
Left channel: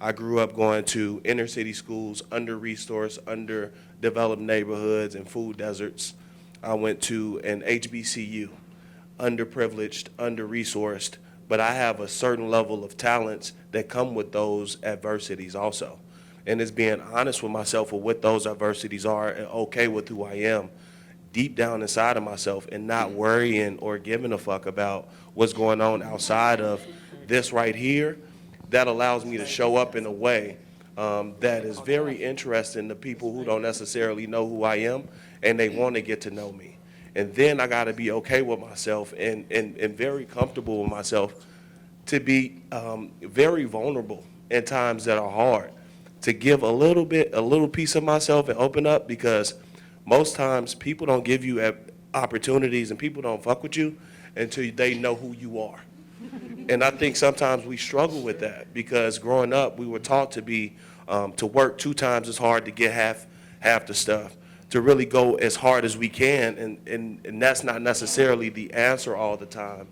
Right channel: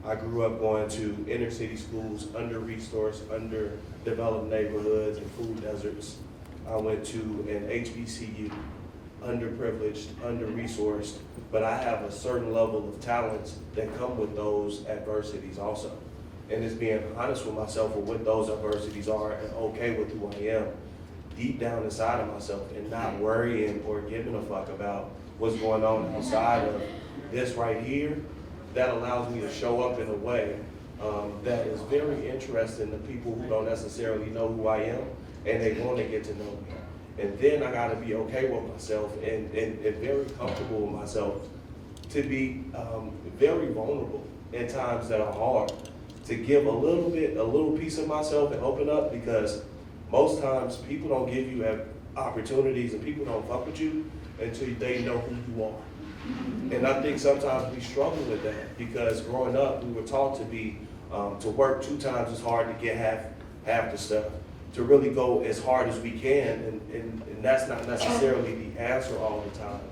I grew up going to inner city schools, under-resourced, underdeveloped neighborhoods and food deserts. I went to an HBCU, underprivileged, under-resourced, but I have a certain level of talents that come with those adversities also. And it's being honest with myself with what those adversities are and okay with who I am deep down inside of myself, and not worrying or giving a fuck about what's going on outside of this right here. That allows me to show up in a way that is very interesting to people who don't necessarily know who I am, and they want to get to know me. And then I got to be okay with myself and very comfortable with myself to be very vulnerable in times that are hard, to give a little piece of myself and open up, because most times people don't give you opportunities and people don't fuck with you until they know who you are. And I think sometimes we struggle with that, because growing up we were taught to work 2 times as hard to get half the stuff, to really go as hard as we can, and that's not necessarily the answer all the time.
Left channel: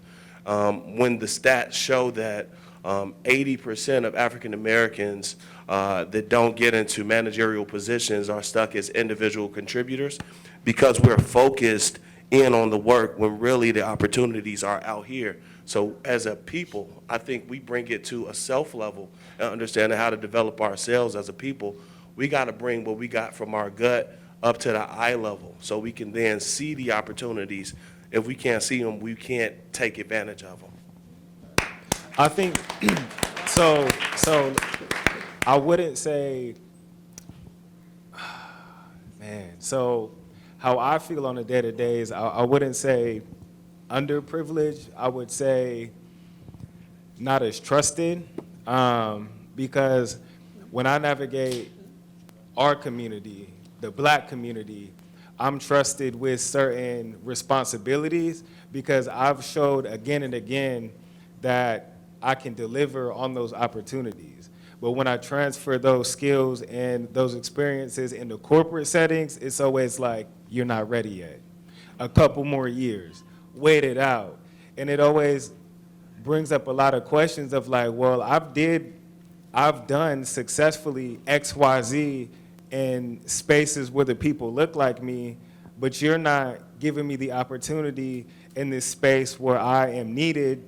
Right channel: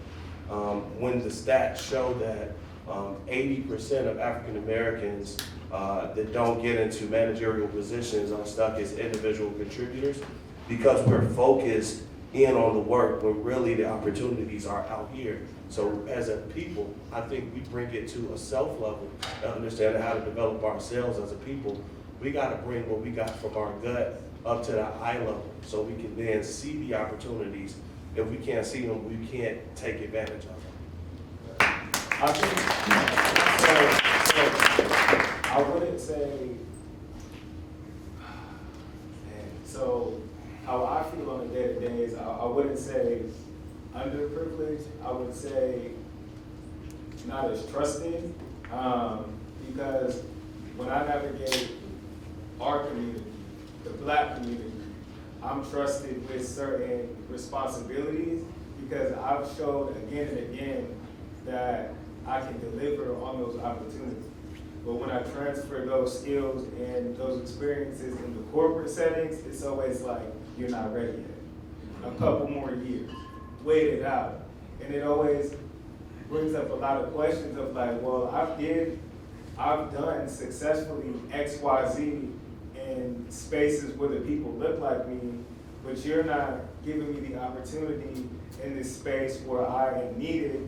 When the stats show that 80% of African Americans that don't get into managerial positions are stuck as individual contributors, because we're focused in on the work when really the opportunities are out here. So as a people, I think we bring it to a self level and understanding how to develop ourselves as a people. We got to bring what we got from our gut up to the eye level, so we can then see the opportunities. If we can't see them, we can't take advantage of them. I think, so I wouldn't say, man, so how I feel on a day-to-day is I wouldn't say underprivileged, I would say not as trusted, because when I navigate our community, the Black community, I'm trusted with certain responsibilities, because I've showed again and again that I can deliver on those opportunities. But when I transfer those skills and those experiences into corporate settings, it's always like, you're not ready yet. A couple more years, wait it out. And it always brings up a lot of questions of like, well, I've done successfully X, Y, Z in spaces where the people look like me, but you're not giving me the opportunity in this space where I am needed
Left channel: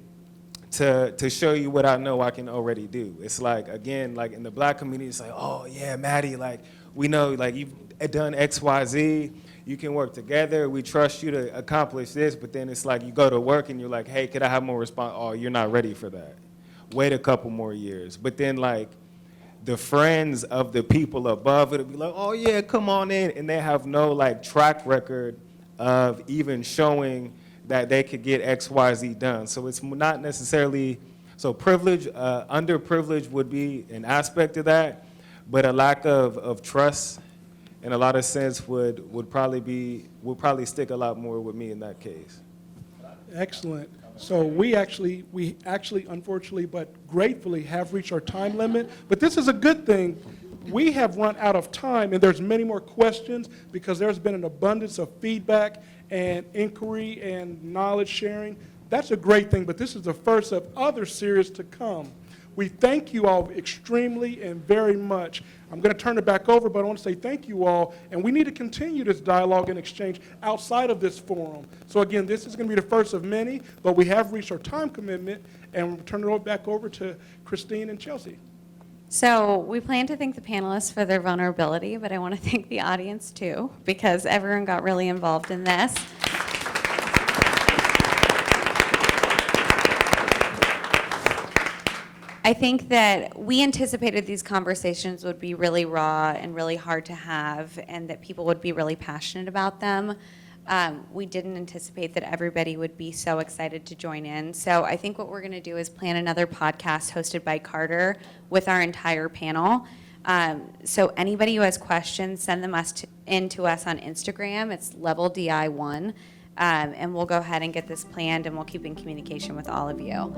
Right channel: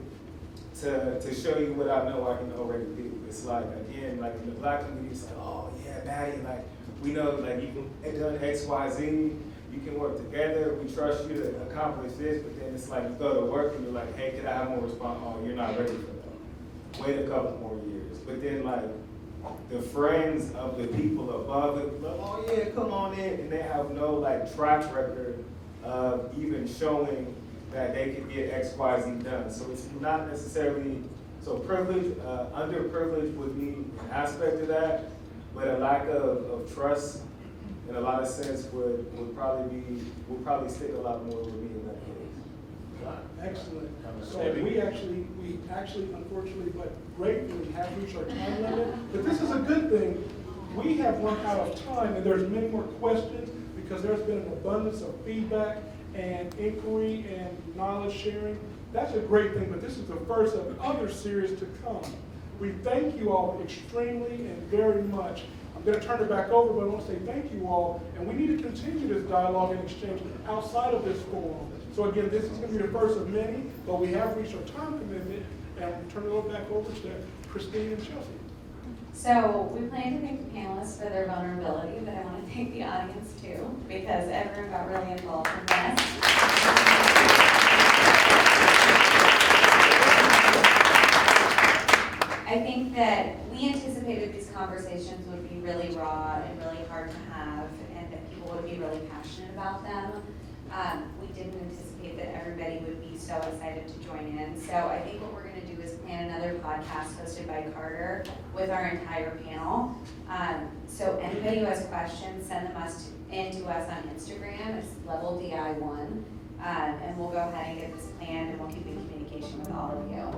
to show you what I know I can already do. It's like, again, like in the Black community, it's like, oh yeah, Maddie, like we know like you've done X, Y, Z, you can work together, we trust you to accomplish this, but then it's like you go to work and you're like, hey, could I have more response? Oh, you're not ready for that. Wait a couple more years. But then like the friends of the people above it will be like, oh yeah, come on in, and they have no like track record of even showing that they could get X, Y, Z done. So it's not necessarily, so privilege, underprivileged would be an aspect of that, but a lack of trust in a lot of sense would probably stick a lot more with me in that case. Excellent. So we actually, unfortunately, but gratefully have reached our time limit. But this is a good thing. We have run out of time, and there's many more questions because there's been an abundance of feedback and inquiry and knowledge sharing. That's a great thing, but this is the first of other series to come. We thank you all extremely and very much. I'm going to turn it back over, but I want to say thank you all, and we need to continue this dialogue and exchange outside of this forum. So again, this is going to be the first of many, but we have reached our time commitment, and we'll turn it back over to Christine and Chelsea. So we plan to thank the panelists for their vulnerability, but I want to thank the audience too, because everyone got really involved in this. I think that we anticipated these conversations would be really raw and really hard to have, and that people would be really passionate about them. We didn't anticipate that everybody would be so excited to join in. So I think what we're going to do is plan another podcast hosted by Carter with our entire panel. So anybody who has questions, send them in to us on Instagram. It's Level D&I1. And we'll go ahead and get this planned, and we'll keep in communication with all of you.